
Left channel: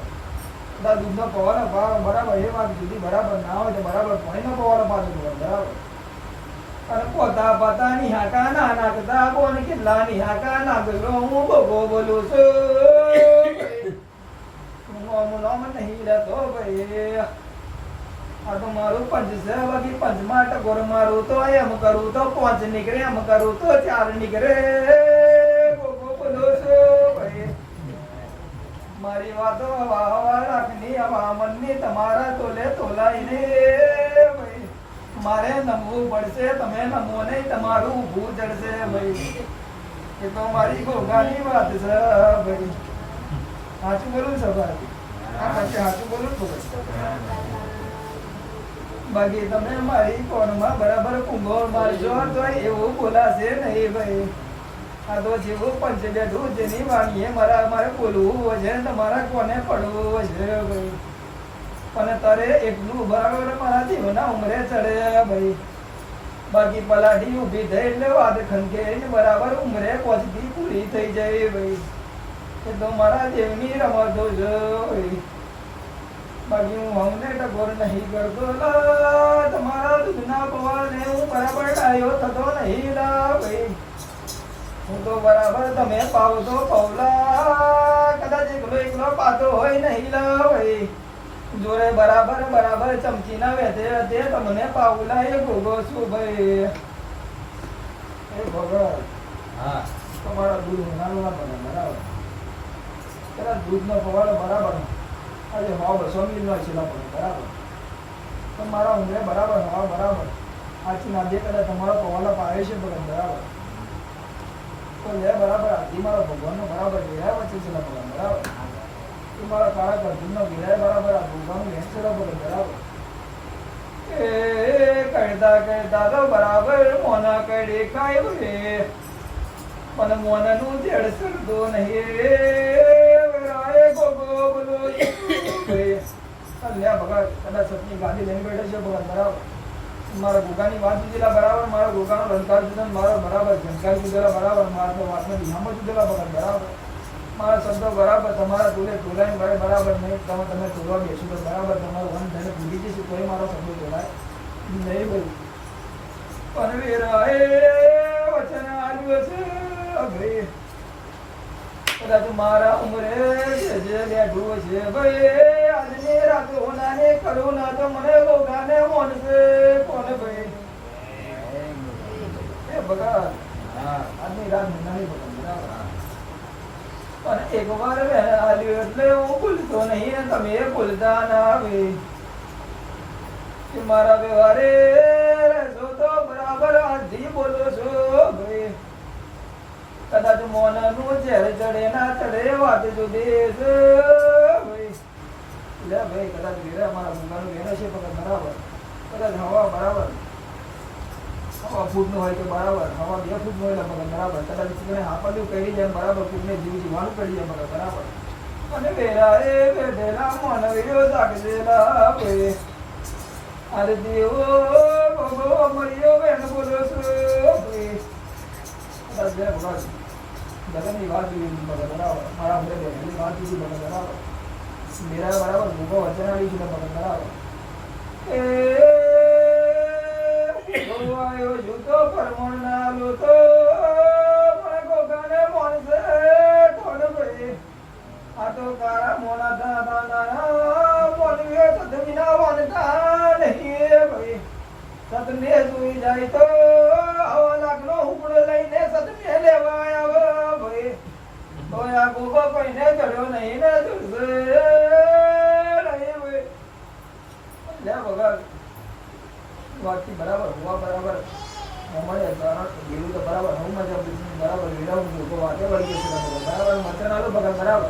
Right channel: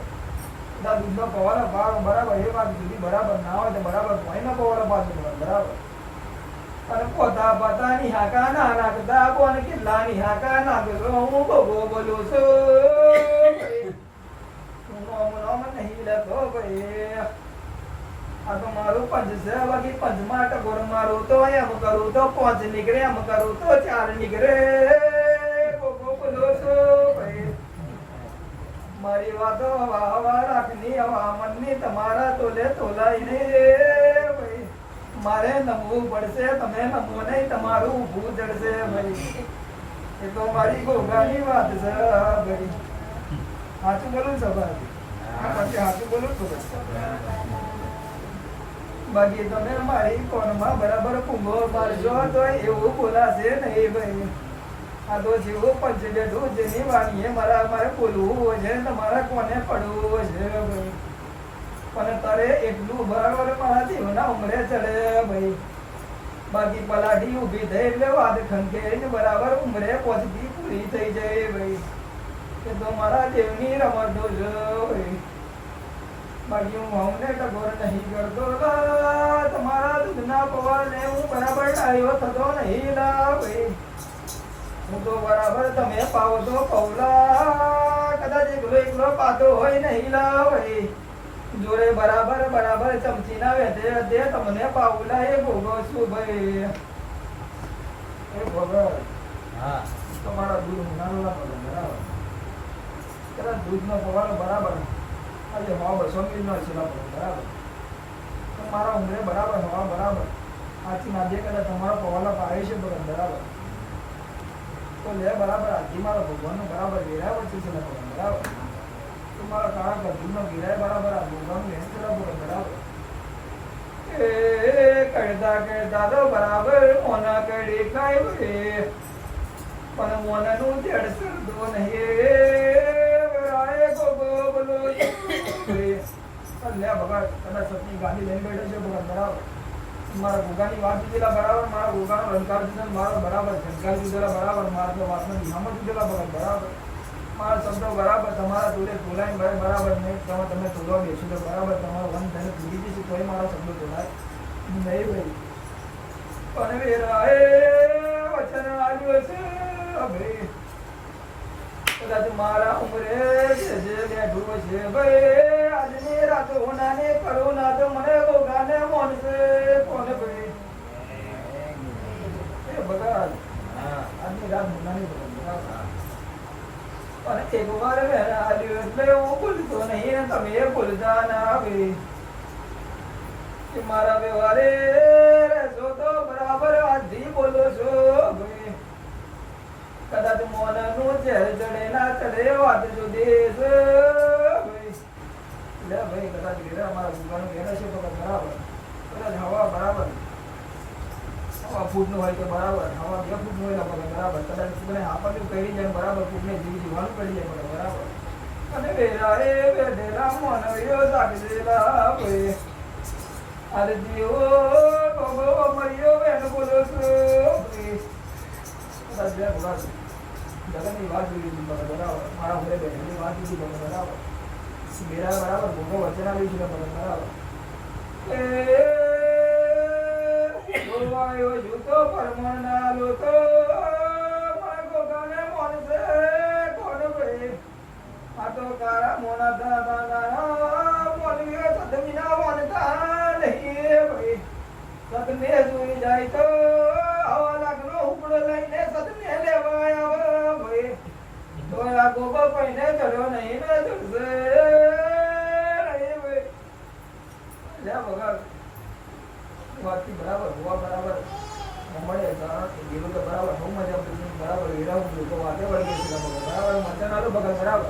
બધા દૂધનો પવાલો ભાવ બરાબર એ વાત જુદી બરાબર ના હોય તો બરાબર પાણીનો પવાલો પાછું ભગત બરાબર અને પોતા પોતાની હાકા ના નાખતા કોણ કેટલા ની હાકા નાખલો હું ભોગો બોલું છું નામ નહીં લેતો ભાઈ આ તો મારું પંચ છે બાકી પંચમાં ટકોર મારું તો એમ કરું તો 5 નીકળે એમ કરું તો 4 નીકળે ભોગો બોલું છું ભાઈ મારી વાતો હવા હવા રાખની હવા મનની તમારા તોલે તોલાઈ ને ભાઈ મારે નમવું પડશે તમે નમો નહીં તમારું ઊભું ચડશે ભાઈ એ તો મારી ગોગાની વાત છે ભાઈ સાચું બોલું છે ભાઈ આ પછી સાચું બોલું છું બાકી તમે મારી કોણમાં બરાબર કુંભો મારજો તો એવું બોલાશે નહીં ભાઈ આ તો જેવું પંચ બેઠું જેની વાણીએ મારે બોલવું હોય છે તમારા કોને પડવું હોય છે ભાઈ પણ તારે એકલું બરાબર મારા જીવના ઉમરે ચડે ભાઈ બાકી પલાટી ઊભી થઈ એટલે વાત ખંકે બરાબર ઉમરે પહોંચતી પૂરી થઈ જાય ભાઈ એ તો મારા દેવની રમતો છે ભાઈ બાકી હું અમને ટકોર નહીં કરતો તમારા દૂધના પવાળને હું બરાબર ડાયો થતો નહીં લા ભાઈ હું તો બરાબર તમે પાવો તો પવલા કદાચ એકલો પાતો હોય નહીં લા ભાઈ જોડે બરાબર ચમચી ના વેધે તે તમને પાવલા એ ભોગો છું ભાઈ એ ભોગો હા તમારા દૂધ હોનારું ના બને બરાબર. કદાચ દૂધનો પવાડો બરાબર આજે હવા 200 મિલી નો છેલ્લા પડે બરાબર. પણ મારા ઉંમરે બરાબર હવા બરાબર આથી નાદે કદાચ તમારો પવાડા પાડે છે ભગત બરાબર. તો લે બરાબર આથી મારો ભગવાનનો બરાબર ગેરાય વચ્ચે છેલ્લા પડે બરાબર. તો મારા કાળા ગરદીનો ગેરાય બરાબર આ ભગવાનનું લેણ છેલ્લા પડે બરાબર. એ કહેતા કહેતા તો બરાબર મોના કડે કાંઈ વે પણ મોનાનું જડ સરદો નહીં રાય ગોગો બોલો લે ભગત કદાચ સપની ગાડી લઈને બેઠો છે ભગત બરાબર. મારા ગોગાની વાત દીધેલા બરાબર મારા ગોગાનો રંકાર દીધા મારો બરાબર ઝંકાર દીધેલા બરાબર મારા વાતનો નિયમ દીધેલા ભગત બરાબર. મારા શબ્દો બરાબર તમારા તુલે તોલાઈને બરાબર નહીં તમે તોલવા બેસો તો બરાબર તમારું વન ધણી ભૂલી જશે તોય મારા શબ્દો તોલાય નહીં ભાઈ. પણ વેરાએ વચન આવ્યું છે ભાઈ કદાચ મારા ઉમરે જે બેઠું છે ભાઈ આજની રાત હોનાને કરું ના તો મને ગોગાને મોનશે કોને ભાઈ એ ભગત આજની રાત હોનાની ભગત બરાબર. પણ એક વાર મેં આલ્યું એટલે હું ભૂલતો નહીં ને તમે ભૂલતા ના ભાઈ કે મારા વ્યવહારે રહેશો તો બરાબર આજથી બોલો છો ભાઈ. કદાચ મોનનું ઝેર ચડે ના ચડે વાત જુદી છે ભાઈ. લે ભાઈ કદાચ ઘેરે અમારા ભૂગાનું ઘેર છે તો બરાબર કદાચ હવા બરાબર હવા ફૂટનું હોય તો બરાબર હવા 2 ફૂટનું હોય તો બરાબર કદાચ તમે હાપલ્યું કરી જાય બરાબર ફૂટને જીવવાનું પડી જાય બરાબર. અને વેરાએ બેઠેલા મોનવીઓ જાગેલા ભાઈ અરે દેવો ગોગો મરિયો બેન બોલો છો ભાઈ. કદાચ બે ભગત બધાની વાત જોઈ બરાબર મારા ઘરે બેઠેલી વાત જોઈ બરાબર મેરા બરાબર ગોગો વચન આવી છે બરાબર. એ ગોવાયો જૂતો પરમણા લોતો મને ગોગાને મોનસે કોણ ભાઈ. આ તો કાળા મોના દાના મોનવીઓ સદમીના વાનતા નહીં ભાઈ. સદમે જોઈ જાય તો આવા લાગનો ઉપડો લઈને સદમે લેવાય આવે ભાઈ. તો આ ગોગો કઈને ચડ્યો નહીં ને જુડશે નહીં ભાઈ. લે વગર વાતથી બરાબર હોવા બરાબર મળે ગયેલું તો બરાબર હું મજા બરાબર વિરાવું તો વાતે વળગી છે બરાબર મચન આલો બગલ બરાબર.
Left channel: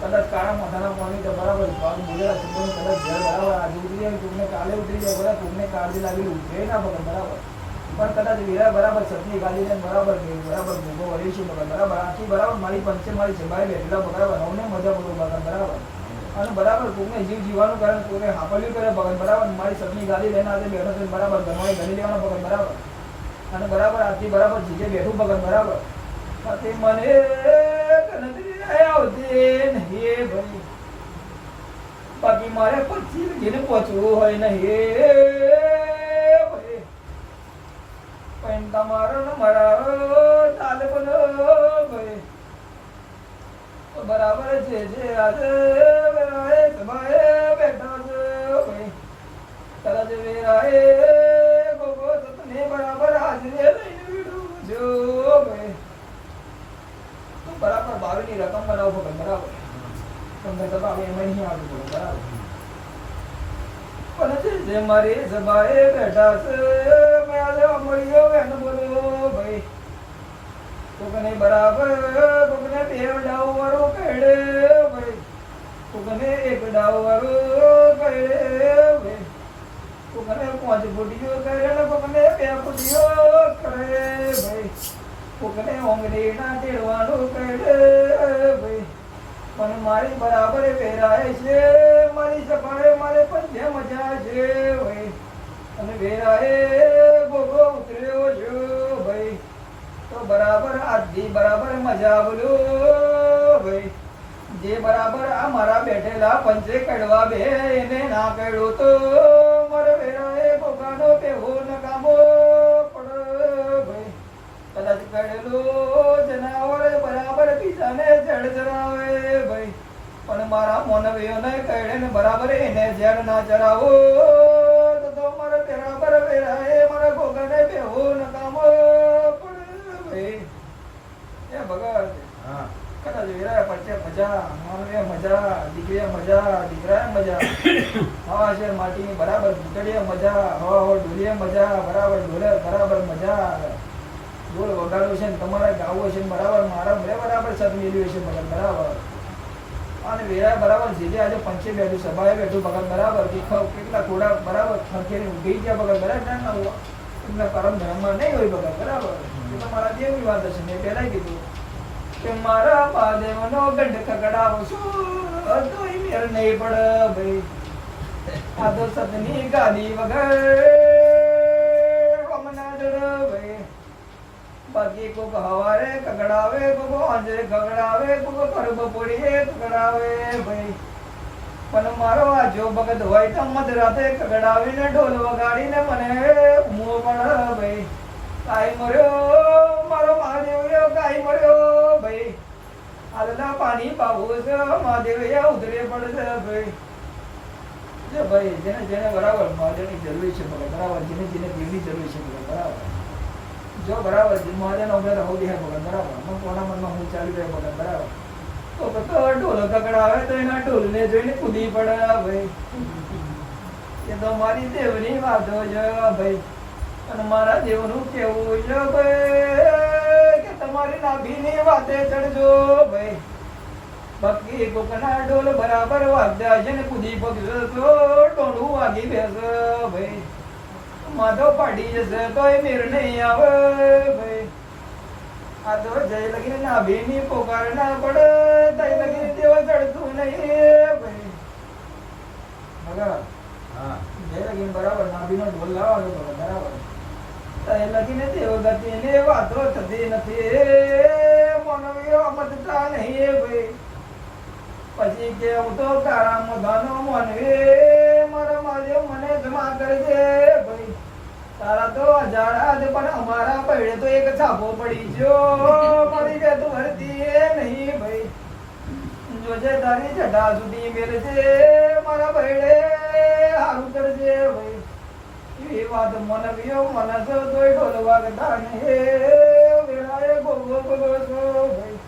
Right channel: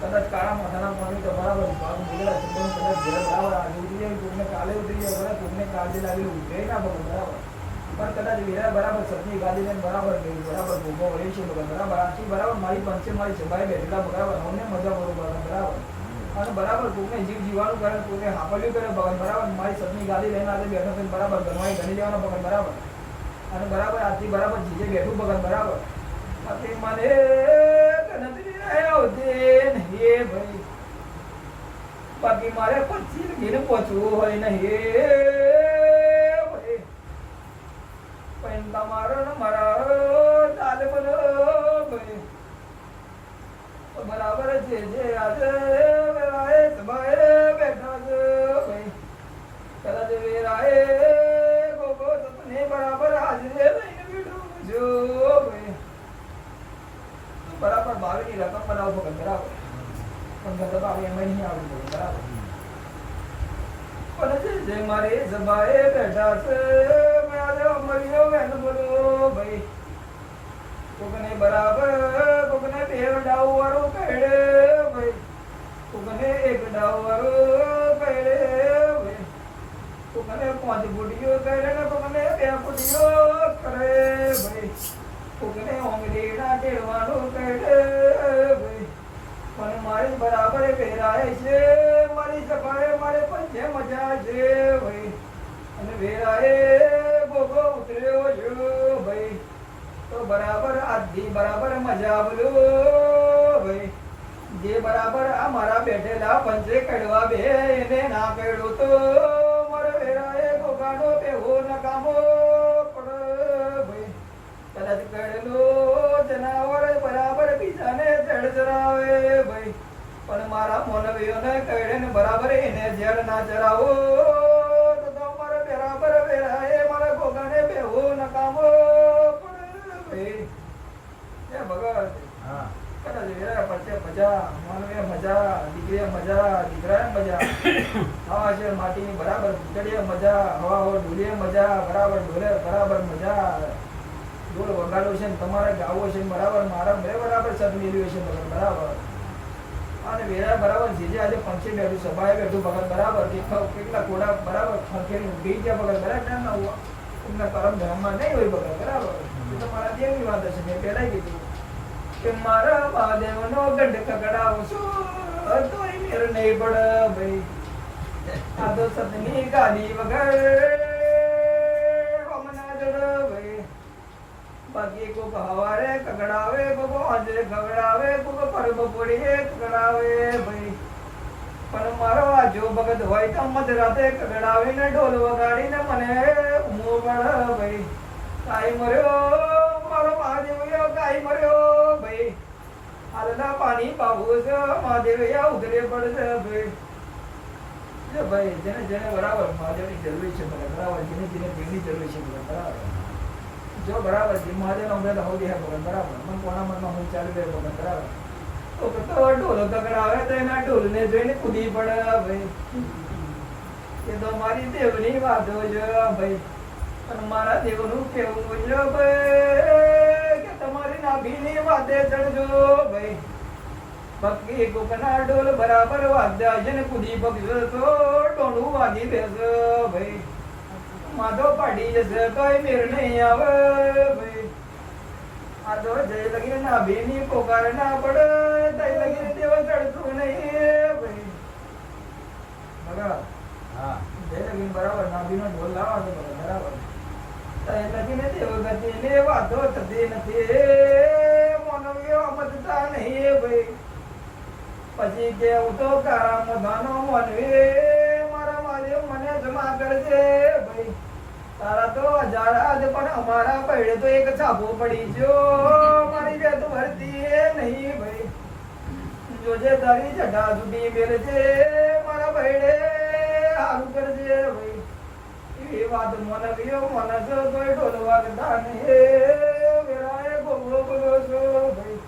કદાચ કાળા મોઢાના પાણી તો બરાબર ભાગ બોલેલા શબ્દોનું કદાચ ઘેર બરાબર આજે ઉતરી જાય કોઈને કાલે ઉતરી જાય બરાબર કોઈને કાળજી લાગેલી ઉતરે ના બગલ બરાબર. પણ કદાચ વિરા બરાબર સપની ગાડી લઈને બરાબર બરાબર ભોગો વળી છે બરાબર આખી બરાબર મારી પંચે મારી સભાઈ બેઠેલા બરાબર અમને મજા પડો બરાબર. અને બરાબર કોઈને જીવ જીવાનું કારણ કોઈને હાપલ્યું કરે બગલ બરાબર મારી સપની ગાડી લઈને આજે બેઠો છે બરાબર ઘરમાં ગણી લેવાનો બગલ બરાબર. અને બરાબર આજથી બરાબર જીજે બેઠું બગલ બરાબર. પછી મને ગણતરી આવતી નહીં ભાઈ. બાકી મારે 25 ઘેર પહોંચવું હોય નહીં ભાઈ. પણ તમારો મારા ચાલે બનો ભાઈ બરાબર છે જે આજે વેરાએ સભાએ બેઠો છે ભાઈ. કદાચ વેરાએ ગોગો તને બરાબર હાજરે લઈને બેઠો જો ભાઈ. બરાબર 22 ની રકમ બનાવો બરાબર. પણ દબાવ એમાં નહીં આવડતું બરાબર. પણ જે મારી સભાએ બેઠા છે મારા અમરિયો બેન બોલો ભાઈ. કોકને બરાબર કોકને 2 ડાવ વાળો કહેડે ભાઈ. કોકને 1 ડાવ વાળો કહેડે ભાઈ. કોકને 5 ફૂટીઓ કહેડે ને કોકને 2 ફૂટીઓ કરે ભાઈ. કોકને ઓંગળીના ટેડવાનું કહેડે ભાઈ. પણ મારી બરાબર વેરાય છે મારી સભાએ મારે પંચે મજા છે ભાઈ. અને વેરાએ ગોગો ઉતર્યો છો ભાઈ. તો બરાબર આજથી બરાબર મજા બોલો ભાઈ. જે બરાબર આ મારા બેઠેલા પંચે કડવા બે એને ના કડ્યો તો મારે વેરાએ ગોગાનો પેહો નકામો પડ ભાઈ. કદાચ કડેલો જનાવર બરાબર બીજાને જડ ચરાવે ભાઈ. પણ મારા મોનવીઓને કડે ને બરાબર એને જડ ના ચરાવો તો મારે બરાબર વેરાએ મારા ગોગાને પેહો નકામો પડ ભાઈ. મજા, માનવે મજા, દીકરીએ મજા, દીકરાએ મજા. હવા છે માટીની બરાબર ઘૂંટડીએ મજા, હવા હો ડોલીએ મજા, બરાબર ડોલે બરાબર મજા. ઢોલ વગાડો છે ને તમારે ગાવો છે ને બરાબર, મારા બરાબર સદ મેળવ્યો છે ભગત બરાબર. અને વેરા બરાબર જે આજે પંચે બેઠું સભાએ બેઠું ભગત બરાબર, કેટલા કોડા બરાબર ખંખેરી ઉભી ગયા ભગત બરાબર. એટલા પરમ ધર્મમાં નહીં હોય ભગત બરાબર. એ તો મારા દેવની વાત છે, મેં પહેલા કીધું કે મારા મહાદેવનો ગઢ કકડાવો છું તોય મેર નહીં પડે ભાઈ. આ તો સતની ગાદી વગર હમણાં જડ ભાઈ. બાકી કોક હવારે કકડાવે, કોક અંજે કકડાવે, કોક પરબ પોડીએ કકડાવે ભાઈ. પણ મારો આજો ભગત હોય તો મધરાતે કકડાવીને ઢોલ વગાડીને મને ઊંઘો પડે ભાઈ. કાઈ મર્યો મારો મહાદેવ, કાઈ મર્યો ભાઈ. આલના પાણી પાવું છે મહાદેવ ઉધરે પડશે ભાઈ. જો ભાઈ જેને જેને બરાબર મહાદેવની જરૂર છે ભલે બરાબર, જેને જેને પ્રેમની જરૂર છે ભલે બરાબર. જો બરાબર જે મહાદેવનો અમને રહો દે ભગત બરાબર, મન કોના મનમાં હું ચાલી રહ્યો ભગત બરાબર. તો ઢોલ કકડાવે તો એના ઢોલને જોઈને કૂદી પડે ભાઈ. એ તો મારી દેવની વાતો છે ભાઈ. અને મારા દેવનું કેવું છે ભાઈ કે તમારી નાભીની વાતે ચડજો ભાઈ. બાકી કોકના ઢોલ બરાબર વાગ્યા છે ને કૂદી પગજો તો ટોળું વાગી બેસે ભાઈ. માધો પાડી જશે તો એ મેર નહીં આવે ભાઈ. આ તો જય લગી નાભીની પોકાર ના પડે તઈ લગી દેવ ચડતું નહીં ભાઈ. બરાબર હા જય લગી બરાબર નાભીનો ઢોલ લાવવાનો બરાબર. લગીને દેવ ગતિની વાતો થતી નથી, મનવીઓ મતતા નહીં ભાઈ. પછી કેવું તો કારા મધાનો મનવી મારા મારે મને જમા કરજે ભાઈ. તારા તો હજાર પણ અમારા પૈડે તો એક છાપો પડી ગયો, મારી જે તું ભરતી એ નહીં ભાઈ. જોજે તારી જટા સુધી મેળજે મારા પૈડે સારું કરજે ભાઈ. એ વાત મનવીઓ મનસ તોય ઢોલ વાગતા નહીં વેળાએ ગોગો ગોગો છો ભાઈ.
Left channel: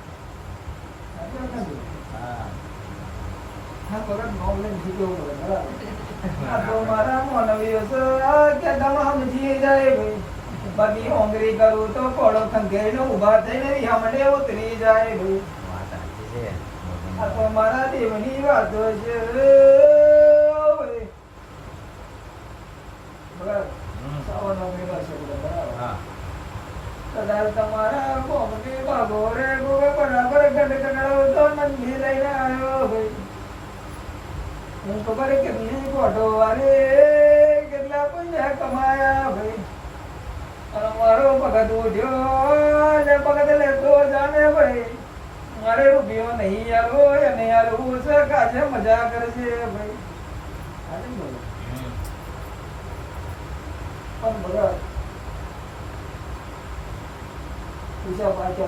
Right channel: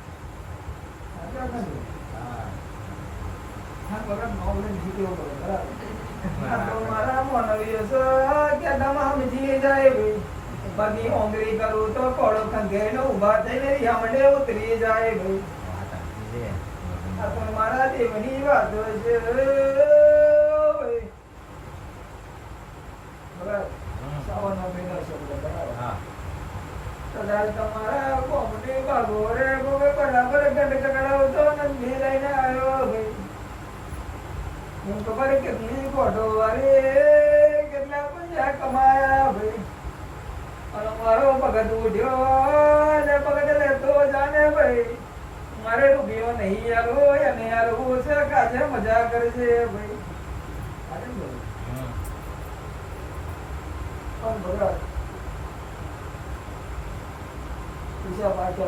હા બરાબર નોબલેન શીખ્યો બરાબર. આ તો મારા મનવીઓ છે કે તમામ જી જાય ભાઈ. બાકી હોંગરી કરું તો કોળો ખંખેરીને ઊભા થઈને યામડે ઉતરી જાય ભાઈ. આ તો મારા દેવની વાતો છે ભાઈ. તમારા કોમની બાબોરે ગોવે બરાબર ગંડ કકડાવ તો નંદી લઈને આવ્યો ભાઈ. હું ખબર કેટલી ફોટો વાળી કેટલા પૈસા કમાયા ભાઈ. અને મારો ભગત ઉઠ્યો ને ભગત લેતો જાને ભાઈ. મારે રૂપિયો નહીં આવો અને આવું છે કાજે મજા કરશે ભાઈ. પણ બરાબર પૂછ્યા પાછો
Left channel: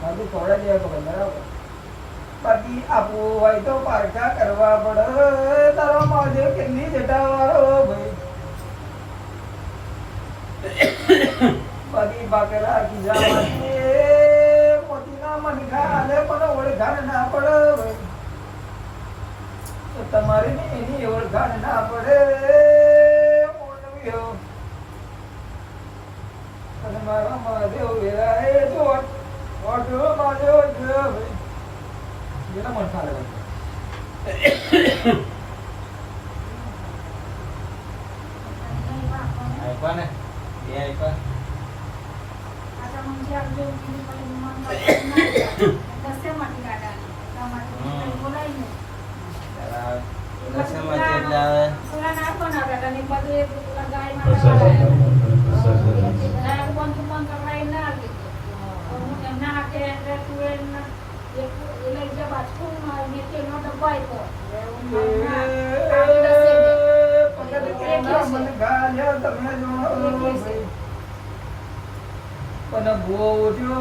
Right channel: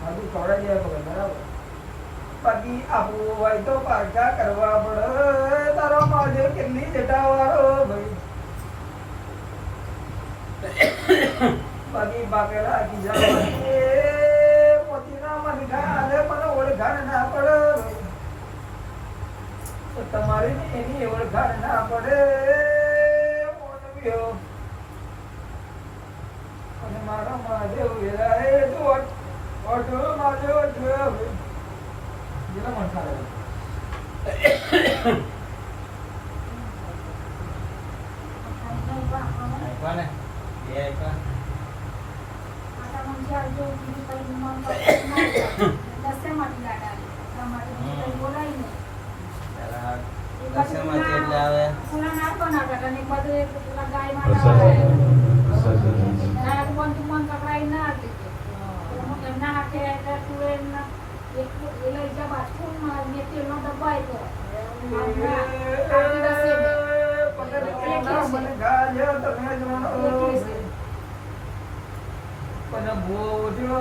બાકી ખોડા જેવા ખબર બરાબર. બાકી આપવું હોય તો પારકા કરવા પડે. તારો મહાદેવ કેટલી જટાવાળો ભાઈ. બાકી બાકેલા ખીજા મોતીના મનખા હાલે પણ ઓળખાણ ના પડે ભાઈ. તમારી ને એની ઓળખાણ ના પડે મોનવીઓ. અને મારા મહાદેવ વેરાએ તો ઓટો મહાદેવ જોયો ભાઈ. જેના મન ખાલે આપ્યા ને એ આપ્યા. પણ ભૂવો ઉઠ્યો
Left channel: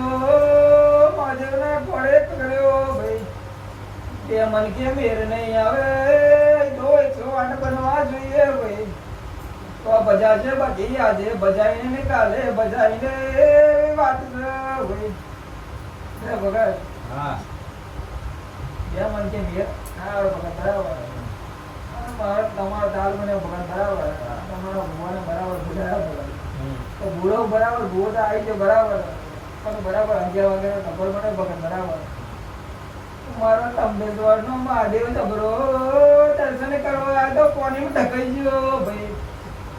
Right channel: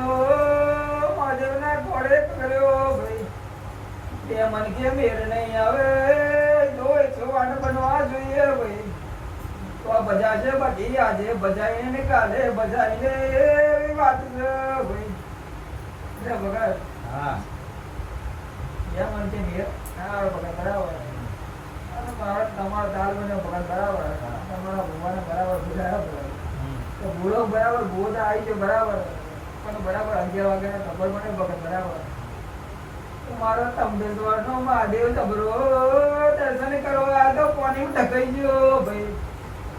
મહાદેવને પડે કર્યો ભાઈ. તે મન કે મેર નહીં આવે તો 108 બનવા જોઈએ ભાઈ. તો બજાશે બાકી આજે બજાઈને કાલે બજાઈને વાત છે ભાઈ. લે ભગત હા યા મન કે મેર ના ભગત બરાબર અને મારા તમારા દાલ મને ભગત બરાબર તમારા ભગવાન બરાબર બુજાયા ભગત તો બુડો બરાબર બુડો આવી ગયો બરાબર પણ બરાબર 11 વાગ્યાના ખબર મને ભગત બરાબર મારો તંબેશ્વરનો મહાદેવ તબરો દર્શન કરવા આ તો કોની ટકાઈ ગયો ભાઈ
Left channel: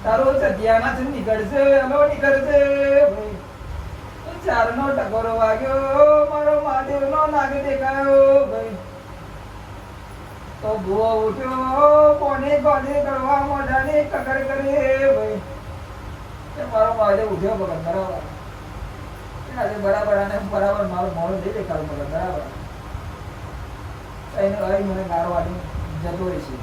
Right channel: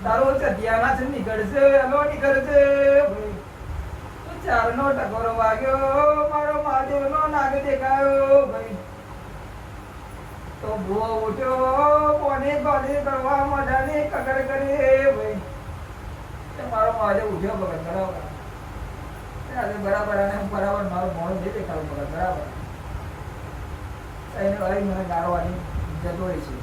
તારો સત્યાના છે નીકળશે એનો નીકળશે ભાઈ ચારનો ટકોરો વાગ્યો મારો મહાદેવનો નાગ દેખાયો ભાઈ તો ભૂવો ઉઠ્યો કોની ગોળી કરવા મોઢાની કકર કરી ભાઈ મારો મહાદેવ ઉઠ્યો ભગત બરાબર આજે બરાબર અને બરાબર મારું મોડું નહીં દેખાયું ભગત બરાબર એને ભાઈ મને ગારો આપી જતો રહી છે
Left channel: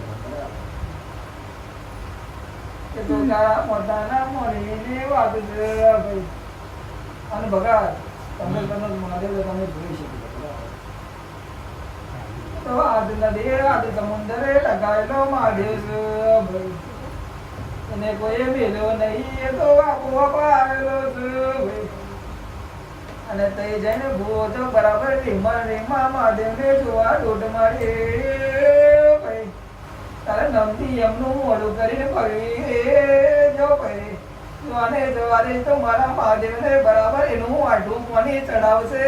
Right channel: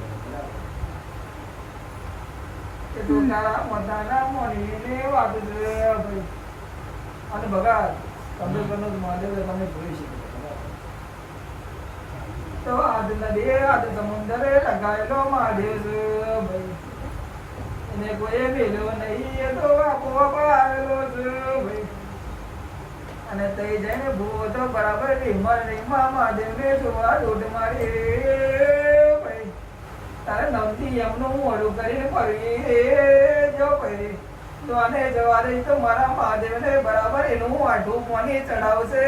કે તો તારા મોઢાના મોઢીની વાત છે ભાઈ અને ભગત તમે કનો મહાદેવ તમે જોઈ શકો તો આજ નદી આજ સમુદ્રે ટકાયેલો મહાદેવ છે ભાઈ એને કોઈ મેલ્યો નહીં એ તો આપોઆપ આવેલો છે ભાઈ અને તઈ જઈને ભૂવો તો બરાબર રીમા મહાદેવને જોવા દોઢ મારી ભાઈ તારે નમતી એમનું મોડું કરીને પડી જો ભાઈ જોવાને જવારે તો મારા મહાદેવને બરાબર એનું આઠું પાણી ચડાવશે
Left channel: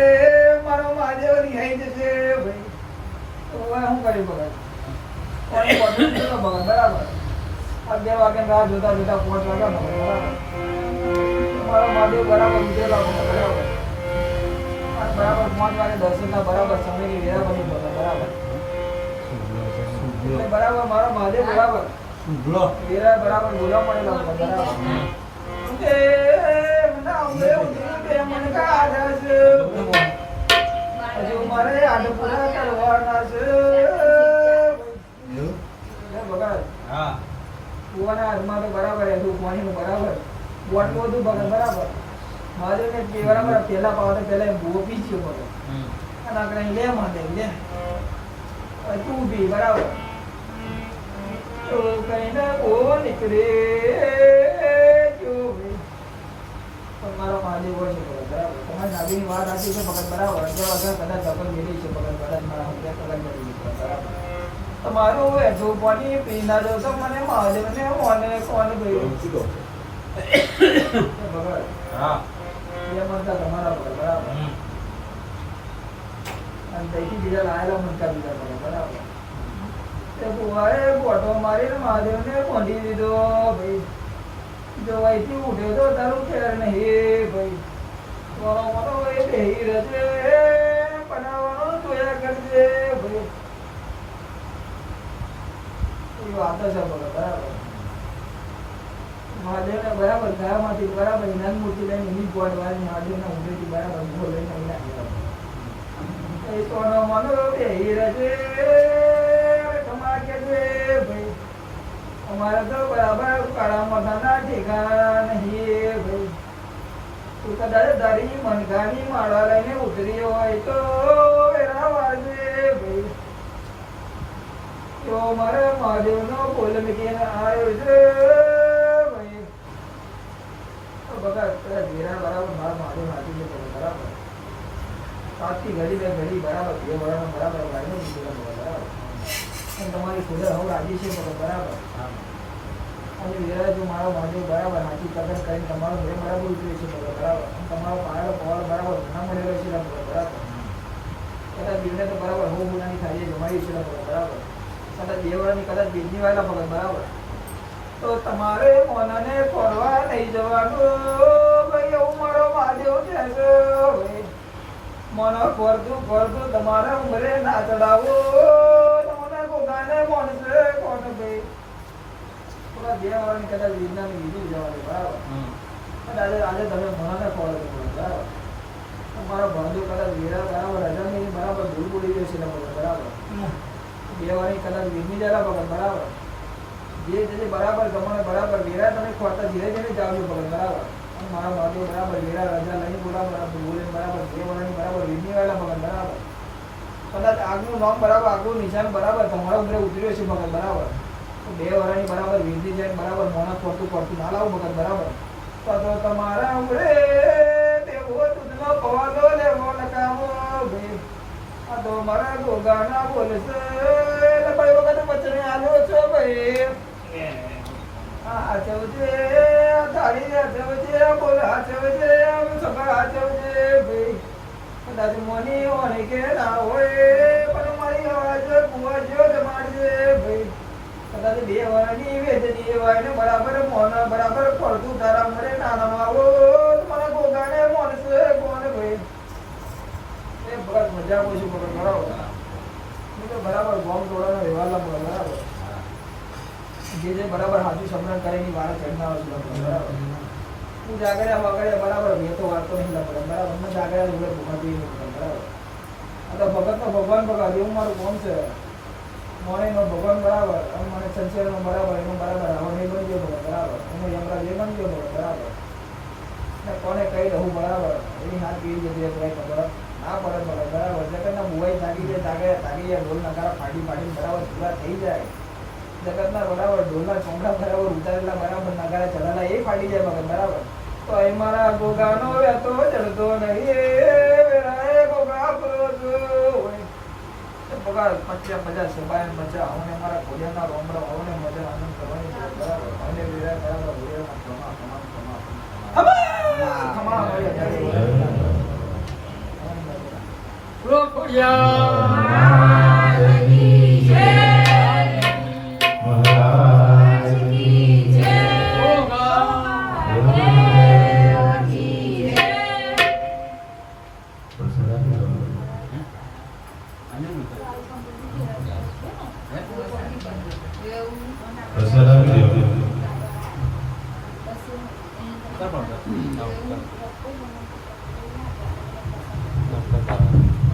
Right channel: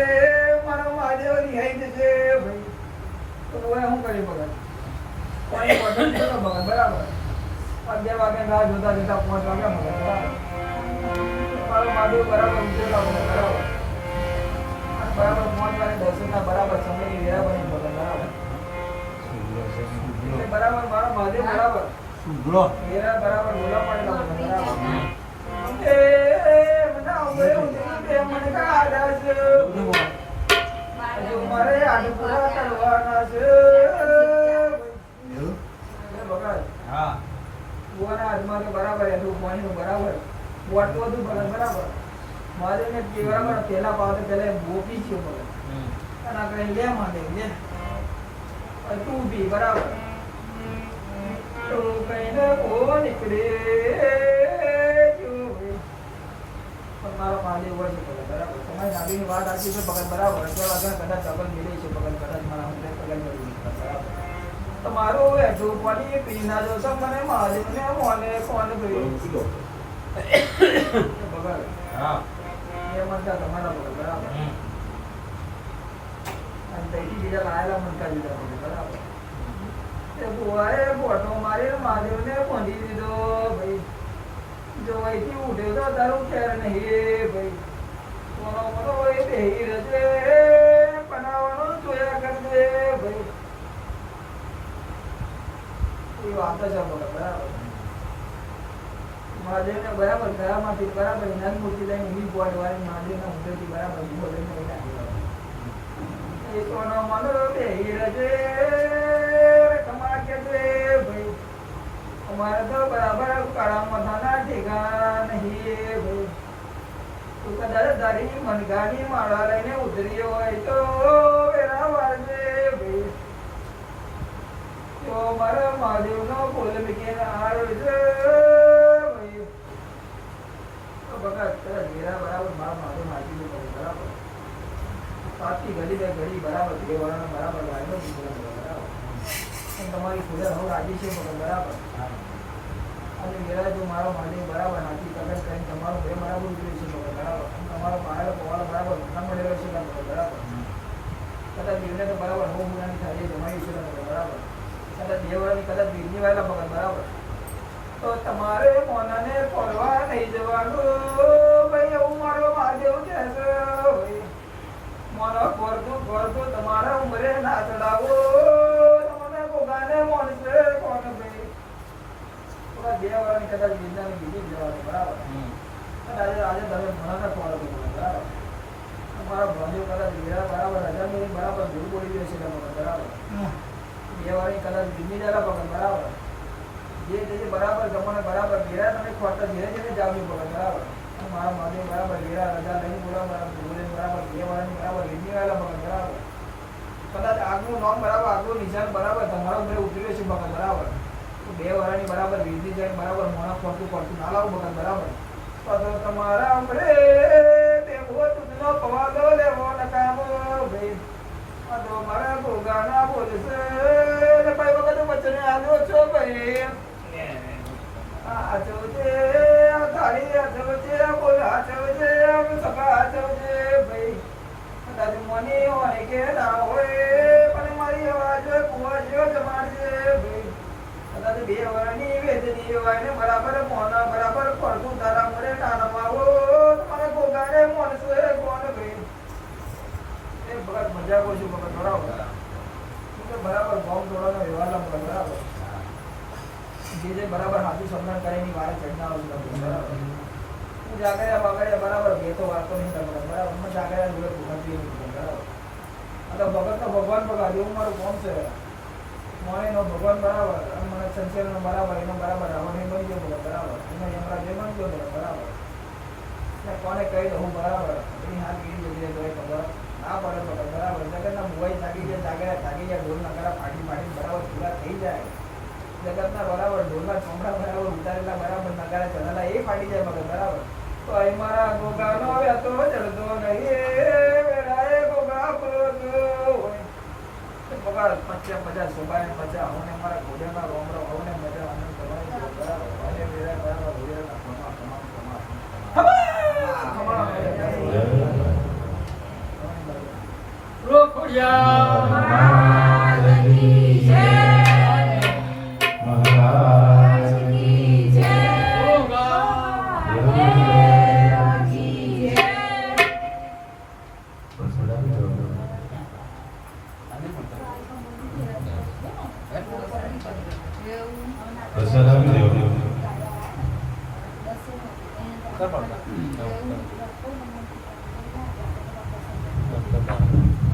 મારા મહાદેવ રિહાઈ જશે ભાઈ તો હું કરી ભગત પાણી બોટલ તો ભગત બરાબર 11 વાગે રાહ જોતા જોતા 5 વાગ્યા મારો મહાદેવ બરાબર ઉજેલા બરાબર બરાબર 5 વાગે દર્શનના બરાબર સમયની વેળા બની ભગત બરાબર એટલે બરાબર મારો મહાદેવ બરાબર વેળા બરાબર બોલા પડેલા બરાબર મારે આટલું પૂરા કરવાના છે હા કુવાના હાથમાં તો બરાબર હતું પાણીનું બરાબર બોટલું હતું બરાબર મહાદેવ ને બરાબર પેલા પાવતે પેલા ભૂવો પીસ્યો બરાબર અને આપણે લે મહાદેવ લે તું પી બરાબર તો કઈ ને કો નીકળે મારો મહાદેવ હોય છે ભગત બરાબર તમારી નાભીની વાત આપી છે ભગત બરાબર 11 વાગ્યા કદાચ ડબલ મેળવી છે ભગત કદાચ મારા હાથે કદાચ મેળવી છે બરાબર તમારું વેઠું પાણી પી ના જો તો મને મહાદેવને મોને કોણ ગયું ભગત હા એ મનતા તમારા ભગત બરાબર અને તઈથી બીજા લાયેલા મનકા બીજા ભગત બરાબર તે બુવાએ બોટો મારીને મહાદેવને કોંધી દીધો ભાઈ જો અહીંથી ઉઠે તો તારું ખેર નહીં ભાઈ મારો મોટો એ બેહી રહેશે બનાવવાનો જોયા કરજે ભાઈ એ વાત છે બરાબર મહાદેવને બરાબર ગળામાંથી બરાબર ઇનામ મૂર્તિ લઈને વીજ બોટ વાળી મહાદેવના ઉદયથી બરાબર ઉભો લઈને એ કોનો મનો બેહી રહેશે કમા કે ભાઈ અમારે તો બરાબર કાળા માથાના ઠેકા નહીં ભાઈ તું કદાચ તારી મનગાની માળા લઈને ઉતરી હોય તો વેરા વાળજે ભાઈ તો મારા મહાદેવનો બોલ મૂકીને આવ્યો છે ભાઈ બગા પેલા વેરા બરાબર મારા મહાદેવ હાથી બરાબર 5 થી ઘડી બરાબર 2 વાળાનો બરાબર વાળનો બરાબર અને તમારી સુધર હવે આજે છે બરાબર આજે વેરા જો મારો મહાદેવ બરાબર હાથી પકડ કરીને તમારો બે બરાબર ઉતર્યો છે બરાબર તમારો પાયો પોળ બરાબર ના મળેલો છે બરાબર કદાચ બીજને તો બરાબર બહુ ગુનાની થાય છે જમાઈ છે બરાબર કદાચ 2 વાળાની કદાચ બીજની વાળા પકડ બરાબર તો તમારે મોનાને ફરવા નહીં જવાનું ભાઈ એવું મારો મહાદેવ છે ભાઈ મોનો ફરતું તમારા ઉમરે ના ચડાવો તમને કોગાને મોનસે કોણ ભાઈ થોડા 2 વાળાની કદાચ વિજ્ઞાનની બીજું જવાનું બરાબર આજે તમે ભણોને ફોલો કરો બરાબર તમારા ભાવની કદાચ વેરા બરાબર હજારની બરાબર ભૂલ બોલી ગઈ છે બરાબર 2 વાળાની કદાચ વિજ્ઞાની જરા પકડ બરાબર જે બરાબર ગમને બરાબર વેરા તમે ખોરતા ધીરે ધીરે જાવવી પડે બરાબર મારા મહાદેવ બરાબર વેરા રજા લઈને બોલા બરાબર બોલીને બરાબર 2 વાળાની બરાબર વિજ્ઞાની વાળા પકડ બરાબર કદાચ આગનું નામ બરાબર આગલું નિશાન બરાબર તમારા ઉપર ઉતર્યો છે પકડ બરાબર 2 વાળાની બરાબર વિધિ જઈને બરાબર મોણા ફરતું ના લાવું પકડ બરાબર તો તમારા ઉમરે દેવો તુજનો પવાલો લેવો નકામો ભાઈ આ તો મારા ગોગાના બોલશે ને ભાઈ વખત વચને આવ્યો છો ભાઈ આ ચવજે આ તારી આ ચવજે આ બોલ આ ચવજે આ સગા આ ચવજે ભાઈ કદાચ મોની હોય કે ના હોય પણ મારી અવાજ કુવા જેવો જમાડજે ભાઈ કદાચ બે વારની વેદની હોય ને બરાબર મોન બરાબર પડતું તારા મરે નાનામાં આવો મને ગોગાને મોનશે કોણ ભાઈ એ બરાબર મજા આવું છું બરાબર હું તો બરાબર બોમ્બ તોડવાનો વ્યવહાર મળે બરાબર જે બરાબર હાથું સંગ્રહ કરે એની વાળા ચડનાર બરાબર હું જાગર્યા વગેરે બરાબર મેં તો વાતો નહીં લખડે બરાબર મને જાગર્યા જોડે ભૂખાતી બરાબર આ તો ભગત નો ભગવાન ભગવાન એવું મારું કોણ છે મોને નો ભગવાન બરાબર અને મને સંસાર નો બરાબર એનો બરાબર હવે નહીં બની ગયો બરાબર એનો યમરાજ એ બની ગયો બરાબર ને કોને કહી દઉં બરાબર એની હાથ કેવી જગ્યાએ ખબર ના પડે બરાબર જગતના મુવાઈ જાગી જાય ઢોલ નગારા ફાટી બરાબર પૂરા થઈ જાય જગતના બરાબર ઢોલના ચોમડા બરાબર ઉતારેલા બરાબર નગારા ચલાલા એ ફાટી જાય બરાબર તો એ મારા ગોગાનો વેતો ચડતો નહીં વેરાએ ગોગા પલવતો હોય બગાડ 50 સોબાને મજા આવને મારા ઘોડિયાના રોમરો આવને મજા આનંદ કરવાની બરાબર આવને વેરા બરાબર ઘોડિયાના ખમા Betul.